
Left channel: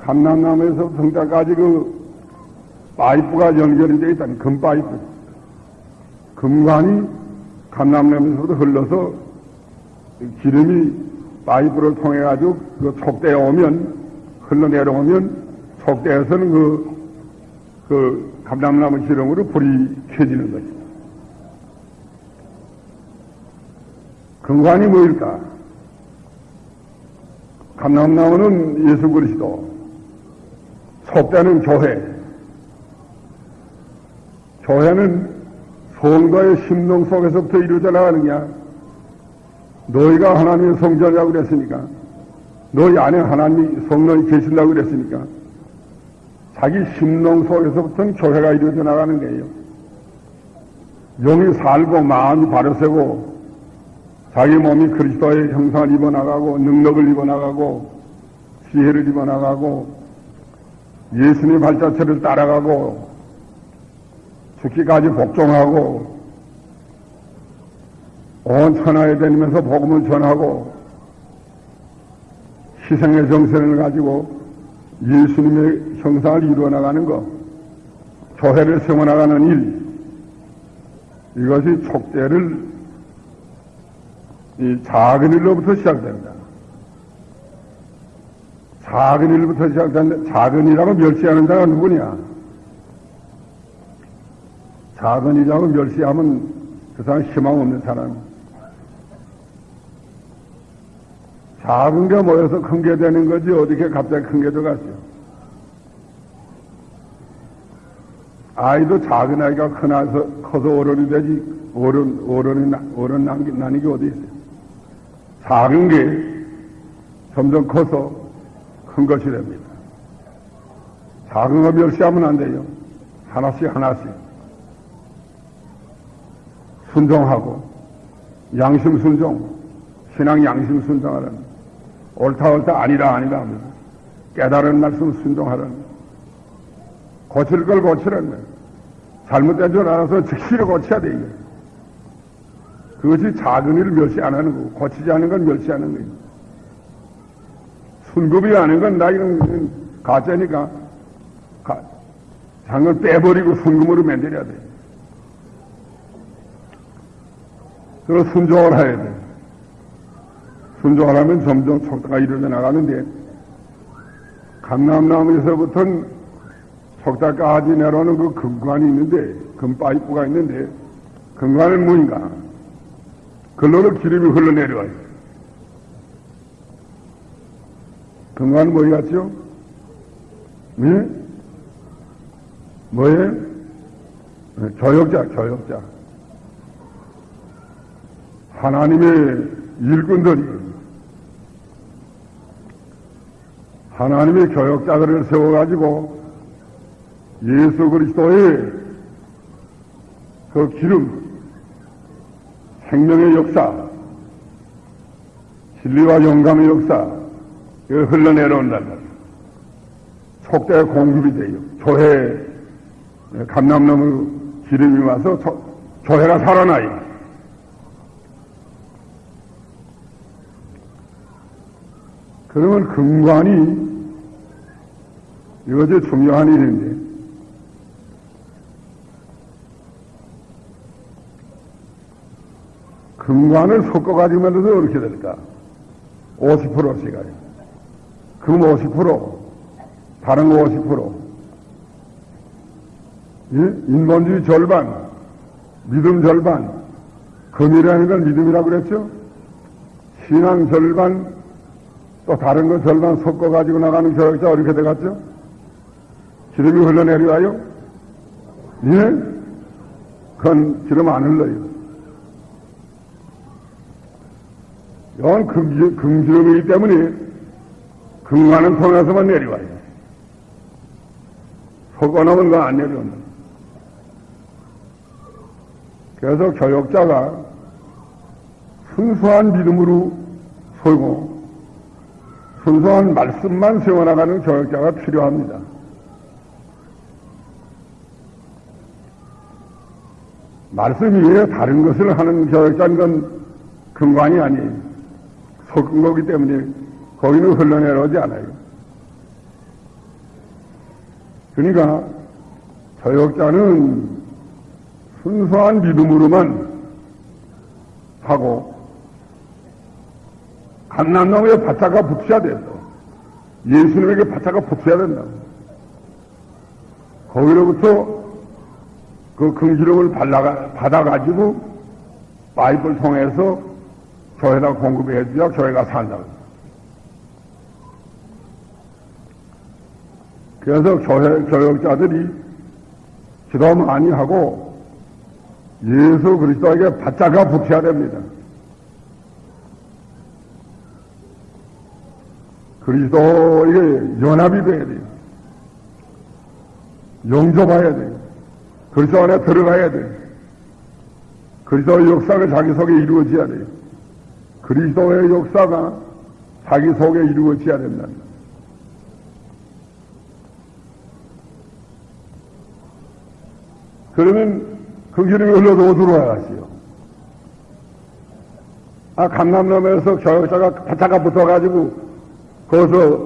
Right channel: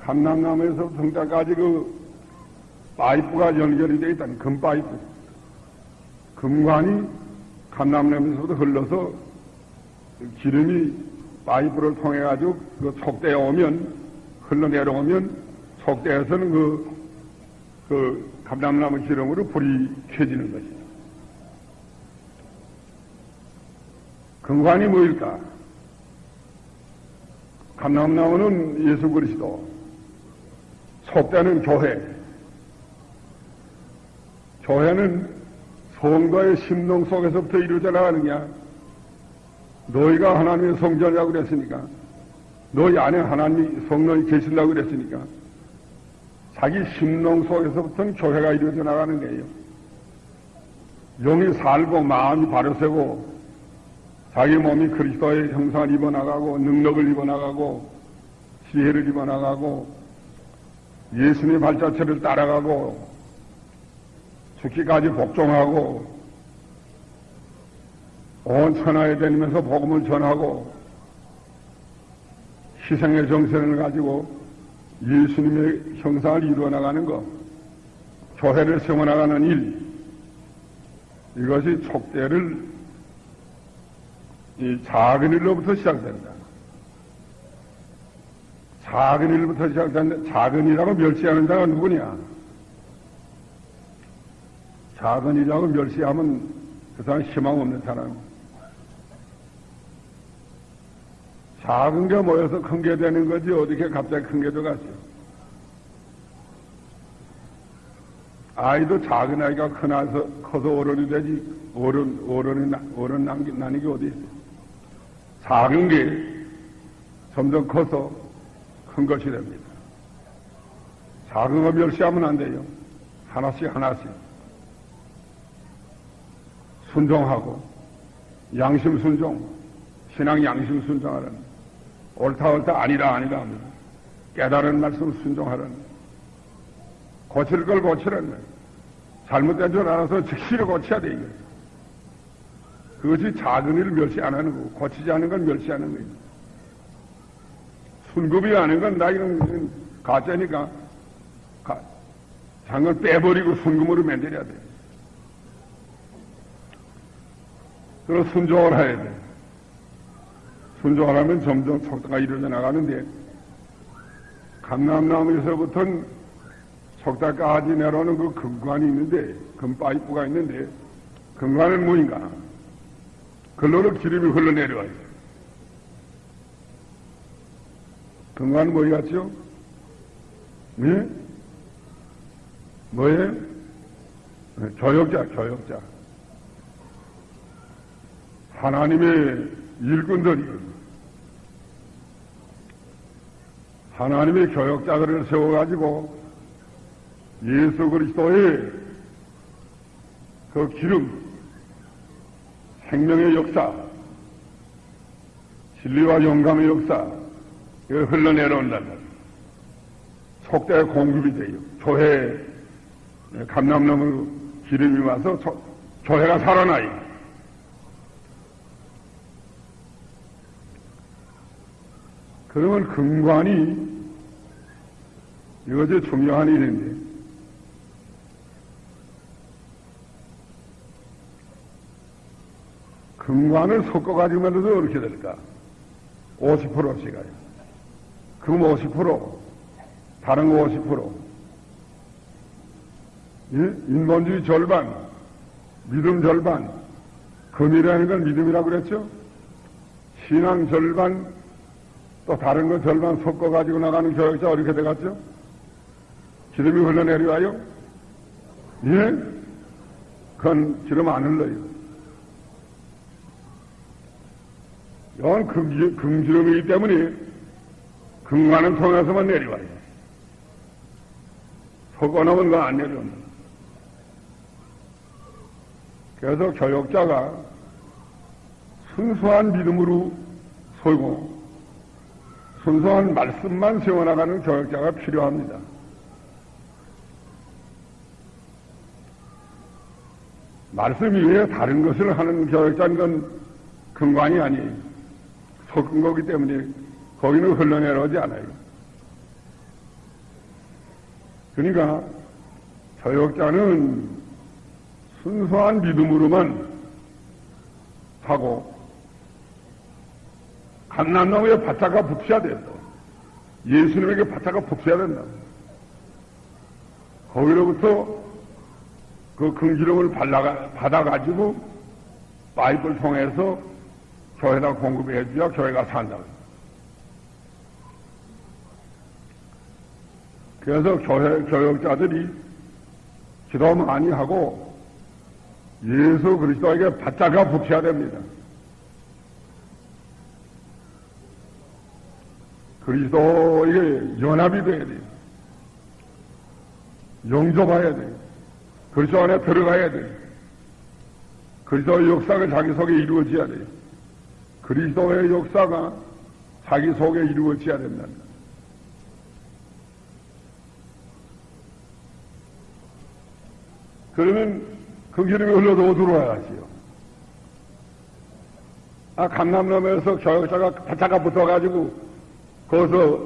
감람나무에서 등대까지 그 파이프가 연결이 되어 있다는 금파이프. 금관이 감람나무에서부터 흘러서 기름이 파이프를 통해가지고 그 촉대에 오면, 흘러내려오면 촉대에서는 그 감람나무 기름으로 불이 켜지는 것이다. 금관이 뭐일까? 감람나무는 예수 그리스도, 촉대는 교회. 교회는 성도의 심령 속에서부터 이루어져 나가는 게야. 너희가 하나님의 성전이라고 그랬으니까, 너희 안에 하나님이 성령이 계시려고 그랬으니까, 자기 심령 속에서부터는 교회가 이루어져 나가는 거예요. 영이 살고 마음이 바르세고 자기 몸이 그리스도의 형상을 입어나가고 능력을 입어나가고 지혜를 입어나가고 예수님의 발자취를 따라가고 죽기까지 복종하고 온 천하에 다니면서 복음을 전하고 희생의 정신을 가지고 예수님의 형상을 이루어나가는 것, 교회를 세워나가는 일, 이것이 촉대를 이 작은 일로부터 시작된다. 작은 일부터 시작된다. 작은 일하고 멸시하는 자가 누구냐? 작은 일하고 멸시하면 그 사람 희망 없는 사람. 작은 게 모여서 큰 게 되는 거지 어떻게 갑자기 큰 게 들어갔어. 아이도 작은 아이가 커서 어른이 되지 어른 나는 게 어디 있어. 작은 게 점점 커서 큰 것이 됩니다. 작은 거 멸시하면 안 돼요. 하나씩 순종하고 양심 순종, 신앙 양심 순종하라는, 옳다 아니다 합니다. 깨달은 말씀 순종하라는, 고칠 걸 고치라는 거예요. 잘못된 줄 알아서 즉시 고쳐야 돼요. 그것이 작은 일을 멸시 안 하는 거고, 고치지 않은 건 멸시하는 거예요. 순급이 아닌 건 나 이건 가짜니까 장을 빼버리고 순금으로 만들어야 돼요. 그래서 순종을 해야 돼. 순종을 하면 점점 촉대가 이루어져 나가는데, 감람나무에서부터는 촉대까지 내려오는 그 금관이 있는데, 금파이프가 있는데, 금관은 뭐인가? 글로는 기름이 흘러내려와요. 금관은 뭐이 같죠? 네? 뭐예요? 조역자. 하나님의 일꾼들이 하나님의 교역자들을 세워가지고 예수 그리스도의 그 기름, 생명의 역사, 진리와 영감의 역사, 이걸 흘러내려온단 말이에요. 속대에 공급이 돼요. 교회, 감람나무 기름이 와서 교회가 살아나요. 그러면 금관이 이것이 중요한 일인데, 금관을 섞어가지고 만들어서 어떻게 될까? 50%씩가요. 금 50%, 다른 거 50%. 인본주의 절반, 믿음 절반, 금이라는 건 믿음이라고 그랬죠? 신앙 절반, 또 다른 거 절반 섞어가지고 나가는 교역자 어떻게 돼갔죠? 기름이 흘러내려와요? 예? 그건 기름 안 흘러요. 이건 금기름이기 때문에 금관을 통해서만 내려와요. 섞어놓으면 그거 안 내려옵니다. 그래서 교역자가 순수한 믿음으로 서고 순수한 말씀만 세워나가는 교역자가 필요합니다. 말씀 이외에 다른 것을 하는 교역자는 건 금관이 아니에요. 섞은 거기 때문에 거기는 흘러내려오지 않아요. 그러니까 교역자는 순수한 믿음으로만 하고 감람나무에 바짝가 붙여야 된다. 예수님에게 바짝가 붙여야 된다. 거기로부터 그 금기름을 받아가지고 파이프를 통해서 교회에다 공급해 줘야 교회가 산다. 그래서 교역자들이 기도 많이 하고 예수 그리스도에게 바짝가 붙여야 됩니다. 그리스도에게 연합이 돼야 돼요. 영접해야 돼요. 그리스도 안에 들어가야 돼요. 그리스도의 역사가 자기 속에 이루어져야 돼요. 그리스도의 역사가 자기 속에 이루어져야 된다. 그러면 그 기름이 흘러도 들어와야지요. 감람나무에서 교역자가 바짝가 붙어가지고 거기서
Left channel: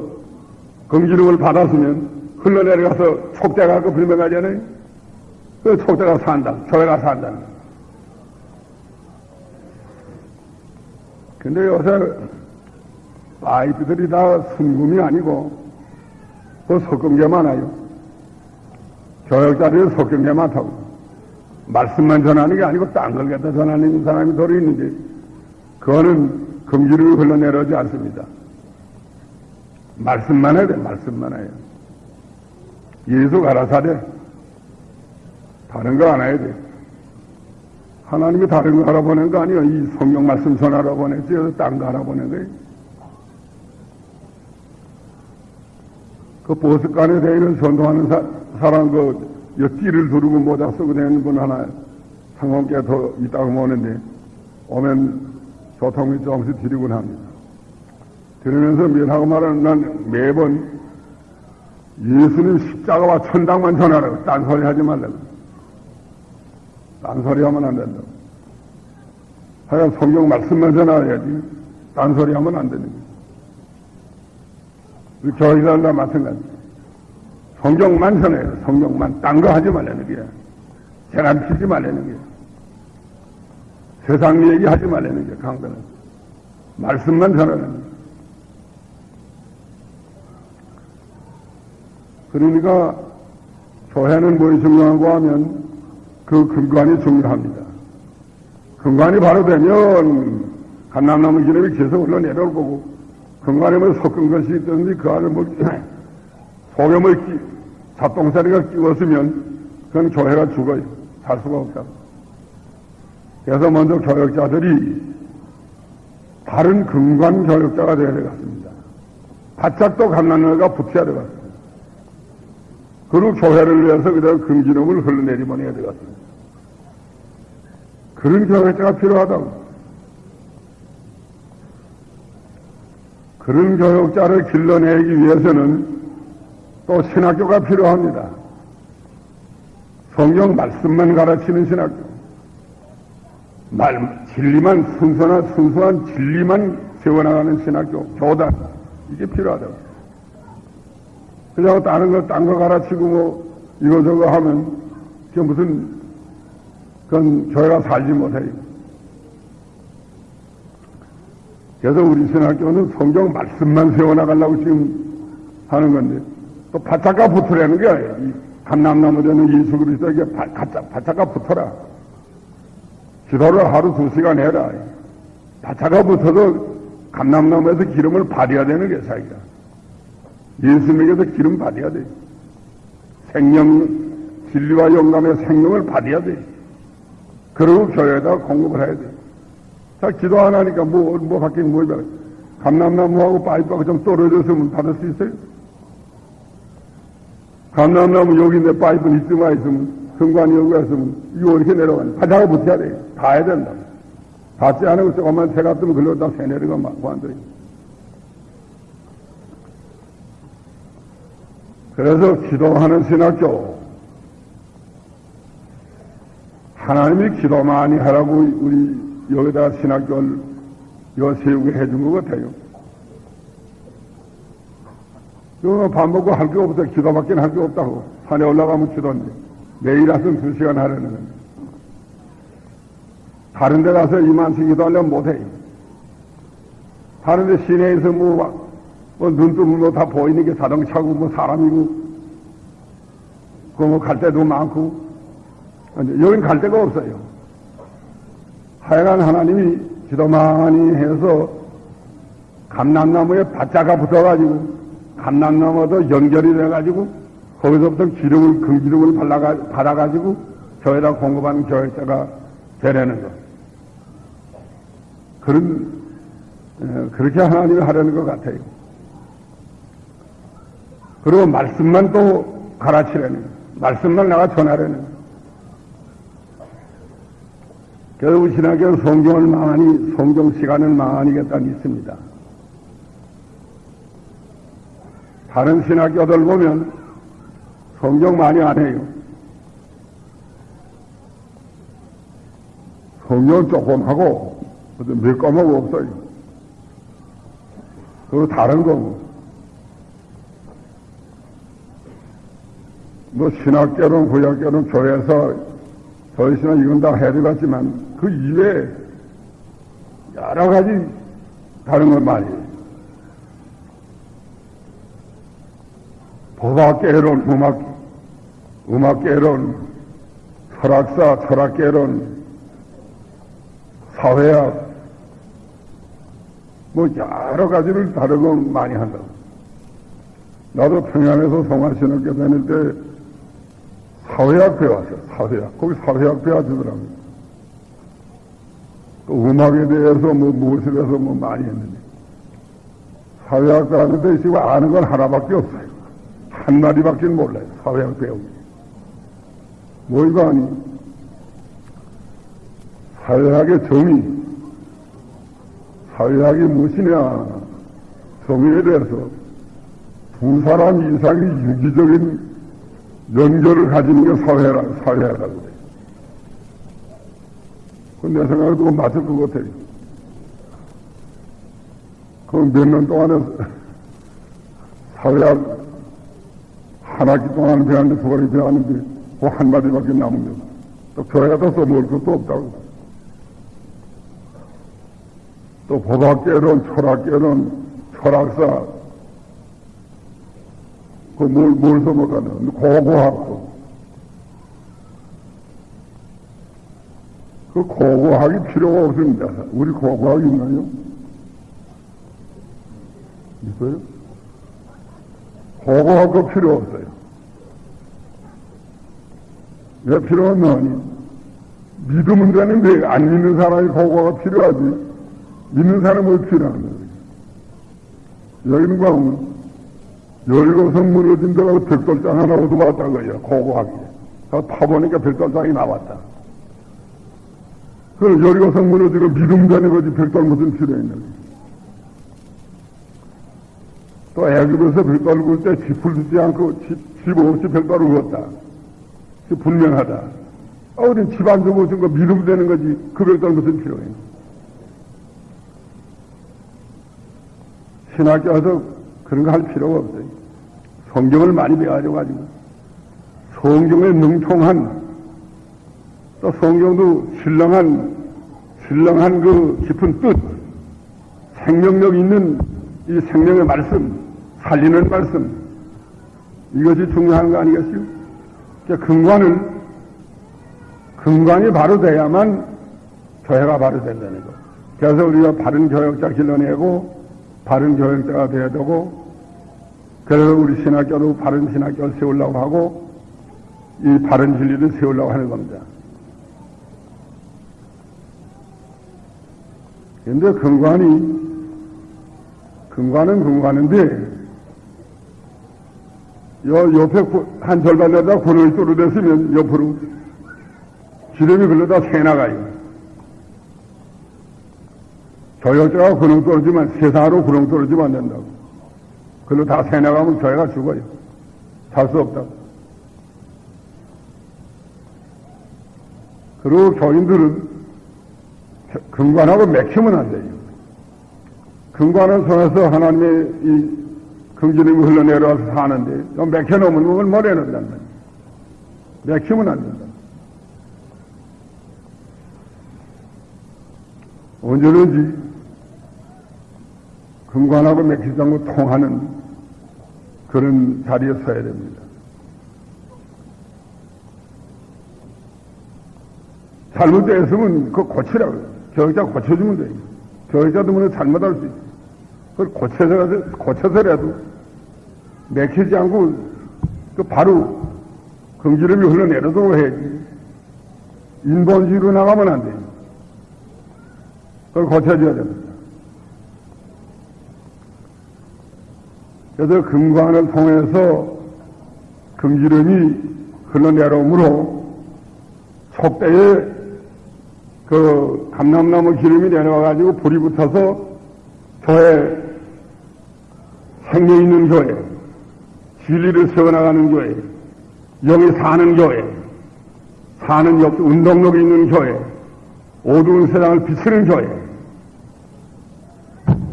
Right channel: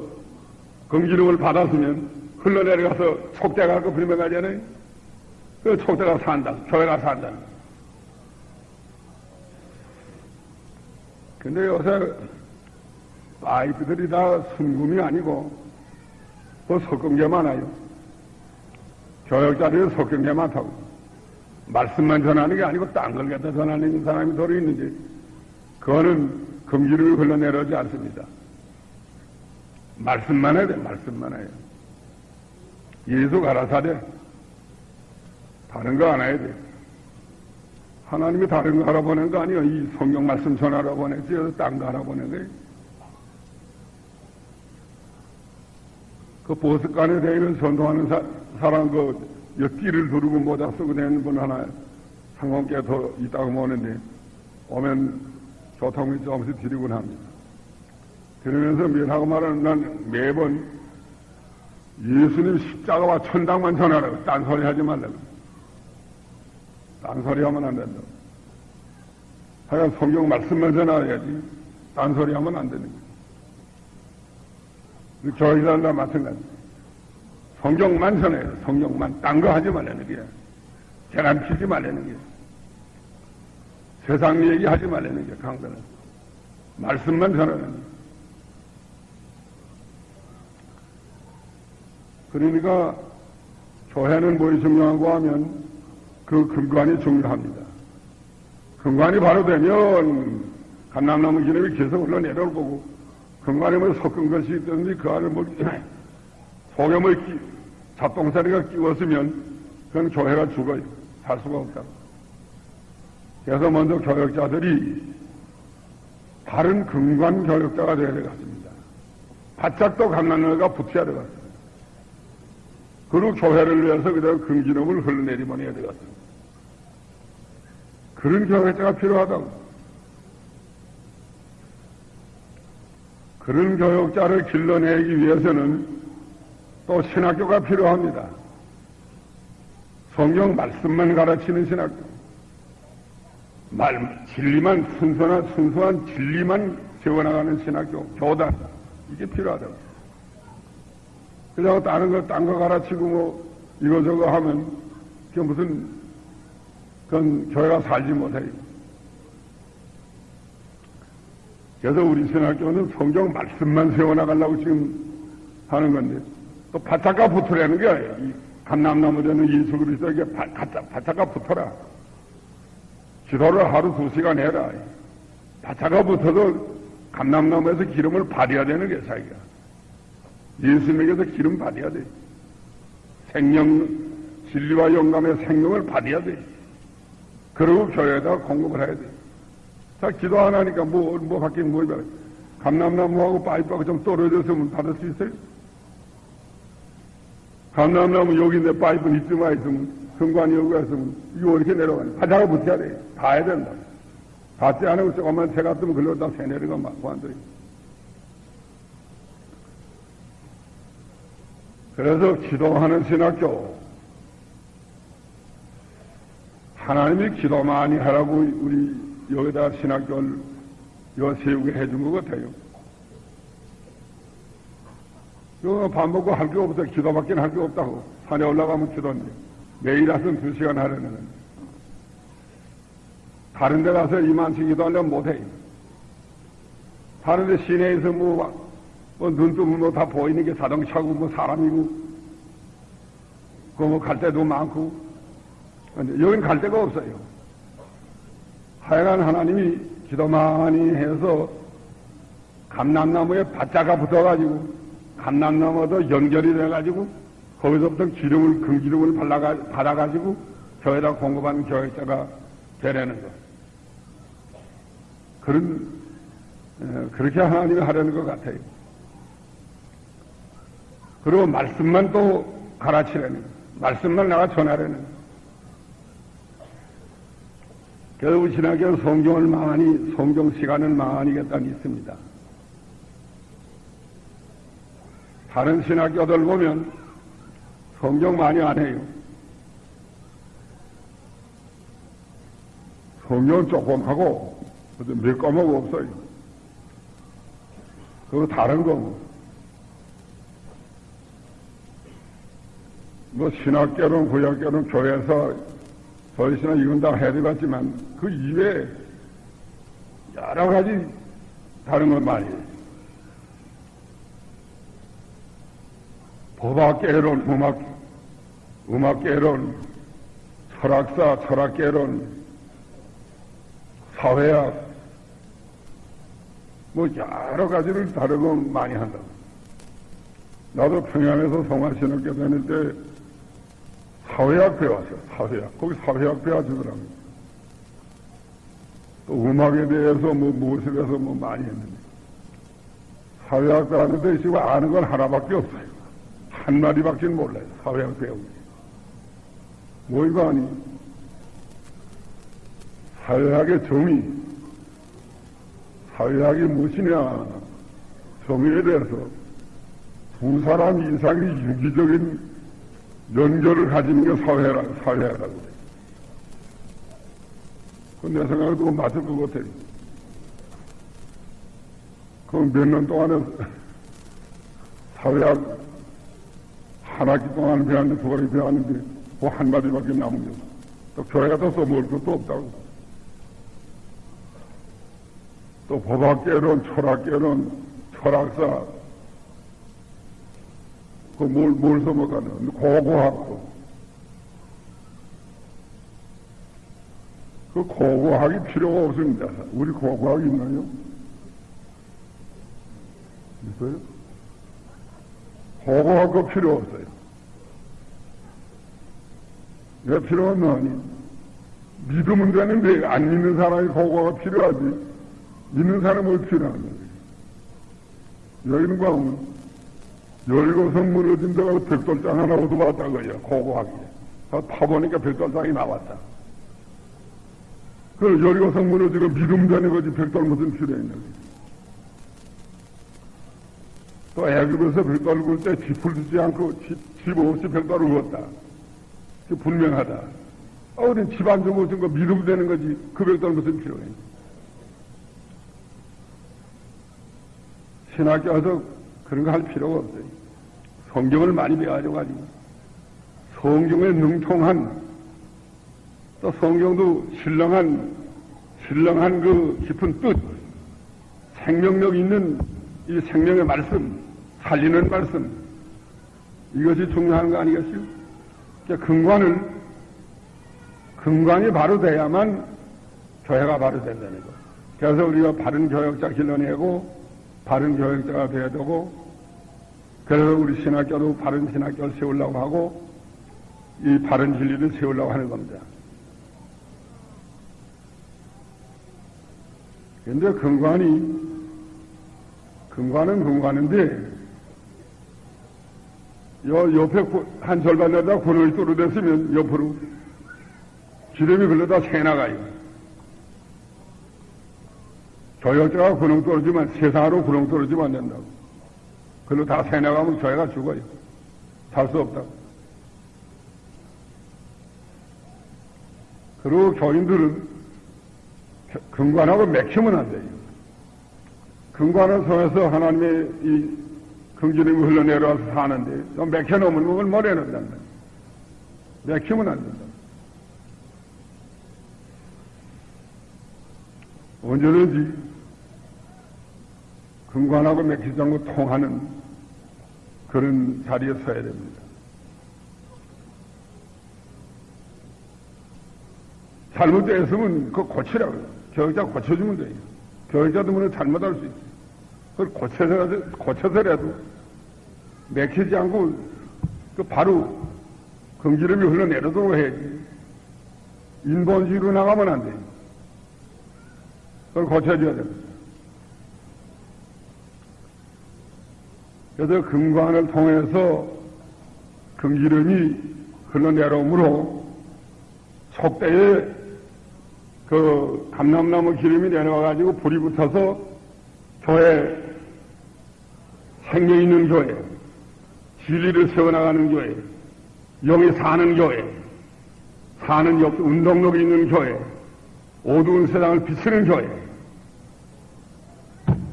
금기름을 받았으면 흘러내려가서 촉대가 그 불명하잖아요. 그 촉대가 산다. 교회가 산다. 근데 요새 파이프들이 다 순금이 아니고 그 섞은 게 많아요. 교역자들이 섞은 게 많다고. 말씀만 전하는 게 아니고 딴 걸 갖다 전하는 사람이 도리 있는지 그거는 금기름이 흘러내려오지 않습니다. 말씀만 해야 돼. 말씀만 해야 돼. 예수 가라사대 다른 거 안 해야 돼. 하나님이 다른 거 알아보낸 거 아니에요. 이 성경 말씀 전하러 보냈지. 딴 거 알아보낸 거예요. 그 보습관에 대해서 전도하는 사람 띠를 두르고 모자 쓰고 다니는 분 하나 상관께 더 있다고 오는데 오면 교통비 조금씩 드리곤 합니다. 그러면서 면하고 말하는 난 매번 예수님 십자가와 천당만 전하라고 딴소리 하지 말라고. 딴소리 하면 안 된다. 하여간 성경 말씀만 전하야지 딴소리 하면 안 됩니다. 우리 교회들과 마찬가지. 성경만 전해야 돼. 성경만. 딴 거 하지 말라는 거야. 계란 피지 말라는 거야. 세상 얘기 하지 말라는 거야. 강단은. 말씀만 전하는 거야. 그러니까 교회는 뭐이 중요한가 하면 그 근간이 중요합니다. 근간이 바로 되면 감람나무 기름이 계속 흘러내려올 거고 근간에 뭐 섞은 것이 있던지 그 안에 뭐 속에 뭐 잡동사리가 끼웠으면 그건 교회가 죽어요. 살 수가 없다고. 그래서 먼저 교역자들이 바른 근간 교역자가 되어야 되겠습니다. 바짝 또 감난너가 붙여야 되겠습니다. 그리고 교회를 위해서 그대로 금기름을 흘러내리보내야 되겠습니다. 그런 교역자가 필요하다고. 그런 교역자를 길러내기 위해서는 또 신학교가 필요합니다. 성경 말씀만 가르치는 신학교. 진리만, 순수한 진리만 세워나가는 신학교, 교단. 이게 필요하다. 그냥 딴 거 가르치고 뭐, 이거저거 하면, 그게 무슨, 그건 교회가 살지 못해요. 그래서 우리 신학교는 성경 말씀만 세워나가려고 지금 하는 건데, 또 바짝가 붙으라는 게, 이 감람나무 되는 예수 그리스도에게 바짝가 붙어라. 기도를 하루 2시간 해라. 바짝가 붙어도 감람나무에서 기름을 받아야 되는 게 자기가. 예수님에게서 기름 받아야 돼. 생명, 진리와 영감의 생명을 받아야 돼. 그리고 교회에다 공급을 해야 돼. 자, 기도 안 하니까 뭐 밖에 뭐냐. 감람나무하고 파이프하고 좀 떨어져서 받을 수 있어요? 감람나무 여기 내 파이프 있으면 성관이 여기 있으면 이거 어떻게 내려가냐. 바닥에 붙여야 돼. 봐야 된다. 받지 않으면 조금만 새가 뜨면 글로 다 새내리가 맞고 안 돼. 그래서 기도하는 신학교. 하나님이 기도 많이 하라고 우리 여기다 신학교를 세우게 해준 것 같아요. 이거 밥 먹고 할 게 없어. 기도밖에 할 게 없다고. 산에 올라가면 기도인데. 매일 하선 2시간 하려는 거예요. 다른 데 가서 이만씩 기도하려면 못해. 다른 데 시내에서 눈 뜨면 다 보이는 게 자동차고 사람이고, 갈 데도 많고. 여긴 갈 데가 없어요. 하여간 하나님이 기도 많이 해서 감람나무에 바짝가 붙어가지고 감람나무도 연결이 돼가지고 거기서부터 금기름을 받아가지고 교회에다 공급하는 교역자가 되려는 것. 그렇게 하나님이 하려는 것 같아요. 그리고 말씀만 또 가르치려는, 말씀만 내가 전하려는. 그래서 신학교는 성경 시간을 많이 겠다 믿습니다. 다른 신학교들 보면 성경 많이 안 해요. 성경 조금 하고 몇 과목 없어요. 그리고 다른 거 신학교는 구약교는 교회에서 저희는 이건 다 해드렸지만 그 이외에 여러 가지 다른 건 많이 해요. 법학개론, 음악개론, 철학개론, 사회학, 여러 가지를 다른 건 많이 한다고. 나도 평양에서 성화신학교 다닐 때 사회학 배웠어요. 사회학. 거기 사회학 배워주더라고요. 또 음악에 대해서 무엇에 대해서 많이 했는데. 사회학 사람들 있으면 아는 건 하나밖에 없어요. 한 마디밖에 몰라요. 사회학 배우고. 뭔가 사회학의 정의, 사회학이 무엇이냐, 정의에 대해서 두 사람 이상이 유기적인 연결을 가지는 게 사회학이라고. 내 생각에도 맞을 것 같아요. 그럼 몇 년 동안에 사회학 한 학기 동안 배웠는데 두 가지 배웠는데 그 한마디밖에 남은 거죠. 또 교회가 더 써먹을 것도 없다고. 또 법학개론, 철학개론, 철학사, 뭘 써먹었나? 고고학도. 그 고고학이 필요가 없습니다. 우리 고고학이 있나요? 있어요? 고고학도 필요 없어요. 왜 필요 없나? 믿으면 되는데 안 믿는 사람이 보고가 필요하지. 믿는 사람은 필요한 거예요. 여기는 보면 열거성 무너진 데가 벽돌장 하나 얻어봤다는 거예요. 고고하게. 파보니까 벽돌장이 나왔다. 그 열거성 무너지고 믿음 되는 거지 벽돌 무슨 필요 있는 거예요. 또 애굽에서 벽돌 굴 때 짚을 두지 않고 집 없이 벽돌을 굴었다. 분명하다. 우린 집안 좀 무슨 거 믿음 되는 거지 그 벽돌 무슨 필요해. 신학교 와서 그런 거 할 필요가 없어요. 성경을 많이 배워가지고 성경에 능통한 또 성경도 신령한 그 깊은 뜻, 생명력 있는 이 생명의 말씀, 살리는 말씀, 이것이 중요한 거 아니겠어요? 그러니까 근간이 바로 돼야만 교회가 바로 된다는 거. 그래서 우리가 바른 교역자 길러내고 바른 교역자가 되어야 되고, 그래서 우리 신학교도 바른 신학교를 세우려고 하고 이 바른 진리를 세우려고 하는 겁니다. 그런데 근간인데 옆에 한 절반에다 구멍이 뚫어졌으면 옆으로 기름이 흘러다 새나가요. 교역자가 구멍 뚫어지면 세상으로 구멍 뚫어지면 안 된다고. 그걸로 다 새나가면 교회가 죽어요. 살 수 없다고. 그리고 교인들은 근간하고 맥히면 안 돼요. 근간을 통해서 하나님의 이 긍지름이 흘러내려와서 사는데, 맥혀놓으면 그걸 머리는단 말이에요. 맥히면 안 된다. 언제든지 근간하고 맥히지 않고 통하는 그런 자리에 서야 됩니다. 잘못됐으면 그거 고치라고요. 교육자 고쳐주면 돼요. 교육자도 물론 잘못할 수 있어요. 그걸 고쳐서라도 맥히지 않고 바로 긍지름이 흘러내려도 해야지. 인본주의로 나가면 안 돼요. 그걸 고쳐줘야 됩니다. 그래서 근간을 통해서 긍지름이 흘러내려오므로 속대에 그 감람나무 기름이 내려와가지고 불이 붙어서 교회, 생명 있는 교회, 진리를 세워나가는 교회, 영이 사는 교회, 사는 운동력 있는 교회, 어두운 세상을 비추는 교회.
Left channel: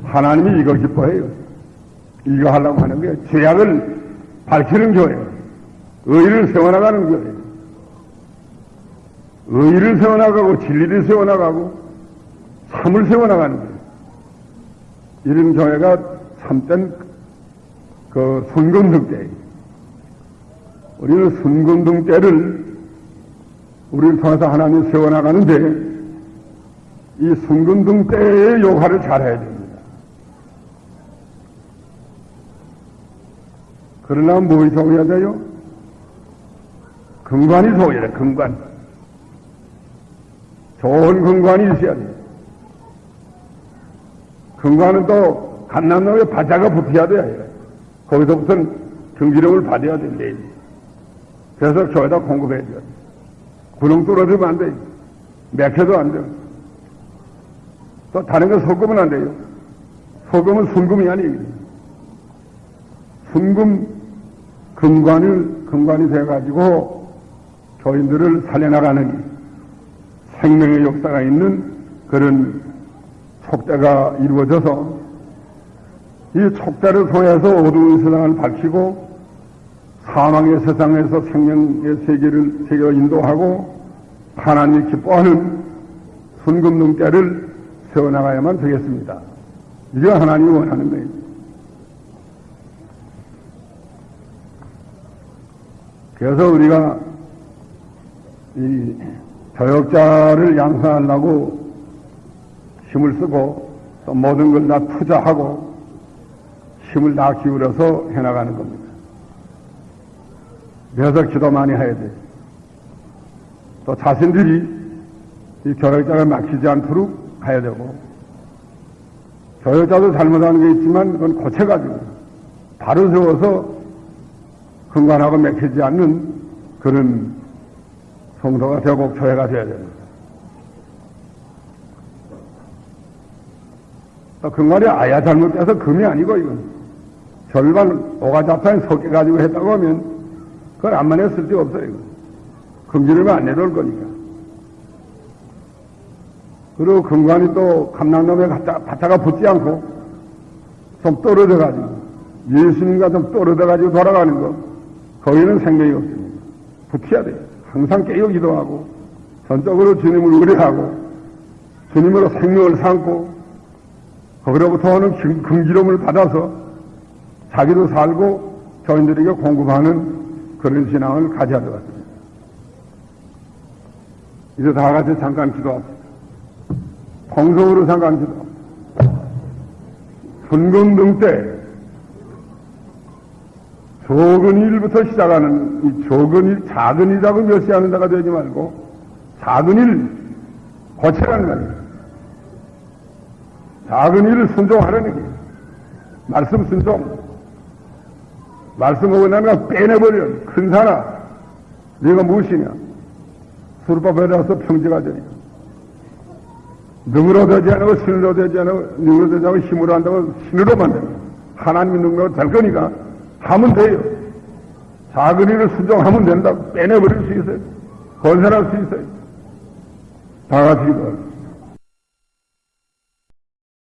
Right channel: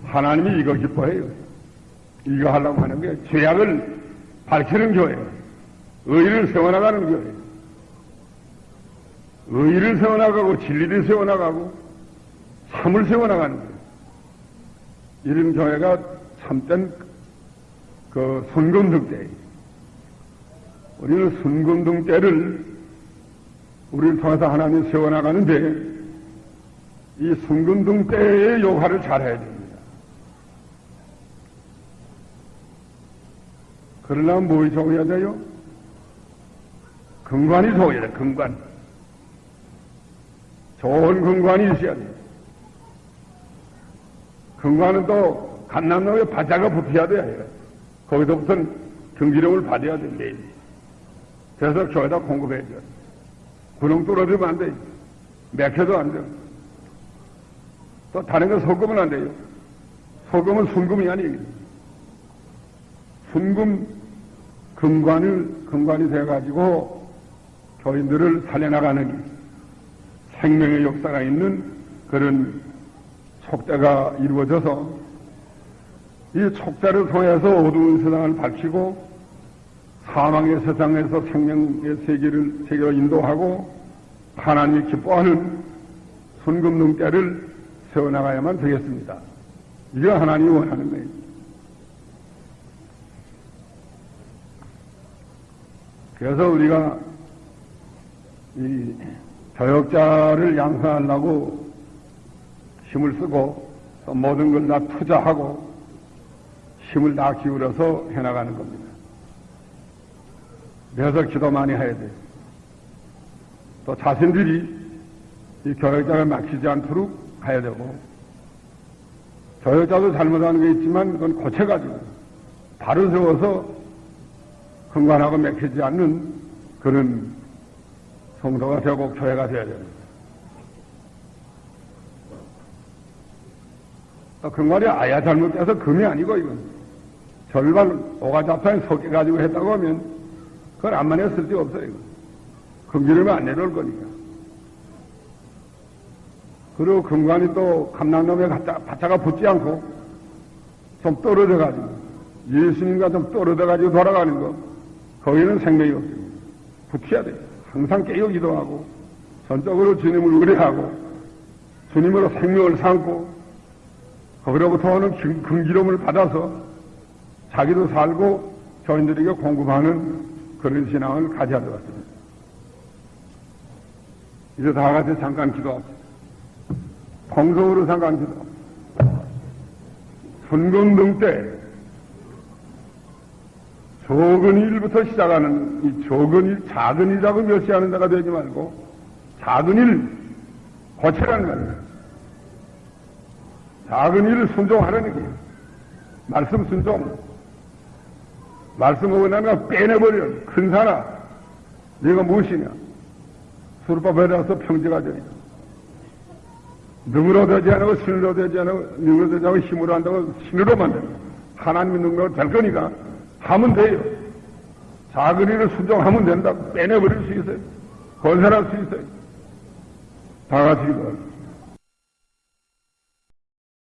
하나님이 이걸 기뻐해요. 이거 하려고 하는 게 죄악을 밝히는 교회, 의를 세워나가는 교회. 의를 세워나가고 진리를 세워나가고 참을 세워나가는 거예요. 이런 교회가 참된 그 순금등 때. 우리는 순금등 때를 우리를 통해서 하나님이 세워나가는데 이 순금등 때의 역할을 잘해야 됩니다. 그러려면 뭘 좋아야 돼요? 근간이 좋아야 돼, 근간. 좋은 근간이 있어야 됩니다. 근간은 또 감람나무에 바다가 붙어야 돼요. 거기서부터는 경지력을 받아야 된대. 그래서 교회다 공급해야 돼요. 구멍 뚫어지면 안 돼요. 맥혀도 안 돼요. 또 다른 거 섞으면 안 돼요. 섞으면 순금이 아니에요. 순금 근간이 돼가지고 교인들을 살려나가는 생명의 역사가 있는 그런 촉대가 이루어져서 이 촉대를 통해서 어두운 세상을 밝히고 사망의 세상에서 생명의 세계를 인도하고 하나님이 기뻐하는 순금등대를 세워나가야만 되겠습니다. 이게 하나님이 원하는 거예요. 그래서 우리가 이 교역자를 양성하려고 힘을 쓰고 또 모든 걸 다 투자하고 힘을 다 기울여서 해나가는 겁니다. 그래서 기도 많이 해야 돼요. 또 자신들이 이 교역자가 막히지 않도록 해야 되고, 교역자도 잘못하는 게 있지만 그건 고쳐가지고 바로 세워서 근간하고 맥히지 않는 그런 성도가 되고 교회가 되어야 됩니다. 근간이 아야 잘못돼서 금이 아니고 이건 절반 오가자판에 섞여가지고 했다고 하면 그건 암만에 쓸데 없어요. 금기르면 안 내려올 거니까. 그리고 근간이 또 감랑놈에 갖다가 붙지 않고 좀 떨어져가지고 예수님과 좀 떨어져가지고 돌아가는 거 거기는 생명이 없습니다. 붙여야 돼요. 항상 깨어 기도하고 전적으로 주님을 의뢰하고 주님으로 생명을 삼고 거기로부터 오는 금기름을 받아서 자기도 살고 교인들에게 공급하는 그런 신앙을 가져야 되겠습니다. 이제 다 같이 잠깐 기도하세요. 공성으로 잠깐 기도. 분건등 때 적은 일부터 시작하는 이 적은 일, 작은 일이라고 멸시하는 데가 되지 말고 작은 일 고치라는 거예요. 작은 일을 순종하라는 거예요. 말씀 순종. 말씀 오고 나면 빼내버려. 큰 사람. 네가 무엇이냐. 수르법에 나서 평지가 되니. 능으로 되지 않고 신으로 되지 않고 능으로 되지 않고 힘으로 한다고 신으로만 돼. 하나님 능력으로 될 거니까 하면 돼요. 작은 일을 순종하면 된다고 빼내버릴 수 있어요. 건설할 수 있어요. 다 같이 기도합니다.